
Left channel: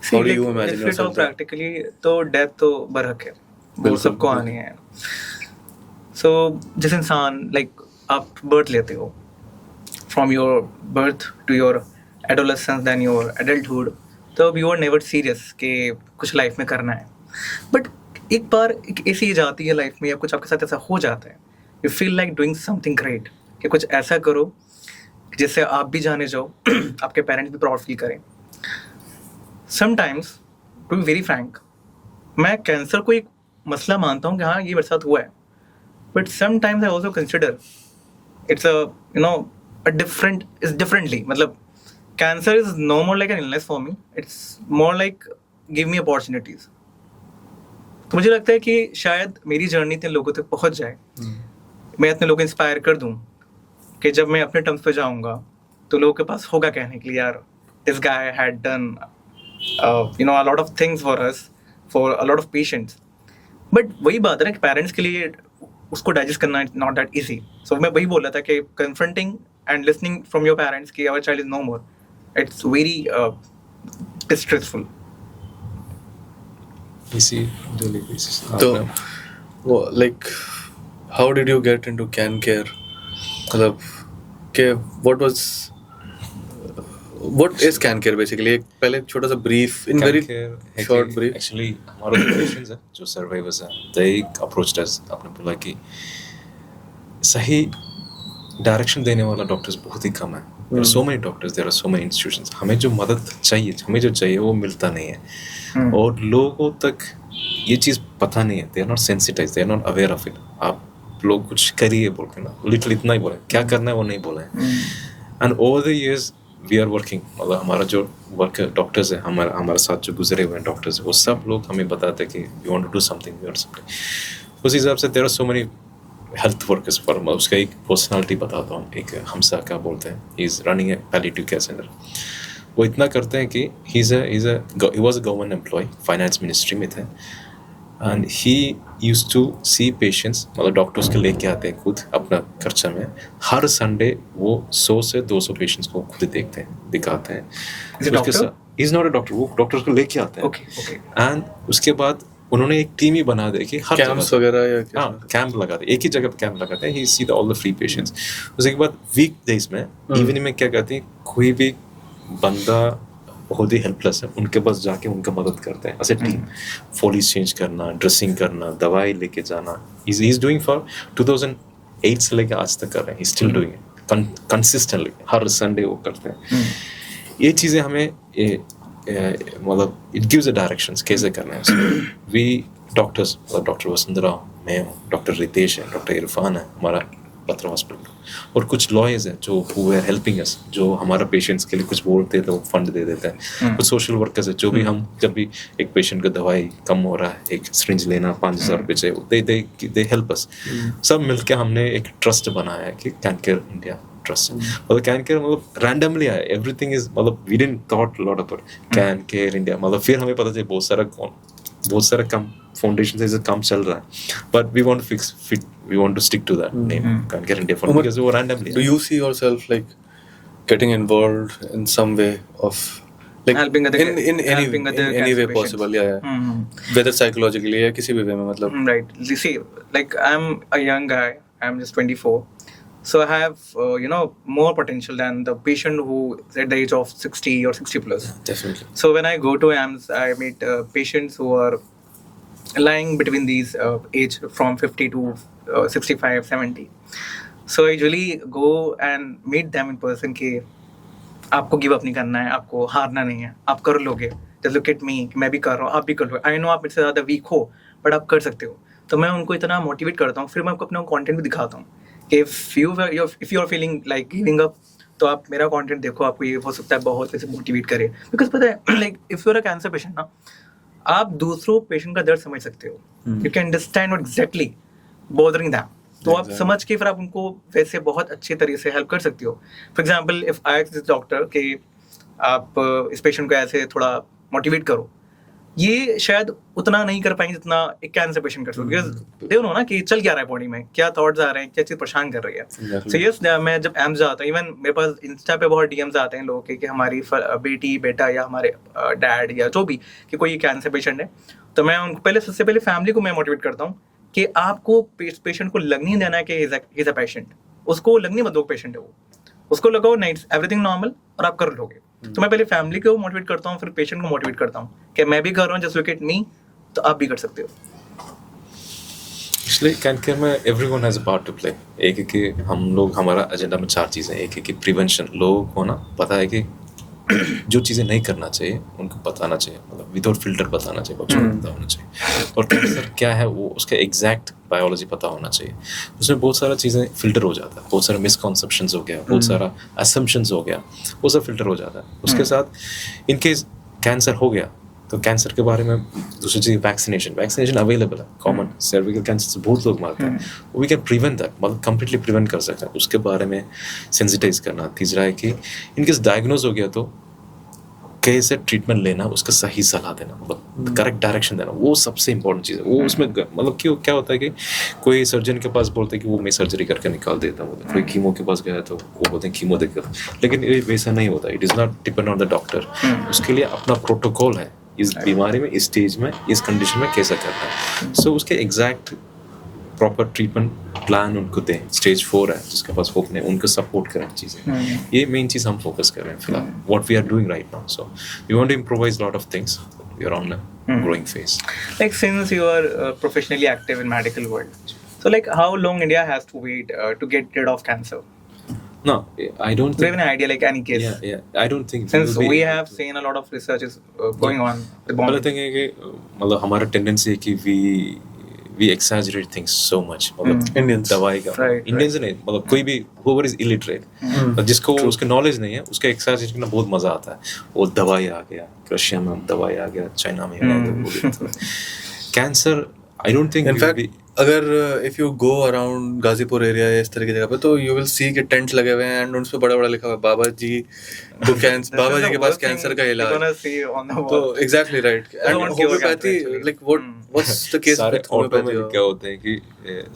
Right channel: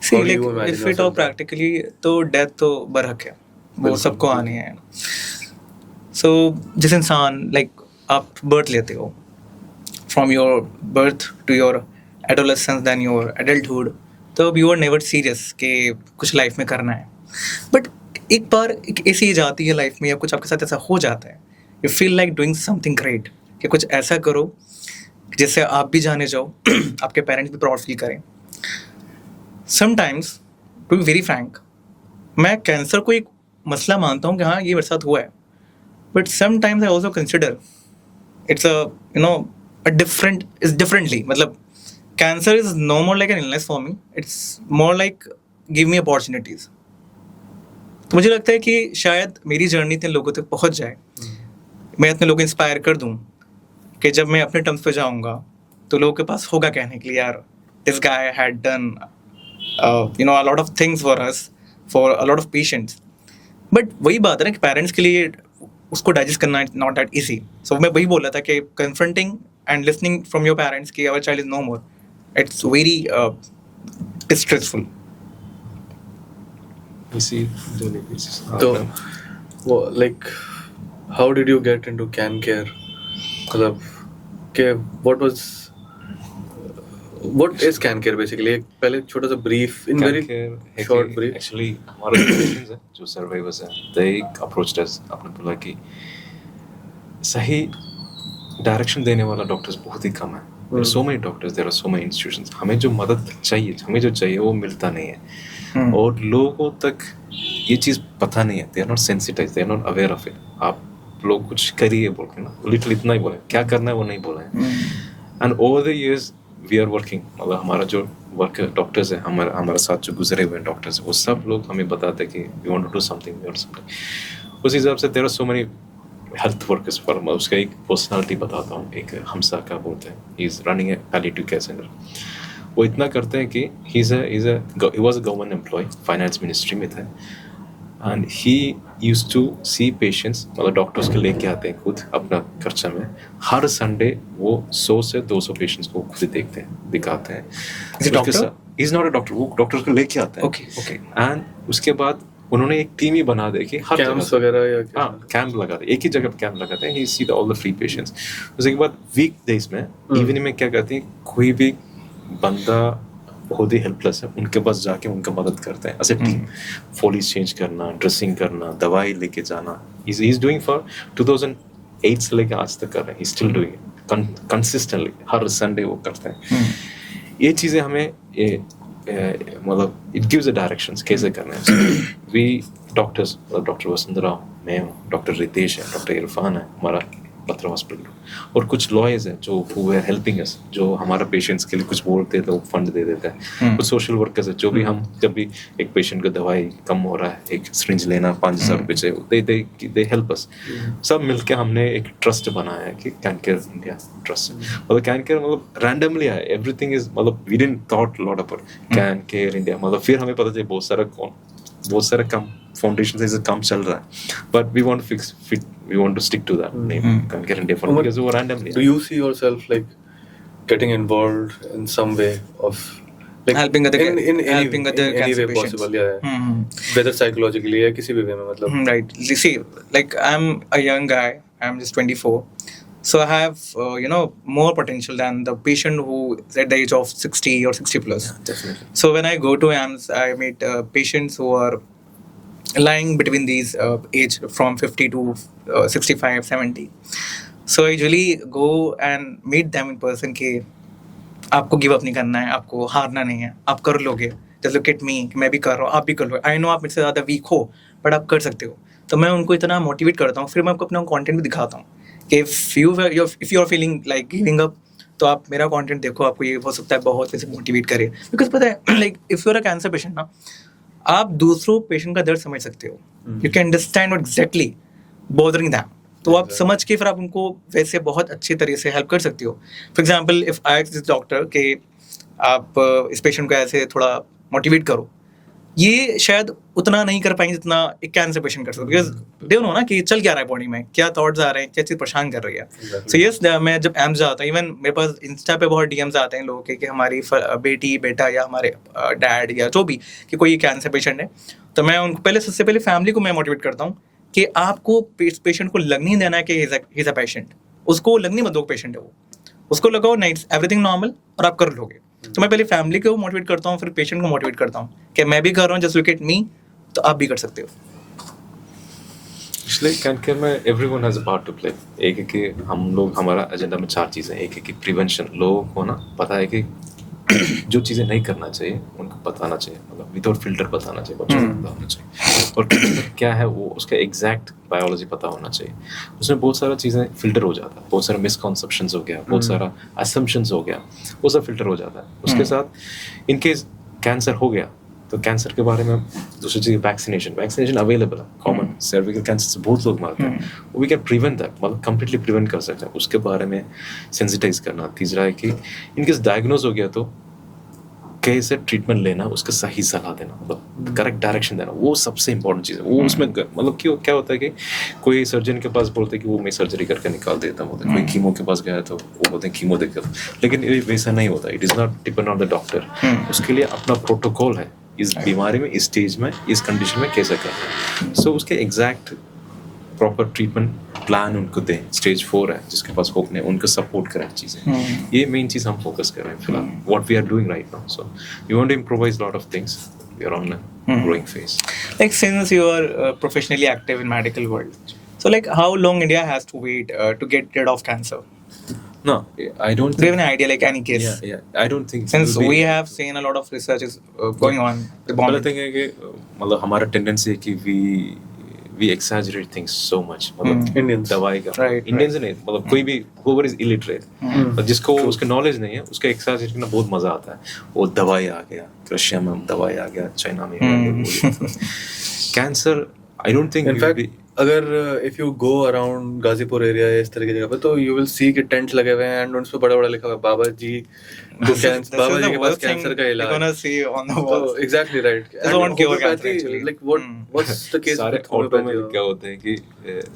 see, How do like you imagine if we talk yourself? practically, तो death तो बरहक है, वो सबको आनी है. सो जिस इंसान like आप बर्थ लेते हो, from your birth to your adolescence then your adulthood, तो यू आर नेवर सीरियस कि कुछ लाइफ में करना है. बट एक बार एक ऐसी एज आती है लाइफ में या कुछ आपके साथ ऐसा हो जाता है, you feel like doing something great, कि कुछ ऐसा करो जिससे आप भी जाने जाओ, आपके पेरेंट्स भी प्राउड फील करें. Sometimes to be very frank, मैं कैंसर को एक मसला मानता हूँ कि हाँ ये मेरे साथ हुआ है, but sometimes I also consider it's a different is differently. मतलब cancer is no more like an illness for me, it's more like give me opportunities. तो मुझे लगता है कि शायद मेरी जर्नी इतने लोगों तक पहुंच जाए, मैं इतने लोग इंस्पायर कर दूं कि जब मैं अपने टर्म्स पे जाऊंगा तो लोगों के पास होगा कहने के लिए, यार this guy had done a lot of things for us, for a lot of patients. But वही बात है ना कि पेरेंट्स के लिए उसको डाइजेस्ट करना is not that easy. So मैं वही बोल रहा था कि confronting and listening from your parents कि our child is no more, it's very distressful. इसी डेली बेसिस. तो like how did you get into can care? मतलब कि what is can care basically? एक पहले एक छोटा सा brief in very short brief. Actually हमारे जो पेशेंट्स हैं, जो सर्वाइवर्स हैं, they approached us. आपने बोला कि सही डायरेक्शन देने वाला डॉक्टर्स बहुत ही कम है. There are so many doctors, there are so many institutions. हमें जो मदद चाहिए, हमें जो चाहिए वो मिलता नहीं है. और लोगों तक ये चीज़ पता नहीं है. They are not sensitized, they are not aware of it. आप लोग कुछ करिए बोल के ना, लिटिल इतना ही बोले, क्या करना है वो नहीं बोले. And over the years we are working, मतलब हमारा जो वर्क डॉक्टर्स है, हमारे साथ जो गुजरे हुए हैं डॉक्टर्स है, वो सब लोग हमें बताते हैं कि we want to do something. उस हिसाब से there are so many health workers for. मैं उसका एक पर्सनालिटी बताता हूँ. एक हमसा क्या बोलते हैं, he is running a palliative care centre. वो इतना करते हैं कि he was a government employ, finance ministry में थे. And he used to see patients, मतलब डॉक्टर्स के लेके आते हैं खुद अपना खर्चा में. हर संडे वो 100 से 200 पेशेंट्स को खुद देखते हैं, दिखाते हैं. इज नॉट अ डॉक्टर, वो डॉक्टर्स को लेके आते हैं. एंड उसके बाद उन्होंने एक टीम ही बना दे कि हर जगह वगैरह या हाँ कैंप लगाते, एक ही जगह पे कैंप लगाते हैं. ही see all the free patients. उसके बाद वीक डेज में इवनिंग में क्या कहते हैं, कोई भी बंदा बहुत ही हेल्पलेस है, उनके पास जाके उनका मदद करते हैं. ऐसे फॉलिस चेंज करना, ड्रेसिंग करना, दवाई लेके जाना. ही इज डूइंग फॉर 2008 से लेके आज तक कर रहे हैं. He still doing it consistently. Her Sunday वो करते हैं. ये चीज़ें हमें मतलब इट गिव्स अ डायरेक्शंस कैसे करना है. वी डॉक्टर्स, मतलब डॉक्टर वसुंधरा, मैं हूँ, डॉक्टर रितेश है, डॉक्टर इरफान है हमारा बत्रा हॉस्पिटल, और कुछ लॉयर्स हैं जो हु आर हेल्पिंग अस, जो हमारा पेशेंट्स के लिए कुछ बोलते हैं तो फंड दे देते हैं. कुछ सोशल वर्कर्स है जो भी हम जब भी एक पेशेंट का दवाई कम हो रहा है, एक सिरिंज लेना 5,000 रुपये चाहिए, दे हेल्प अस. सब मिलके हमने एक ट्रस्ट बनाया है कि कैन केयर इंडिया ट्रस्ट. मतलब कैन केयर मतलब रैंडमली आया, एवरीथिंग इज, मतलब we didn't thought lot about can care India. मतलब फिर हमें पता चला बहुत सारा कम फाउंडेशन से काम चल रहा है, but we want to we want to stick to that name, Can Care India Foundation, because we randomly. Do you see yourself like getting involved in some way of like helping other in any way possible, yeah. Whether psychologically या किसी भी way में, मतलब. Right. You see, like I'm a young guy, I'm just 24, so I have more potential than the patient who is at the age of 60 or 60 plus. Yeah, definitely. So when I go to AMS, I meet patients who are lying between these age from 50 to 65, 70. So I usually go and meet them in person कि आपको give up नहीं करना है, आपको हारना नहीं है, आप कर लोगे. Just look at me, मैं भी कर रहा हूँ, आप भी कर लो. I know आप मुझसे ज़्यादा वीक हो, बट आप कर सकते हो. तो मैं उनको इतना मोटिवेट करता हूँ, फिर मैं आपको अपना कंटेंट भी दिखाता हूँ कि if you are feeling like giving up, तो आप मेरा कंटेंट देखो, आपको ये हो सकता है बहुत वैसे मोटिवेट करे. बिकॉज पता है, like if you are a cancer patient ना, आप दूसरों पेशेंट का दर्द समझ सकते हो. You can understand what exactly bothering them. तो आप समझ के फिर आप उनको वैसे बहुत अच्छे तरीके से हेल्प कर सकते हो. For example, if I ask this doctor कि आप इस पेशेंट को ऐसे थोड़ा मोटिवेट करो, ये शायद उतना नहीं कर पाएंगे जितना एक कैंसर पेशेंट कर सकते. बिकॉज दे नो ना कि चल क्या रहा है बॉडी में, क्या थॉट्स आ रहे हैं, क्या चीज़ परेशान कर रही है. सो यस, मैं जब एम्स जाता हूँ, इवन मेरे पास इंस्टा पे बहुत डीएम्स आते हैं लोगों के कि हमारी बेटी बेटा या हमारे डैड या जो भी कि कोई कैंसर पेशेंट है, तो मैं उनको सबसे पहले फैमिली को मैं मोटिवेट करता हूँ कि आपको पेशेंट को लग नहीं देना है कि ही इज अ पेशेंट, उसको लगने मत दो पेशेंट है वो, उसको लगाओ नहीं एवरीथिंग नॉर्मल और आप कर लोगे। तो मैं पहले फैमिली को मोटिवेट करता हूँ, फिर पेशेंट को मोटिवेट करता हूँ कि मैं भी कर रहा हूँ, जस्ट लुक एट मी, तो आप भी कर सकते हो। इसलिए कैन केयर में everyone has a part two play. एक है कि हम लोग, हमारा एजेंडा में 4 चीज़ें, एक है कि प्रिवेंशन, लोगों को ना पता है कि जो चीज़ें नहीं करना चाहिए उनको बताना चाहिए, मतलब विदाउट फिल्टर बताना चाहिए, बच्चों को पता होना चाहिए। और कैंसर क्या है वो उसका एग्जैक्ट बायोलॉजी पता होना चाहिए। उसमें बहुत सारा चीज़ें फिल्टर हो जाता है, बहुत सारा मिसकॉन्सेप्शंस हो गया, बहुत सारा असम्पशंस हो गया, वो सब फिल्टर हो जाता है। उसके साथ इनकेस कैंसर हो गया तो कैंसर के बारे में दूसरी चीज़ वैक्सीनेशन अवेलेबल है, कॉमन सर्विकल कैंसर से बहुत लोग मरते हैं, वी कैन प्रिवेंट दैट, मतलब कंप्लीटली प्रिवेंट कर सकते हैं, उसके बारे में सेंसिटाइज करना। तीसरा है कि इनकेस डायग्नोज हो गया तो कैसे ट्रीटमेंट लेना, उसका सही सलाह देना, मतलब करेक्ट डायरेक्शन देना, वो सबसे इंपॉर्टेंट चीज़ है। वो उसमें मतलब क्यों क्या होता है कि कोई सर्जन के पास बोलते हैं कि वो मैं सर्जरी करके निकाल देता हूँ, कोई कीमो के पास गया तो वो बोलते हैं कीमो देकर, लेकिन ये वैसा नहीं होता। It is not depend on the doctor, उसके लिए अपना प्रोटोकॉल है, इस बीमारी में, इस स्टेज में, इस कंडीशन में कैसा करना है। सो उसके एग्जैक्ट प्रॉपर ट्रीटमेंट प्लान उनको दें। स्टेज 4 है जिसके पास होप नहीं, उनको सपोर्ट करें चीज़ें। ये मेन चीज़ हम फोकस कर रहे हैं फिलहाल, what we are doing right now. So we want to improvise lot of things, we are on a growing phase. Like since you are professionally active in medical world, so like how long India has to wait to get rid of cancer? No, I don't Do you have think. any idea, like any case? Yeah, I don't think. Since we have seen a lot of research is going on at the But the moment. thing है कि मतलब हमारा tendency है कि we exaggerate things so much, मतलब Indians. दवाई का Right, Indians नहीं, मतलब कोई भी whoever is illiterate, और जिसको उसके नॉलेज नहीं है उसका एक्सैजरेट करना बहुत मजा आता है। वो दवाई आ गया, रशिया में दवाई आ गया, चाइना में आ गया, cancer I don't think. In fact अगर if you go around Ghazipur area या इस तरह की जगह पे, तो यू विल सी कि टेंट्स लगे हुए हैं एंड उन पे बड़ा बड़ा लिखा हुआ है बाबा जी को कैंसर, बाबा जी के पास कैंसर का इलाज। You're gonna see on the wall. Exactly right. They don't cure cancer actually. Like what's the case? सारे ऑटो में लिखे होते हैं कि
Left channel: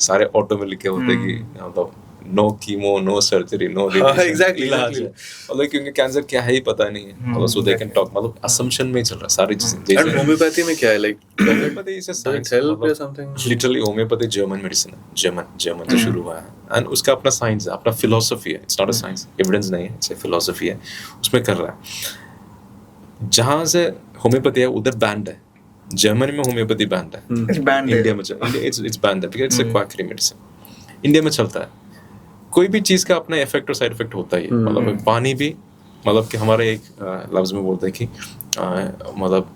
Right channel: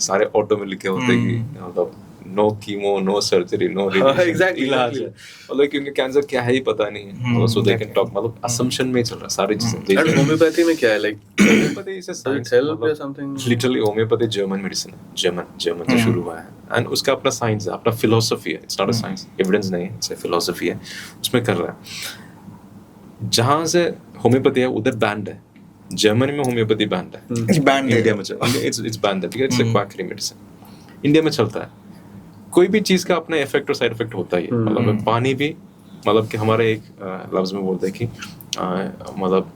सारे ऑटो में लिखे होते हैं कि मतलब no chemo, no surgery, no radiation, exactly, इलाज है, मतलब क्योंकि कैंसर क्या है ही पता नहीं है, मतलब सो दे कैन टॉक, मतलब असम्पशन में ही चल रहा है सारी चीजें। एंड होम्योपैथी में क्या है, like homeopathy is a science, literally homeopathy German medicine है, जर्मन से शुरू हुआ है, एंड उसका अपना साइंस है, अपना फिलोसफी है। It's not a science, evidence नहीं है, इट्स अ फिलोसफी है, उसमें कर रहा है। जहाँ से होम्योपैथी है उधर बैंड है, जर्मनी में होम्योपैथी बैंड है, It's banned इंडिया there. में इट्स बैंड है because it's a quackery medicine. India में चलता है, कोई भी चीज़ का अपना इफेक्ट और साइड इफेक्ट होता ही है, मतलब पानी भी, मतलब कि हमारे एक लफ्ज़ में बोलते हैं कि मतलब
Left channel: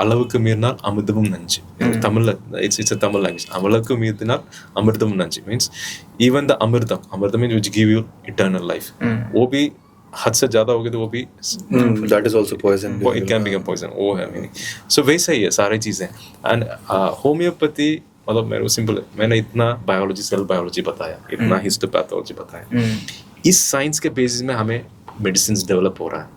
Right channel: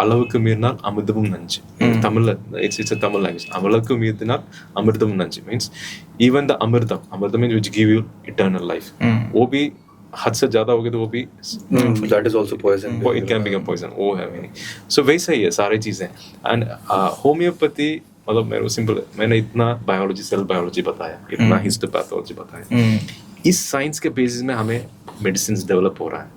அளவுக்கு மீறினால் அமிர்தமும் நஞ்சு, Tamil it's a Tamil language, அளவுக்கு மீறினால் அமிர்தமும் நஞ்சு means even the अमृतम means which give you eternal life, वो भी हद से ज़्यादा हो गए तो वो भी that is also poison, it can become poison, वो है मीनिंग। सो वैसा ही है सारी चीज़ें। एंड होम्योपैथी मतलब मेरे सिंपल, मैंने इतना बायोलॉजी, सेल बायोलॉजी बताया, इतना हिस्टोपैथोलॉजी बताया, इस साइंस के बेसिस में हमें मेडिसिन डेवलप हो रहा है।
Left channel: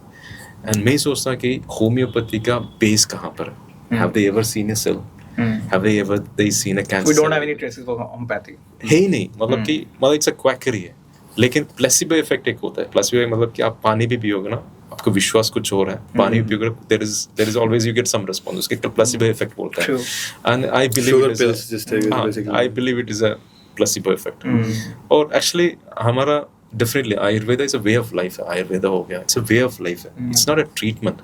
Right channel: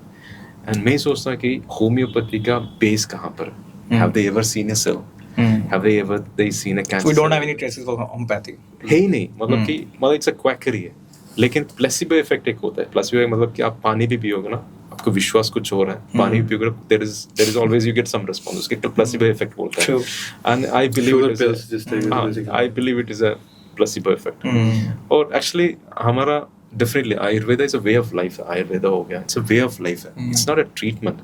एंड मैं सोचता हूँ कि होम्योपैथी का बेस कहाँ पर है? Have they ever seen a cell? Have they ever seen a cancer? We don't have any traces of homeopathy. है ही नहीं, मतलब कि मतलब इट्स अ क्वैकरी है। लेकिन प्लेसिबो इफेक्ट एक होता है, प्लेसिबो मतलब कि आप पानी भी पियोगे ना, आपको विश्वास कुछ हो रहा है, पानी भी पियोगे, there is always you get some response, उसके प्लेसिबो इफेक्ट बोलता है। And I believe it is a placebo effect. और एक्चुअली हमारा definitely Ayurveda is a way of life है, आयुर्वेदा हो गया, it's a way of life है, इट्स नॉट अ ट्रीटमेंट।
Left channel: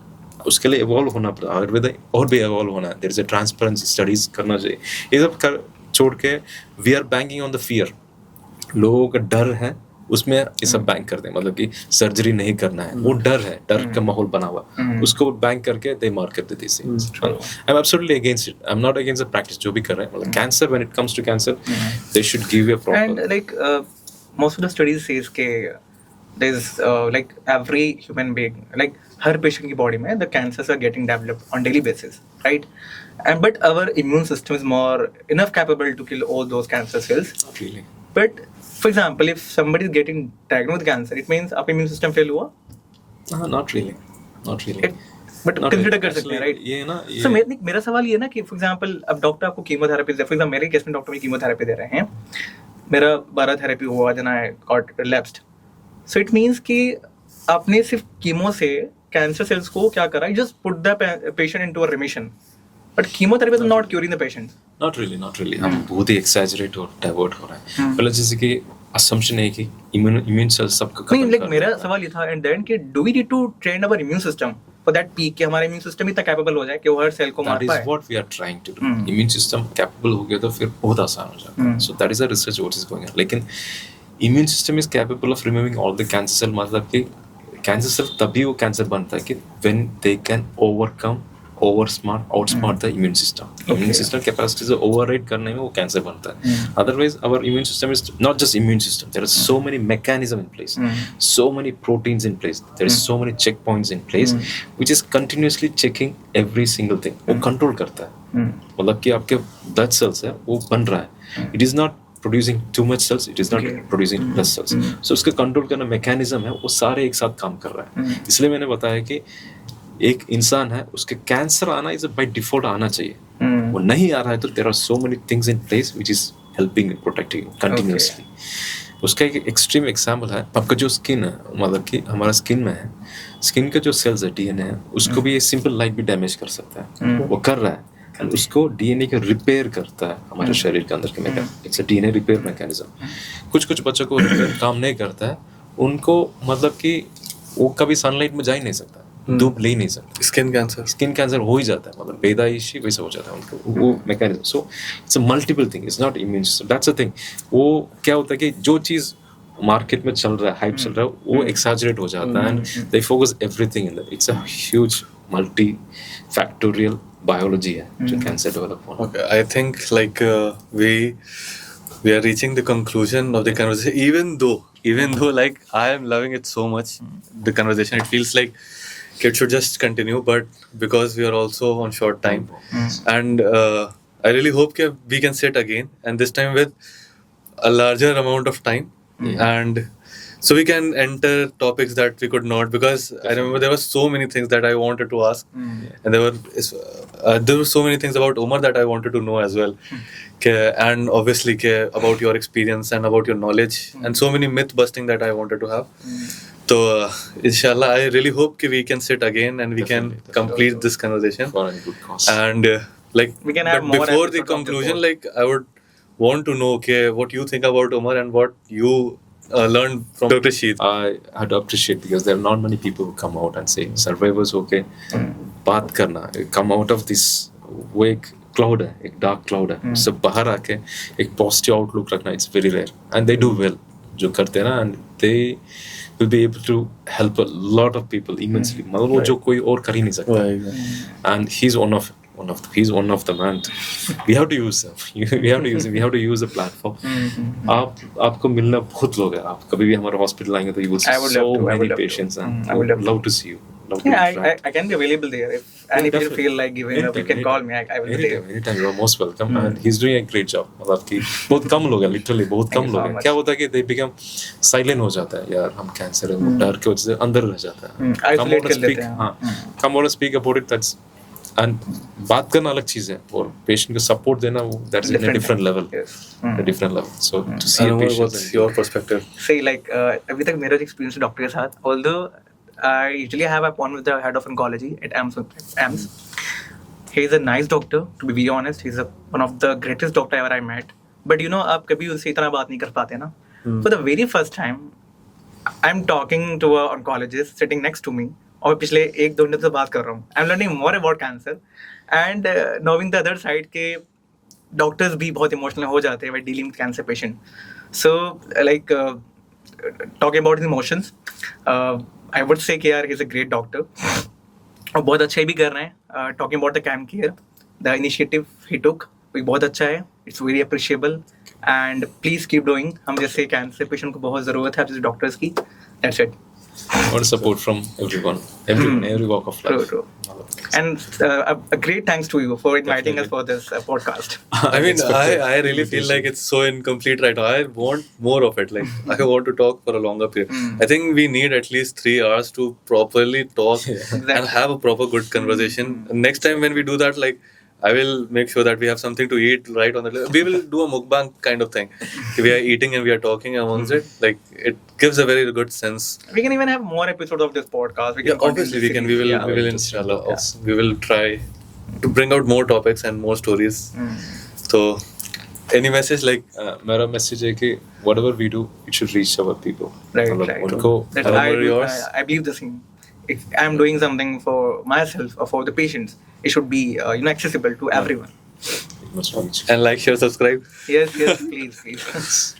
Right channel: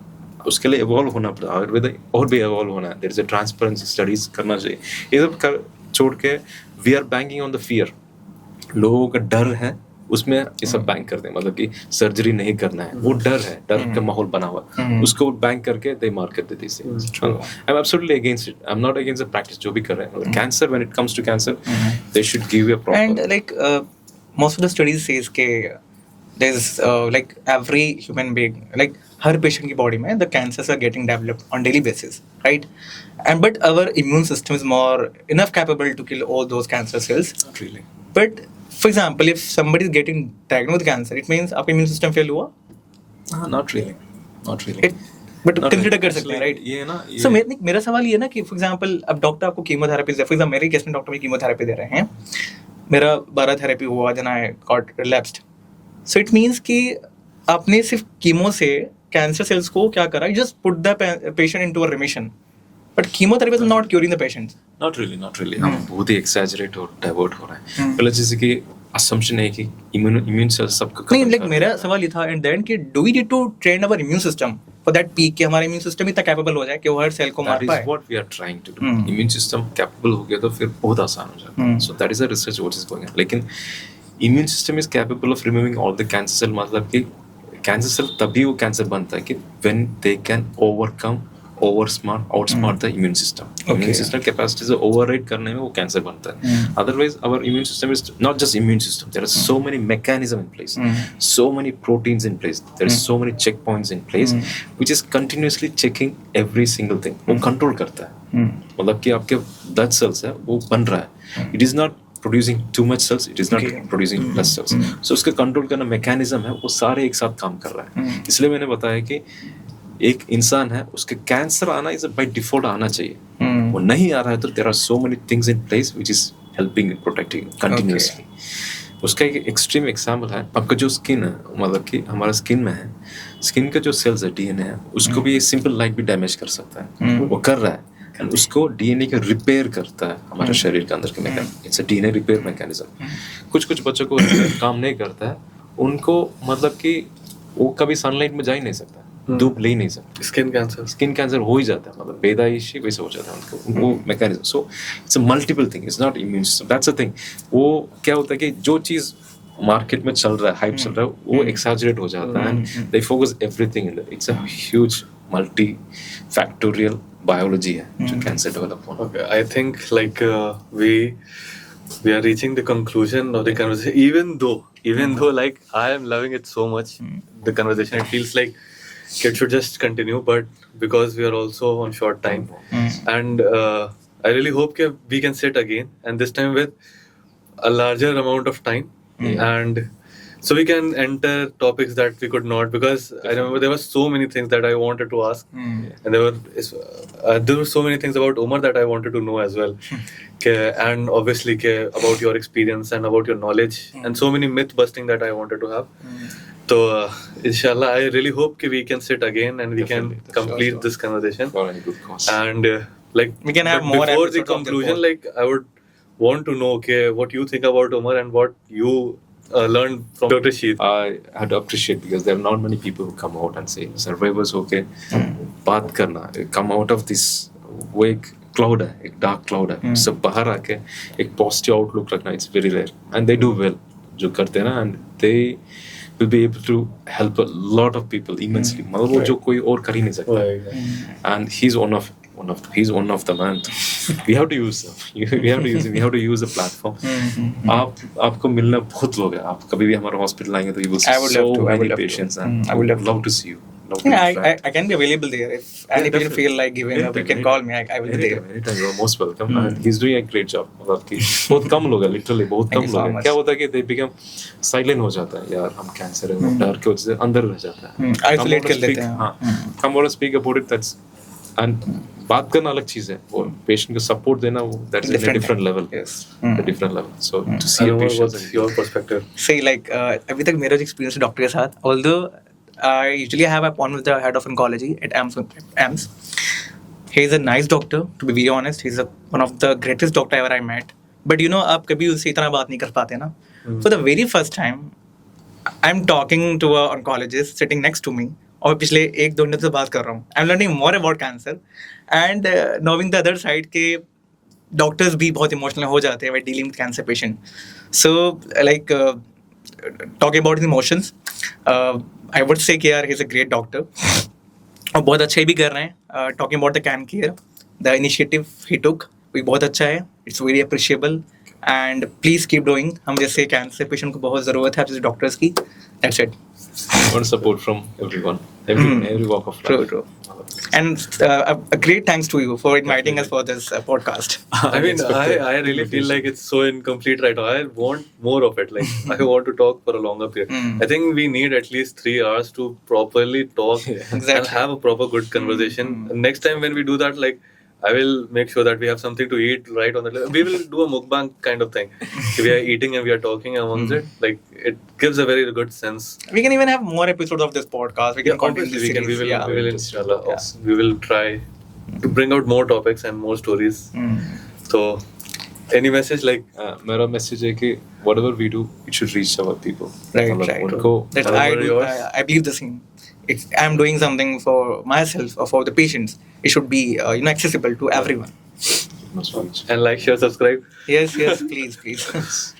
उसके लिए इवॉल्व होना पड़ता है, आयुर्वेदा और भी इवॉल्व होना है, there is a transparency, studies करना चाहिए। ये सब कर छोड़ के we are banking on the fear, लोगों का डर है उसमें ये सब बैंक करते हैं, मतलब कि सर्जरी नहीं करना है, वो डर है, डर का माहौल बना हुआ, उसको बैंक करके दे मार्केट देते हैं। I am absolutely against it, I am not against the practice जो भी कर रहे हैं, मतलब cancer when it comes to cancer they should give a And proper. like most of the studies says के there's like every human being, like हर patient की body में the cancers are getting developed on daily basis, right? And but our immune system is more enough capable to kill all those cancer cells. Not really. But for example, if somebody is getting diagnosed with cancer, it means आपका immune system fail हुआ. Not really, not really. But Not consider really. कर सकते हैं, Actually, right? ये ना So मेरा सवाल ये है ना कि for example अब डॉक्टर आपको कीमोथेरेपी दे, for example मेरे केस में डॉक्टर मुझे कीमोथेरेपी दे रहे हैं, मेरा 12 थेरेपी हुआ, then I got relapsed. So it means कि आपने सिर्फ कीमो से कैंसर सेल्स को क्या करा, just put the patient into a remission. But chemotherapy is not curing the patient. Not really. हम बहुत ही exaggerate और divert हो रहे हैं. पहले जैसे कि assumption है कि immune cells सबका नहीं, खत्म like कर मेरा देता है. सवाल ये था एंड देन कि do we need to train our immune system for that peak कि हमारा immune system इतना capable हो जाए कि वो हर सेल को मार That is पाए. what we are trying to do. Immune system capable हो गया तो फिर बहुत आसान हो जाता है. So that is the research what is going on. लेकिन immune system is capable of removing all the cancer cell. मतलब कि cancer cell तभी वो cancer बनता है कि when they can outsmart the immune system. Immune system capacity से override करने में वो cancer बनता है. Otherwise, our immune system is not just immune system. There are so many mechanisms in place, so many proteins in place. There are so many checkpoints in place, which is continuously checking every single thing. वो control करता है. मतलब कि आपके blood cells है वो बन रहा है. It is not producing too much cells, it is not producing less cells. So उसका control करना mechanism है वो सारे एक साथ काम कर रहा है. इसलिए मैंने बताया कि एक इंसान है उसके कैंसर आना इज बाय डिफॉल्ट आना चाहिए. वो नहीं आ रहा है तो there are so many things in place which is helping in protecting continuously. उसका एक एक्सट्रीम एग्जांपल है आपका जो स्किन है. मतलब कि हमारा स्किन में है, स्किन के जो सेल्स है डीएनए है उसको भी सिंपल लाइट भी डैमेज कर सकता है. वो कर रहा है and उसको डीएनए का रिपेयर करता है हमारे शरीर के अंदर के mechanism. It's a DNA repair mechanism. कुछ बच्चों को रिपेयर काम नहीं करता है. उनको मतलब कि वो कभी सनलाइट में जा ही नहीं सकता, धूप ले ही नहीं सकता. स्किन कैंसर हो ही जाता है. मतलब पैदाइशी वैसे हो जाता है उनको वो mechanism. So it's a multiple thing, it's not immune system. That's a thing. वो क्या होता है कि जो चीज मार्केट में चल रहा है, हाइप चल रहा है, वो एक्सैजरेट हो जाता है and they focus everything in that. It's a huge multi factorial biology है जो कैंसर डेवलप होना. I think like we are reaching the conclusion of the conversation. Even though like I am loving it so much, the conversation, it feels like it should just continue, but because we are also on short time, and I really hope that we can sit again, and this time with a larger amount of time, and so we can enter topics that we could not, because I remember there were so many things that I wanted to ask, and there were so many things about Omar that I wanted to know as well. And obviously about your experience and about your knowledge, and so many myth busting that I wanted to have. So inshallah, I really hope we can sit again and we can complete this conversation For any good cause. and like We can have but more before the episodes of this conclusion, pod. like I would want to know what you think about Omar and what you learned from Dr. Sheet. I had to appreciate because there are not many people who come out and say survivors okay बात करना, come out of this. वो एक cloud है, एक dark cloud है. सब बाहर आके एक पॉजिटिव आउटलुक रखना, it's very rare and they do well जो करते हैं ना, and they will be able to help a lot of people immensely. मतलब वो जो कोई और कर ही नहीं सकता. And he's one of the man. We have to use him. We have to use him. We have to use the platform. आपको मिलना बहुत लोग हैं. आप कभी भी हमारे हॉस्पिटल आएंगे तो you will see so many patients and I would love to see you. Yeah, I can be available there if any people feel like giving up. You can call me. I will be there. Anytime, you are most welcome. And he's doing a great job. मतलब कि बहुत कम लोग हैं, literally बहुत कम लोग हैं. क्या होता है कि they become silent हो जाता है. यार हम कैंसर है, डर के वजह से अंदर रह जाता है. Isolate कर लेते हैं. हाँ, come out and speak about it. That's and बात करना अलग चीज है और पेशेंट को सपोर्ट देना वो that's in a different level. Yes. A different level. So to see a patient. What's your perspective? Say like अभी तक मेरा जो experience है डॉक्टर के साथ, although I usually have a appointment with the head of oncology at AMS. He is a nice doctor, to be very honest. He's one of the greatest doctor ever I met. But you know, आप कभी उससे इतना बात नहीं कर पाते ना. So the very first time, I'm talking to a oncologist sitting next to me. और पिछले 1-2 मिनट से बात कर रहा हूँ. I'm learning more about cancer and knowing the other side के doctors भी बहुत emotional हो जाते हैं when dealing with cancer patient. So like talking about his emotions, I would say कि यार he's a great doctor और बहुत अच्छे भी कर रहे हैं. Talking about the can care, the initiative he took भी बहुत अच्छा है. It's very appreciable and please keep doing. हम जैसे कैंसर पेशेंट को बहुत ज़रूरत है आप जैसे डॉक्टर्स की. That's it. Want support from everyone, every walk of life. True. And a great thanks to you for inviting us for this podcast. I mean, I really feel like it's so incomplete right now. I want more of it. Like, I want to talk for a longer period. I think we need at least 3 hours to properly talk and have a proper good conversation. Next time when we do that, like, I will make sure that we have something to eat right on the list. We will do a mukbang kind of thing. We are eating and we are talking amongst it. Like, it gives a very good sense. We can even have more episodes of this podcast. We can continue Obviously, this series. we will inshallah. We will try to bring out more topics and more stories. So, any message like? मेरा message है कि whatever we do, it should reach our people. Right, मतलब right. उनको That How I about do. yours? I believe the same. If I'm doing something for myself or for the patients, it should be accessible to everyone. must reach. And like, share, subscribe. Yes, please.